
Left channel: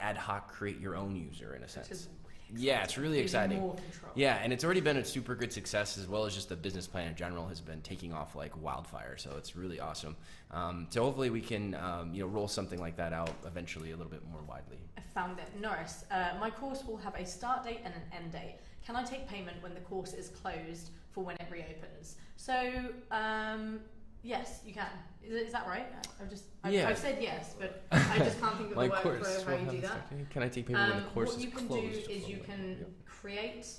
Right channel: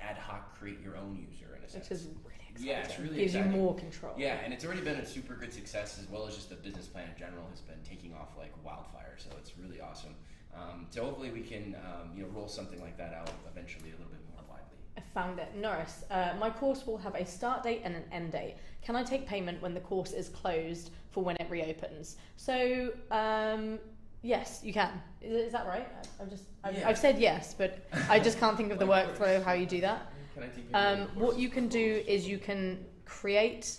ad hoc create your own user in a sense. Which is really exciting. Yeah, it's really exciting. More control. Yeah, and it's already been a super good success, as well as just the business plan in general has been taking off like wildfire. So it's really awesome. So hopefully we can roll something like that out eventually a little bit more widely. I found it. Norris, my course will have a start date and an end date. Can I take payment when the course is closed for when it reopens? So yes, you can. Is that right? I've said yes, but I just can't think of the workflow how you do that. Can I take payment when the course what you can do is you can create.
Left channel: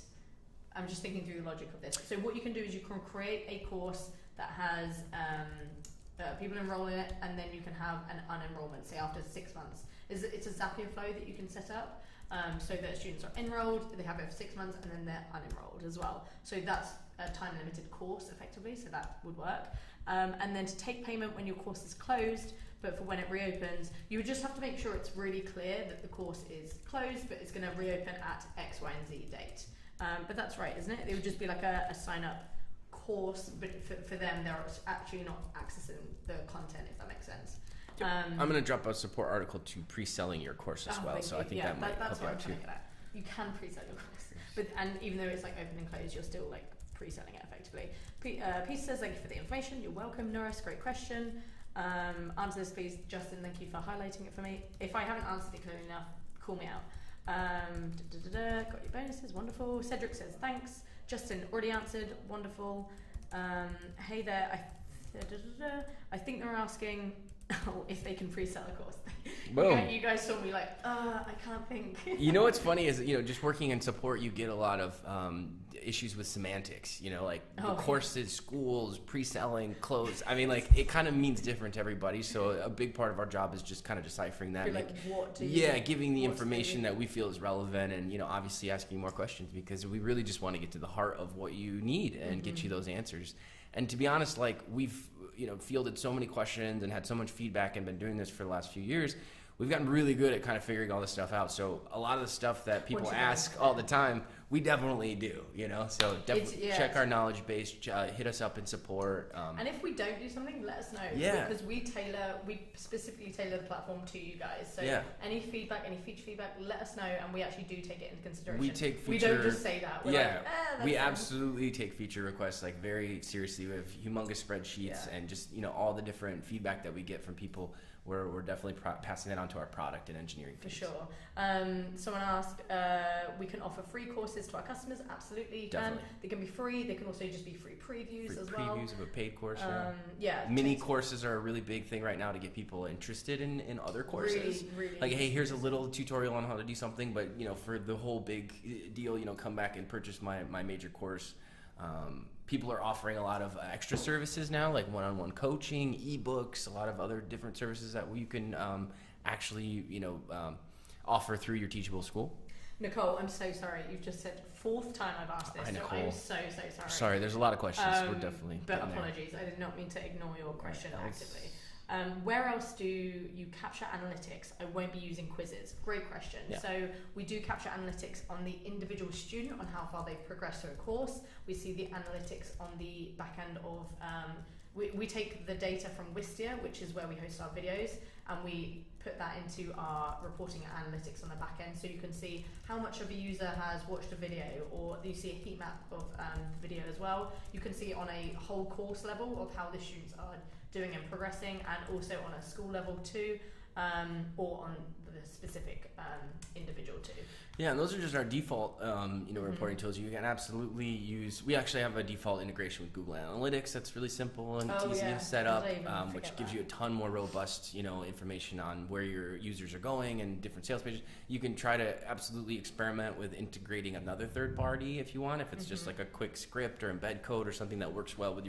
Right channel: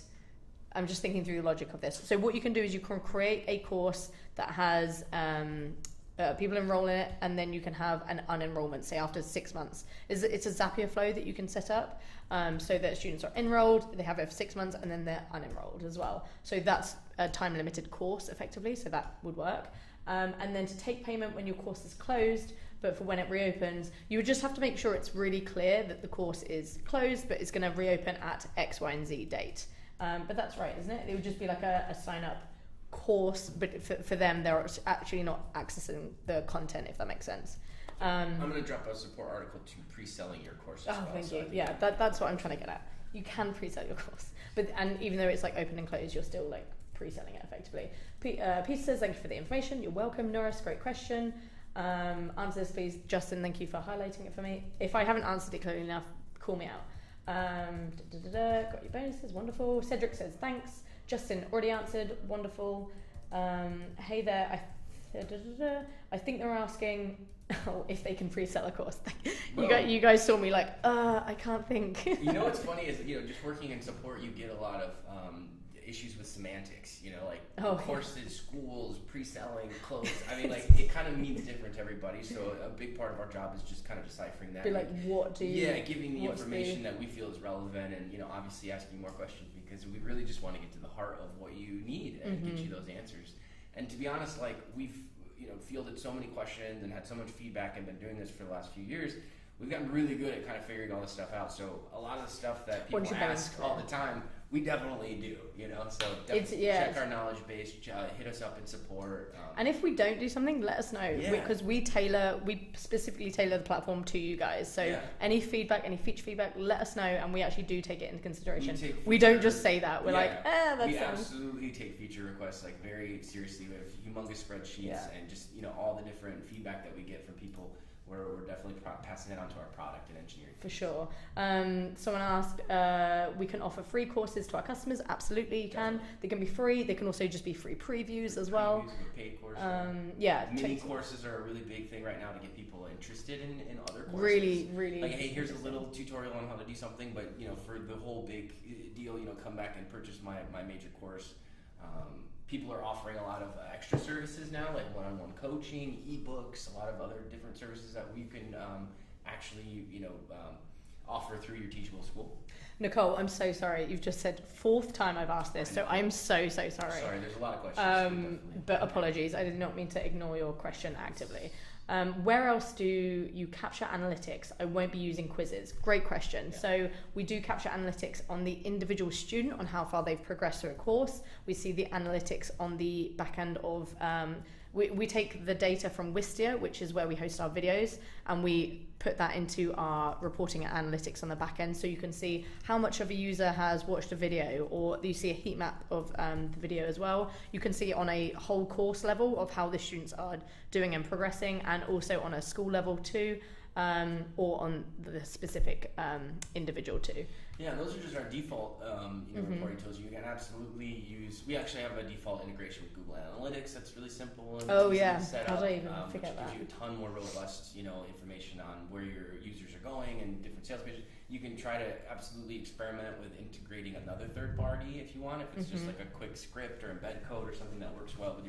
I'm just thinking through the logic of this. So what you can do is you can create a course that has people enroll in it, and then you can have an unenrollment, say after 6 months. It's a Zapier flow that you can set up, so that students are enrolled, they have it for 6 months, and then they're unenrolled as well. So that's a time limited course effectively, so that would work. And then to take payment when your course is closed, but for when it reopens, you would just have to make sure it's really clear that the course is closed, but it's going to reopen at X, Y, and Z date. But that's right, isn't it? It would just be like a sign up course, but for them, they're actually not accessing the content, if that makes sense. I'm going to drop a support article to pre-selling your course as well. So I think that's what I'm trying to get at. You can pre-sell your course, and even though it's like open and closed, you're still like pre-selling it effectively. Peter says, thank you for the information. You're welcome. Norris, great question. Answer this, please. Justin, thank you for highlighting it for me. If I haven't answered it clearly enough, call me out. Got your bonuses, wonderful. Cedric says, thanks. Justin, already answered, wonderful. Hey there, I think they're asking if they can pre-sell a course. You guys saw me like, I can't think. You know what's funny is, just working in support, you get a lot of issues with semantics, courses, schools, pre-selling, clothes. I mean, like, it kind of means different to everybody. So a big part of our job is just kind of deciphering that. Be like, what do you... Yeah, giving the information that we feel is relevant, and, obviously asking more questions, because we really just want to get to the heart of what you need and get you those answers. And to be honest, like, we've, fielded so many questions and had so much feedback and been doing this for the last few years. We've gotten really good at kind of figuring all this stuff out. So a lot of the stuff that people ask all the time, we definitely do, So definitely check our knowledge base, hit us up in support. And if we don't do something, let us know. Yeah. Because we specifically tailor the platform to you guys. So any feedback, any feature feedback, let us know, and we actually do take it into consideration. We don't just say that. We're we absolutely take feature requests like very seriously. We have humongous spreadsheets and just, all the different feedback that we get from people. we're definitely passing that on to our product and engineering teams. For sure. Someone asked, we can offer free courses to our customers. Absolutely, you can. They can be free. They can also just be free previews as well. Previews of a paid course. Mini courses are a really big thing right now to get people interested in other courses. Really. Like, hey, here's a little tutorial on how to do something, but for the whole big deal, come back and purchase my major course. People are offering a lot of extra services now, like one-on-one coaching, ebooks, a lot of other different services that we can actually, offer through your Teachable School. Nicole, I'm so sorry. You've just said 4th time I've asked this, so I'm so sorry. Sorry, there's a lot of questions. But apologies, I did not mean to ignore your question actively. Where else do you capture analytics? I won't be using quizzes. Great question. Yeah. So we do capture analytics on the individual student on how far they've progressed through a course. We see the analytics on the back end of, we take the data from Wistia, which is where we host our videos, and we put that into our reporting and analytics on the back end. So you can see how much of a user has watched a video, or you see a heat map of the video as well. You can see on a whole course level of how the students are doing and progressing, and also on a school level too, or on the specific individual too. Yeah, and those are just our default reporting tools. You can absolutely use, we actually have a default integration with Google Analytics that's really simple and easy to set up, which gives you a ton more robust information on where your users are going and different sales pages. You can try to absolutely experiment with integrating another third party if you want, if it's just like a quick script or embed code or something that works well with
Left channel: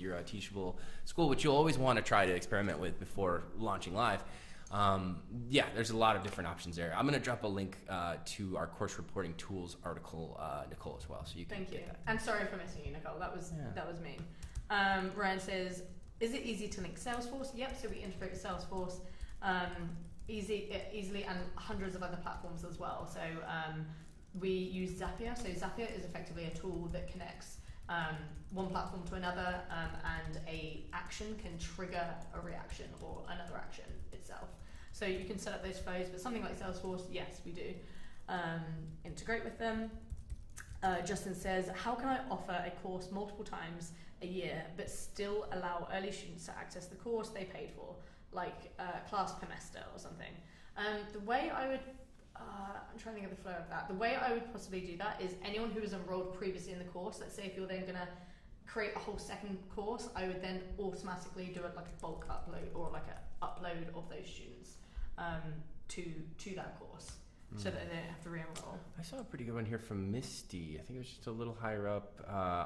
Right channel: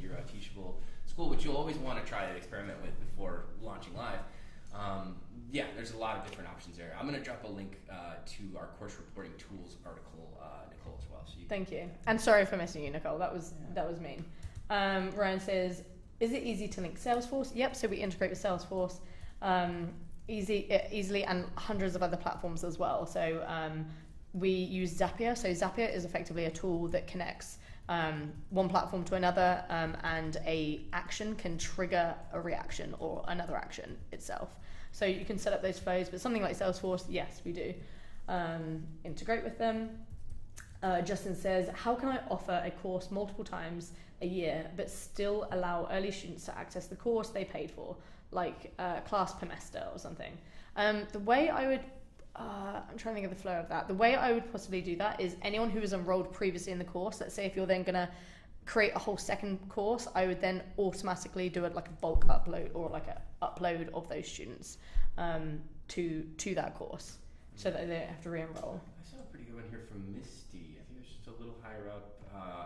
your Teachable School, which you'll always want to try to experiment with before launching live. There's a lot of different options there. I'm going to drop a link to our course reporting tools article, Nicole, as well. So you can Thank you. And sorry for missing you, Nicole. That was mean. Ryan says, is it easy to link Salesforce? Yep. So we integrate with Salesforce easily, and hundreds of other platforms as well. So we use Zapier. So Zapier is effectively a tool that connects one platform to another, and a action can trigger a reaction or another action itself. So you can set up those flows, but something like Salesforce, yes, we do integrate with them. Justin says, how can I offer a course multiple times a year but still allow early students to access the course they paid for, like class semester or something? The way I would I'm trying to think of the flow of that. The way I would possibly do that is anyone who was enrolled previously in the course, let's say if you're then going to create a whole second course, I would then automatically do it like a bulk upload, or like an upload of those students to that course, so that they don't have to re-enroll. I saw a pretty good one here from Misty. I think it was just a little higher up.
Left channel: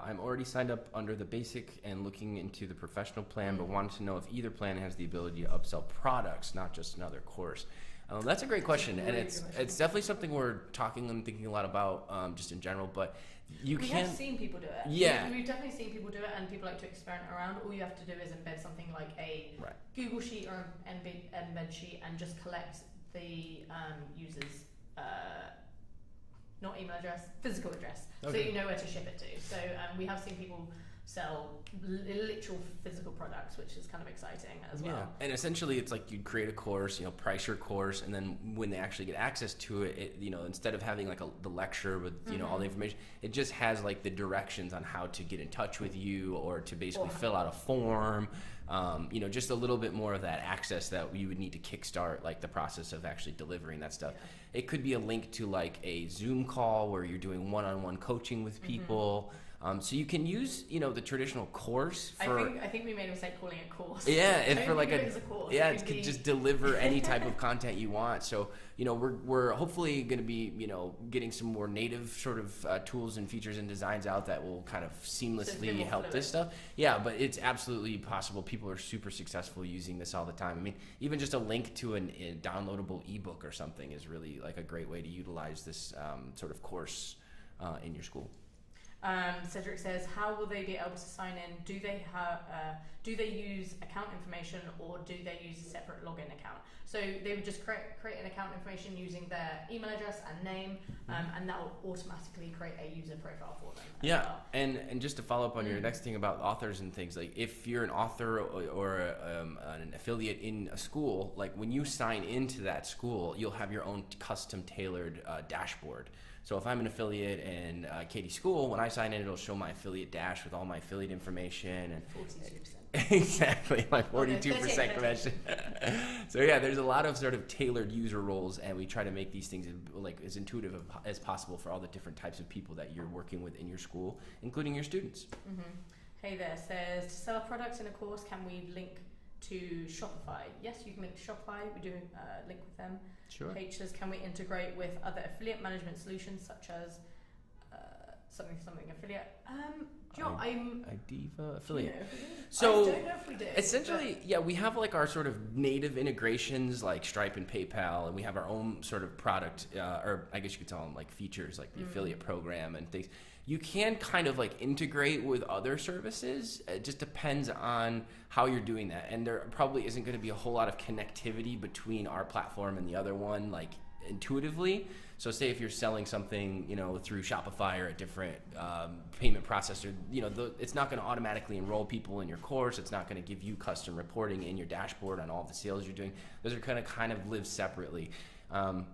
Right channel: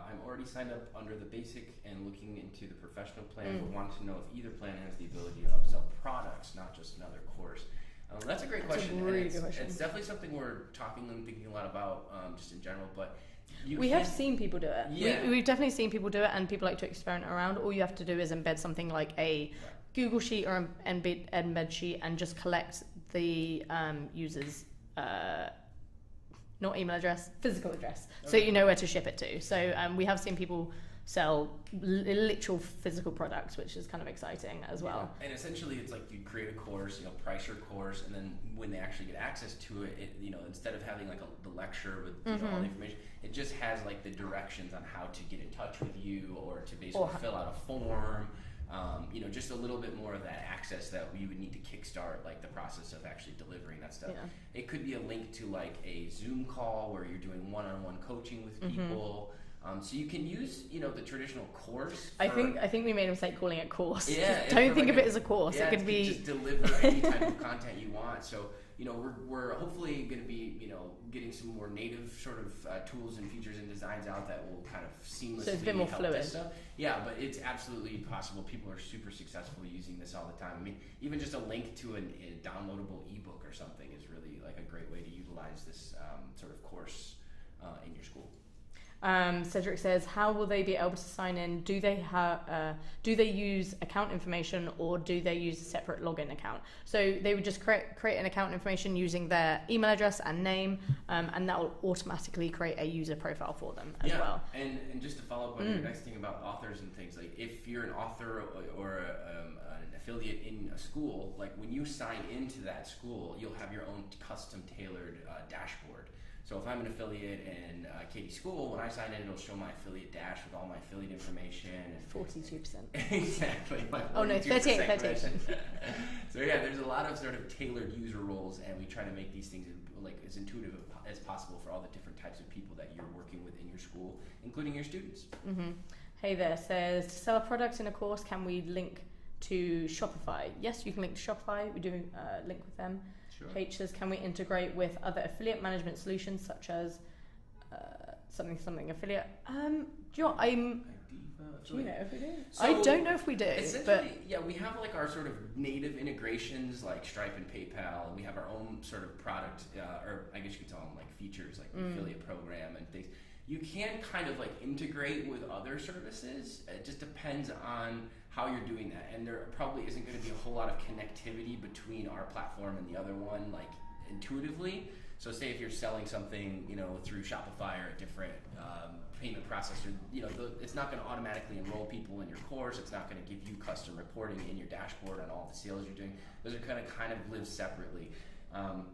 I'm already signed up under the basic and looking into the professional plan, but wanted to know if either plan has the ability to upsell products, not just another course. That's a great question, and it's definitely something we're talking and thinking a lot about, just in general. But we have seen people do it. Yeah, we've definitely seen people do it, and people like to experiment around. All you have to do is embed something like a Google Sheet or embed sheet, and just collect the user's not email address, physical address, so you know where to ship it to. So we have seen people sell literal physical products, which is kind of exciting as well. And essentially it's like you create a course, price your course, and then when they actually get access to it, instead of having like the lecture with all the information, it just has like the directions on how to get in touch with you, or to basically fill out a form, just a little bit more of that access that we would need to kickstart like the process of actually delivering that stuff. It could be a link to like a Zoom call where you're doing one-on-one coaching with people. So you can use, the traditional course. I think we made a mistake calling it course. Yeah, don't think of it as a course. Yeah, it could just deliver any type of content you want. So we're hopefully going to be getting some more native sort of tools and features and designs out that will kind of seamlessly help fluid. This stuff. Yeah, but it's absolutely possible. People are super successful using this all the time. I mean, even just a link to a downloadable ebook or something is really like a great way to utilize this sort of course in your school. Cedric says, how will they be able to sign in? Do they use account information, or do they use a separate login account? So they would just create an account information using their email address and name, and that will automatically create a user profile for them as well. And just to follow up on your next thing about authors and things, like if you're an author or an affiliate in a school, like when you sign into that school, you'll have your own custom tailored dashboard So if I'm an affiliate in Katie's school, when I sign in, it'll show my affiliate dash with all my affiliate information. And 42%. Exactly, my 42% commission. 38%. So yeah, there's a lot of sort of tailored user roles, and we try to make these things like as intuitive as possible for all the different types of people that you're working with in your school, including your students. Mm-hmm. Hey there, says, to sell a product in a course, can we link to Shopify? Yes, you can link to Shopify. We do link with them. Sure. H says, can we integrate with other affiliate management solutions such as something affiliate? Do you know, Idiva affiliate. Do you know if we do? So I don't know if we do. Essentially, yeah, we have like our sort of native integrations like Stripe and PayPal, and we have our own sort of product, or I guess you could tell them like features like the affiliate program and things. You can kind of like integrate with other services. It just depends on how you're doing that. And there probably isn't going to be a whole lot of connectivity between our platform and the other one, like intuitively. So say if you're selling something, you know, through Shopify or a different payment processor, you know, it's not going to automatically enroll people in your course. It's not going to give you custom reporting in your dashboard on all the sales you're doing. Those are kind of live separately.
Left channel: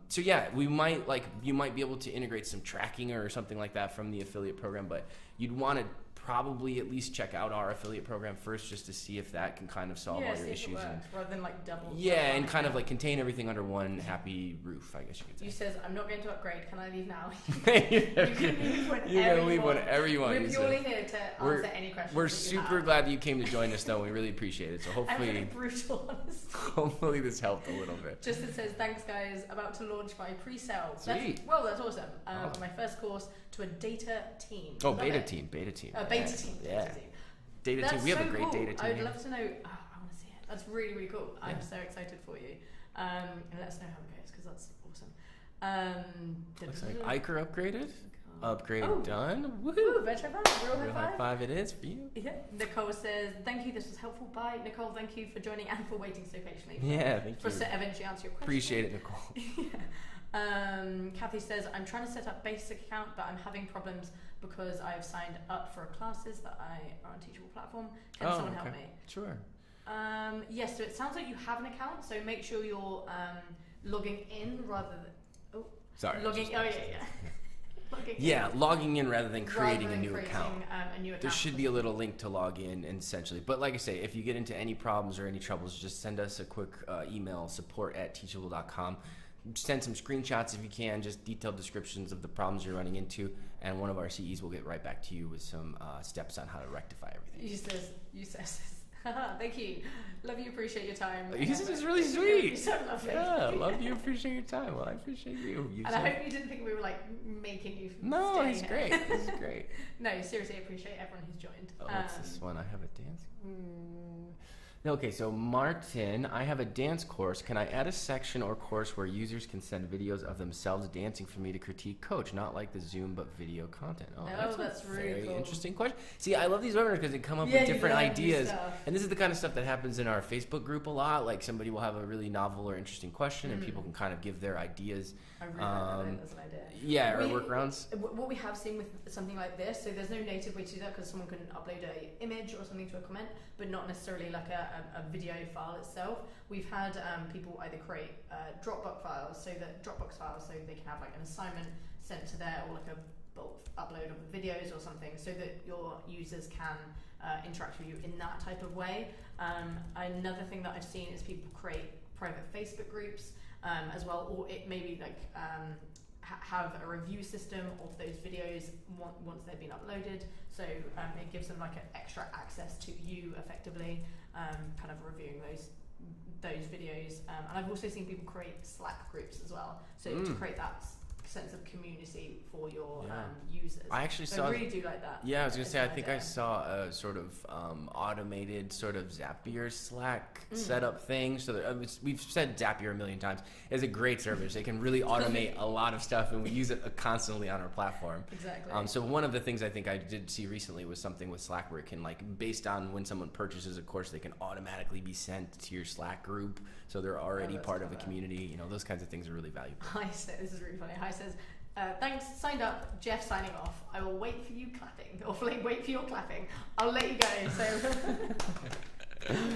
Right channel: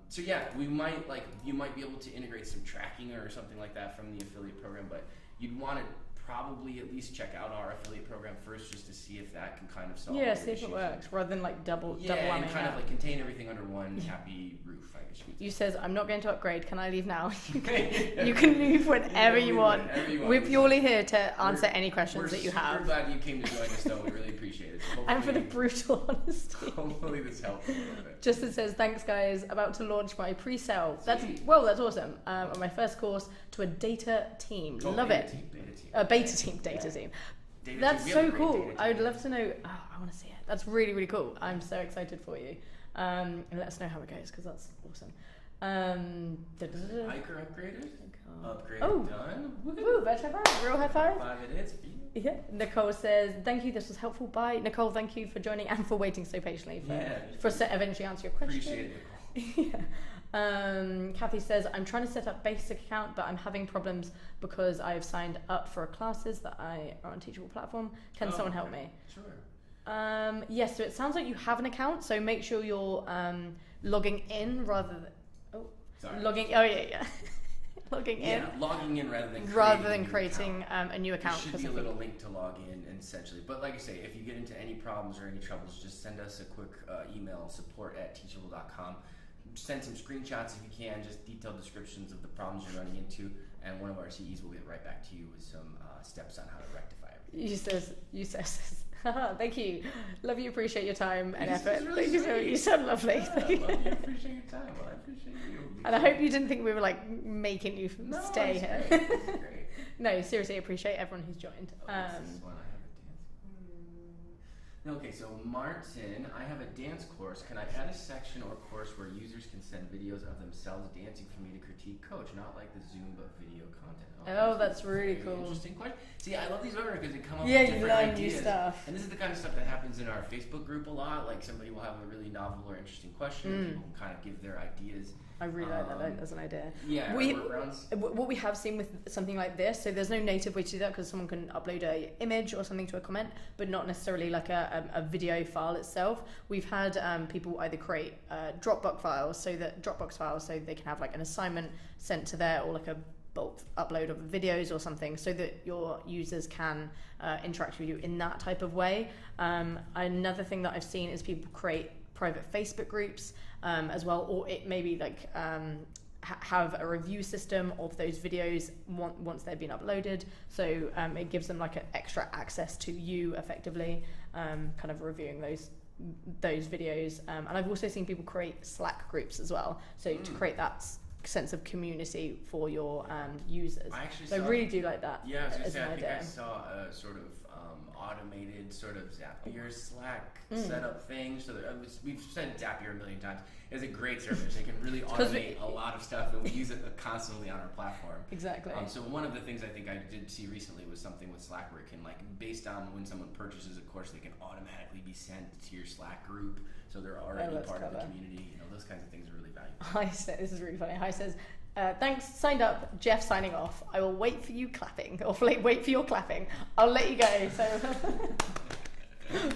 So yeah, you might be able to integrate some tracking or something like that from the affiliate program, but you'd want to probably at least check out our affiliate program first just to see if that can kind of solve all your issues. Yeah, see if it works, rather than like double. Yeah, and kind of like contain everything under one happy roof, I guess you could say. You says, I'm not going to upgrade, can I leave now? You can leave whenever you want. We're purely here to answer any questions that you have. We're super glad you came to join us though, we really appreciate it. So hopefully, and for the brutal honesty. Hopefully this helped a little bit. Justin says, thanks guys, about to launch my pre-sale. That's awesome. On my first course to a data team. Love beta it. team. Beta team. Data That's team. so cool. I would love to know. Oh, I want to see it. That's really, really cool. I'm so excited for you. And let us know how it goes because that's awesome. Iker upgraded. Done. Woohoo! Retro five. Real high five. High five it is for you. Yeah. Nicole says, thank you. This was helpful. Bye. Nicole, thank you for joining and for waiting so patiently. For eventually answer your question. Appreciate it, Nicole. Yeah. Kathy says, I'm trying to set up basic account, but I'm having problems because I've signed up for classes that are on Teachable platform. Can someone help me? Sure. Yes, so it sounds like you have an account, so make sure you're logging in rather than... Logging in rather than creating a new account. There should be a little link to log in, essentially. But like I say, if you get into any problems or any troubles, just send us a quick email, support@teachable.com. Send some screenshots if you can, just detailed descriptions of the problems you're running into, and one of our CEs will get right back to you with some steps on how to rectify everything. You says, thank you. Love you, appreciate your time. This is really sweet. You sound lovely. Yeah, love you, appreciate your time. Well, I appreciate you. And I hope you didn't think we were like making you stay here. Great. This is great. No, seriously, appreciate everyone who's joined. What's this one? I have a dance. Okay, so Martin, I have a dance course. Can I add a section or course where users can send videos of themselves dancing for me to critique coach? Not like the Zoom, but video content. That's really cool. Interesting question. See, I love these webinars because they come up with different ideas. And this is the kind of stuff that happens in our Facebook group a lot. Like somebody will have a really novel or interesting question and people can kind of give their ideas. I really like that as an idea. Yeah, workarounds. What we have seen with something like this, so there's no native way to do that because someone can upload a image or something to a comment, but not necessarily like a video file itself. We've had people either create Dropbox files so they can have like an assignment sent to there, or like a bulk upload of videos or something, so that your users can interact with you in that type of way. Another thing that I've seen is people create private Facebook groups as well, or it maybe like have a review system of those videos once they've been uploaded, so it gives them like an extra access to you effectively, kind of reviewing those videos. And I've also seen people create Slack groups as well, so to create that sense of community for your users. I really do like that. Yeah, I was gonna say, I think I saw a sort of automated sort of Zapier Slack setup thing. So we've said Zapier a million times. It's a great service. They can really automate a lot of stuff, and we use it constantly on our platform. Exactly. So one of the things I think I did see recently was something with Slack where it can, like, based on when someone purchases a course, they can automatically be sent to your Slack group, so they're already part of the community. You know, those kinds of things are really valuable. This is really funny. Hi says, thanks, signed up, Jeff signing off. I will wait for you clapping, or wait for your clapping. I'll let you go. So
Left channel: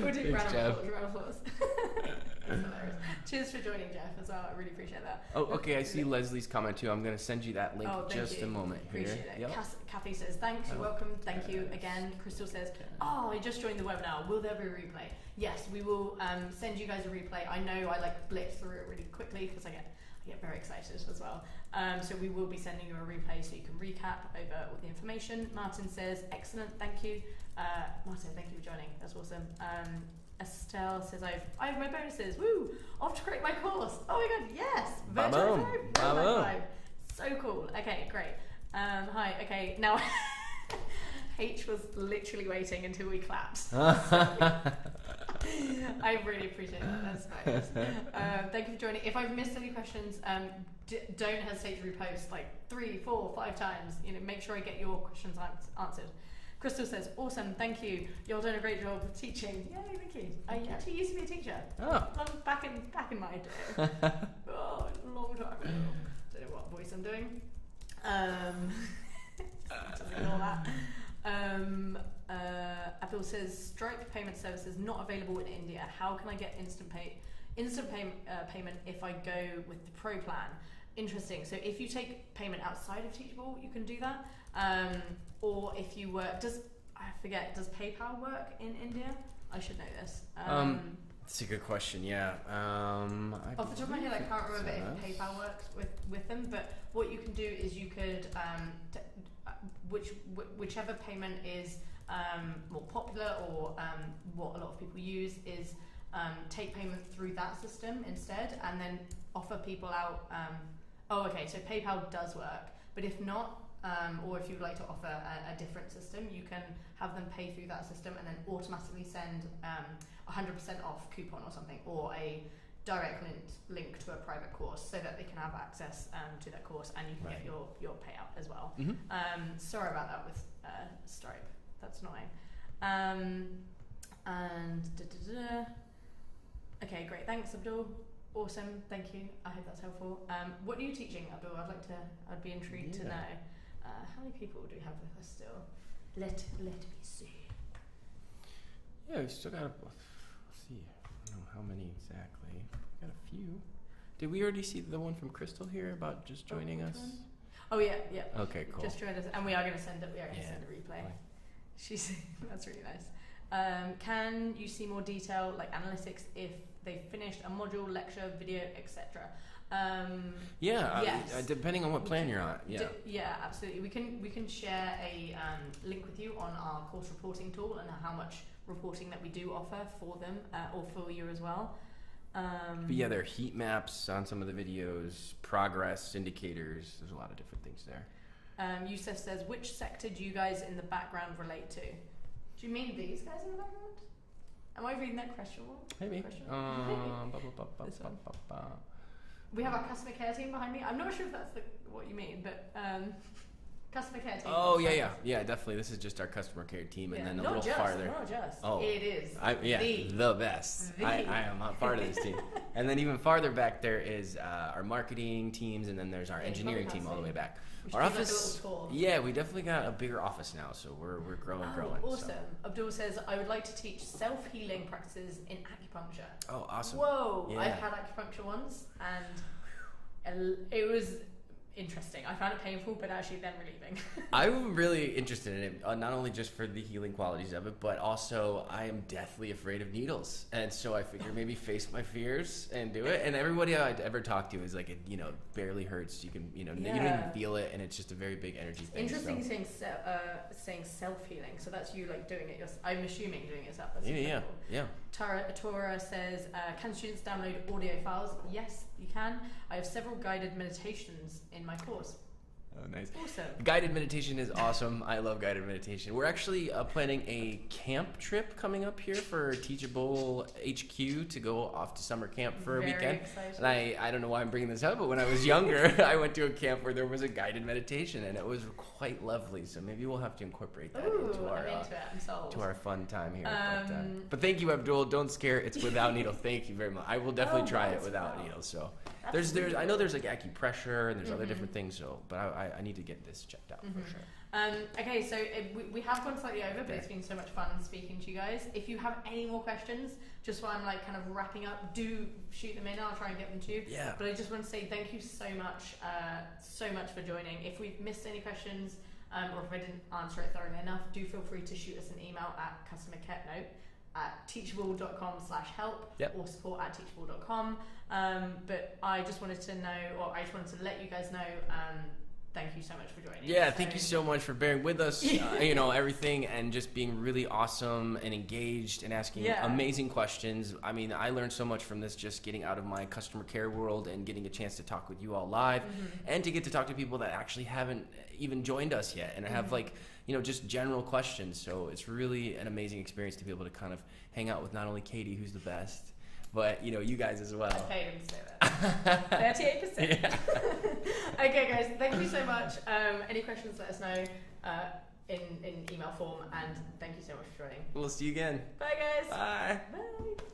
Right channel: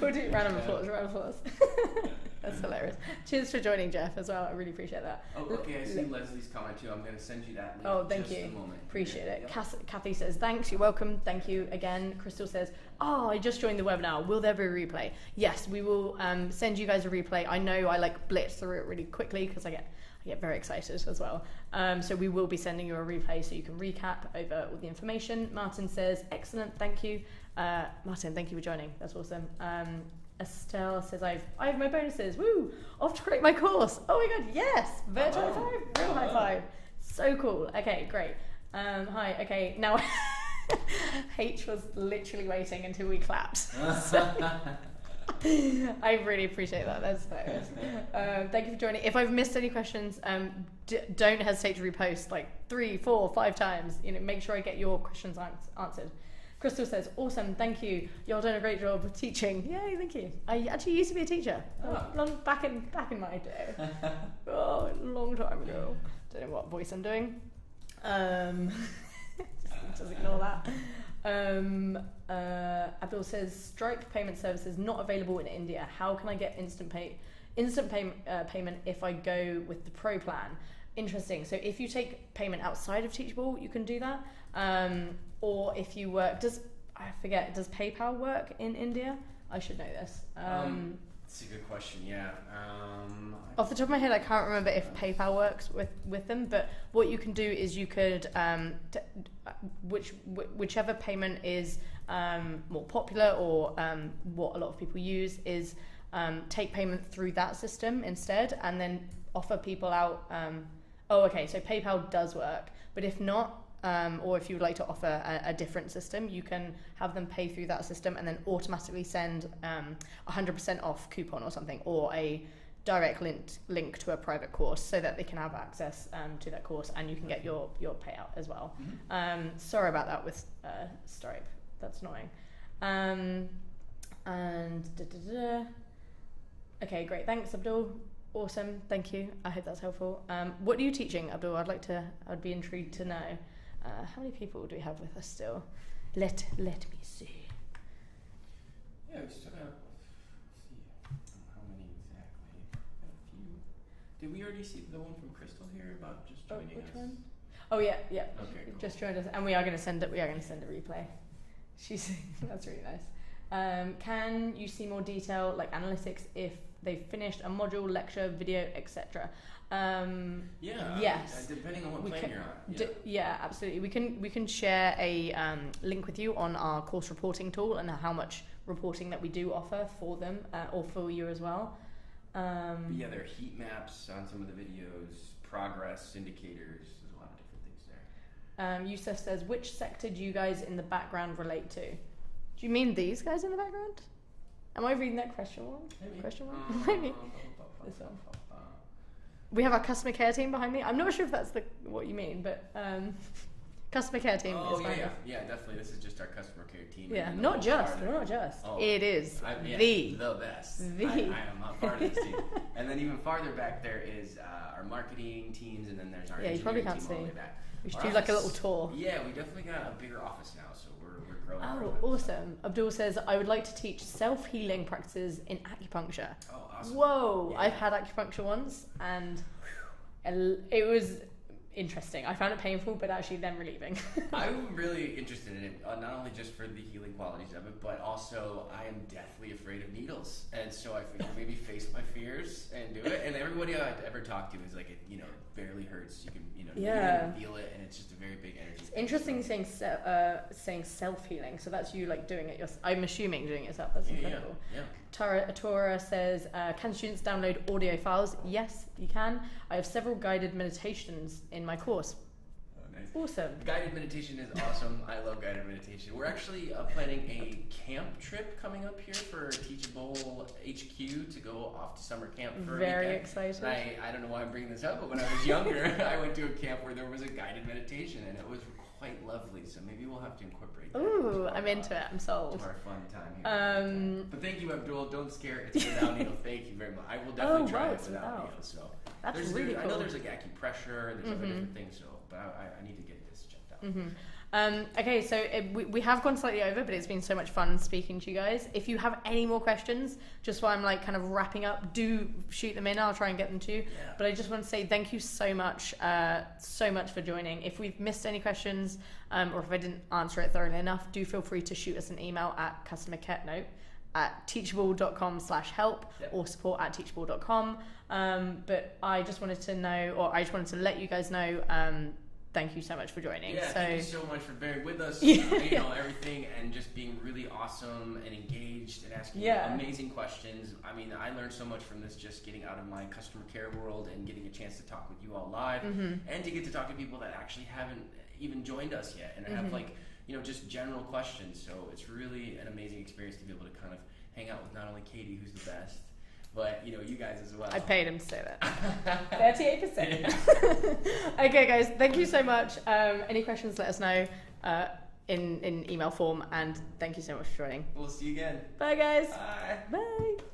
We'll do round of applause. That's hilarious. Cheers for joining, Jeff, as well. I really appreciate that. Oh, okay. I see Leslie's comment too. I'm going to send you that link just a moment. Appreciate it. Yep. Kathy says, thanks, you're welcome. Thank you again. Crystal says, I just joined the webinar. Will there be a replay? Yes, we will send you guys a replay. I know I blitz through it really quickly because I get very excited as well. So we will be sending you a replay so you can recap over all the information. Martin says, excellent, thank you. Martin, thank you for joining. That's awesome. Estelle says, I have my bonuses. Woo! Off to create my course. Oh my god, yes! Virtual high five. Real high five. So cool. Okay, great. Hi. Okay, now H was literally waiting until we clapped. I really appreciate that. That's hilarious. Thank you for joining. If I've missed any questions, don't hesitate to repost 3, 4, 5 times. Make sure I get your questions answered. Crystal says, awesome, thank you. You're doing a great job of teaching. Yay, thank you. I actually used to be a teacher. Back in my day. Long time ago. Don't know what voice I'm doing. Just ignore that. Abdul says, Stripe payment service is not available in India. How can I get instant payment if I go with the Pro plan? Interesting. So if you take payment outside of Teachable, you can do that. Or if you work, does PayPal work in India? I should know this. That's a good question. Yeah. Off the top of my head, I can't remember if PayPal works with them. But what you can do is you could whichever payment is more popular or what a lot of people use is take payment through that system instead, and then offer people out. So PayPal does work, but if not. Or if you would like to offer a different system, you can have them pay through that system and then automatically send 100% off coupon or something, or a direct link to a private course so that they can have access to that course and you can get your payout as well. Mm-hmm. Sorry about that with Stripe. That's annoying. Okay, great. Thanks, Abdul. Awesome. Thank you. I hope that's helpful. What are you teaching, Abdul? I'd be intrigued to know. How many people do we have with us still? Let me see. Yeah, we still got. Let's see. I don't know how many exactly. Got a few. Did we already see the one from Crystal here about just joining us? One? Oh yeah. Okay, cool. Just joined us, and we are going to send it. We are going to send a replay. That's really nice. Can you see more detail, like analytics, if they've finished a module, lecture, video, etc.? Yes. Depending on what plan you're on. Yeah, absolutely. We can share a link with you on our course reporting tool and how much reporting that we do offer for them or for you as well. There are heat maps on some of the videos, progress indicators. There's a lot of different things there. Yusuf says, which sector do you guys in the background relate to? Do you mean these guys in the background? Am I reading that question wrong? Maybe. Question wrong? Maybe. This one. We have our customer care team behind me. I'm not sure if that's what you mean, but customer care team. Oh yeah, definitely. This is just our customer care team. Yeah, and not just. Oh, it is the best. I am a part of this team. And then even farther back there is our marketing teams, and then there's our engineering team all the way back. We should do a little tour. Yeah, we definitely got a bigger office now, so we're growing. Oh, awesome. So. Abdul says, I would like to teach self-healing practices in acupuncture. Oh, awesome. Whoa, yeah. I've had acupuncture once, and it was interesting. I found it painful, but actually then relieving. I'm really interested in it, not only just for the healing qualities of it, but also I am deathly afraid of needles. And so I figured maybe face my fears and do it. And everybody I've ever talked to is like, it barely hurts. You can, you can feel it, and it's just a very big energy thing. Interesting saying self-healing. So that's you doing it yourself. I'm assuming doing it yourself. That's incredible. Yeah. Tora says, can students download audio files? Yes, you can. I have several guided meditations in my course. Oh, nice. Awesome. Guided meditation is awesome. I love guided meditation. We're actually planning a camp trip coming up here for Teachable HQ to go off to summer camp for a weekend. Very excited. And I don't know why I'm bringing this up, but when I was younger, I went to a camp where there was a guided meditation, and it was quite lovely. So maybe we'll have to incorporate that. Ooh, I'm into it. I'm sold. To our fun time here. But thank you, Abdul. Don't scare. It's without needle. Thank you very much. I will definitely try it without needles. So there's really cool. I know there's like acupressure and there's other different things. So, but I need to get this checked out. Mm-hmm. For sure. Okay, so we have gone slightly over, but it's been so much fun speaking to you guys. If you have any more questions, just while I'm like kind of wrapping up, do shoot them in. I'll try and get them to you. Yeah. But I just want to say thank you so much for joining. If we've missed any questions, or if I didn't answer it thoroughly enough, do feel free to shoot us an email at teachable.com/help or support@teachable.com. But I just wanted to know, or I just wanted to let you guys know, thank you so much for joining. Yeah, thank you so much for bearing with us, everything, and just being really awesome and engaged and asking amazing questions. I mean, I learned so much from this, just getting out of my customer care world and getting a chance to talk with you all live, and to get to talk to people that actually haven't even joined us yet and have just general questions. So it's really an amazing experience to be able to kind of hang out with not only Katie, who's the best, but you guys as well. I paid him to say that. 38%. Yeah. Okay, guys, thank you so much. Any questions, let us know in email form, and thank you so much for joining. We'll see you again. Bye, guys. Bye. Bye.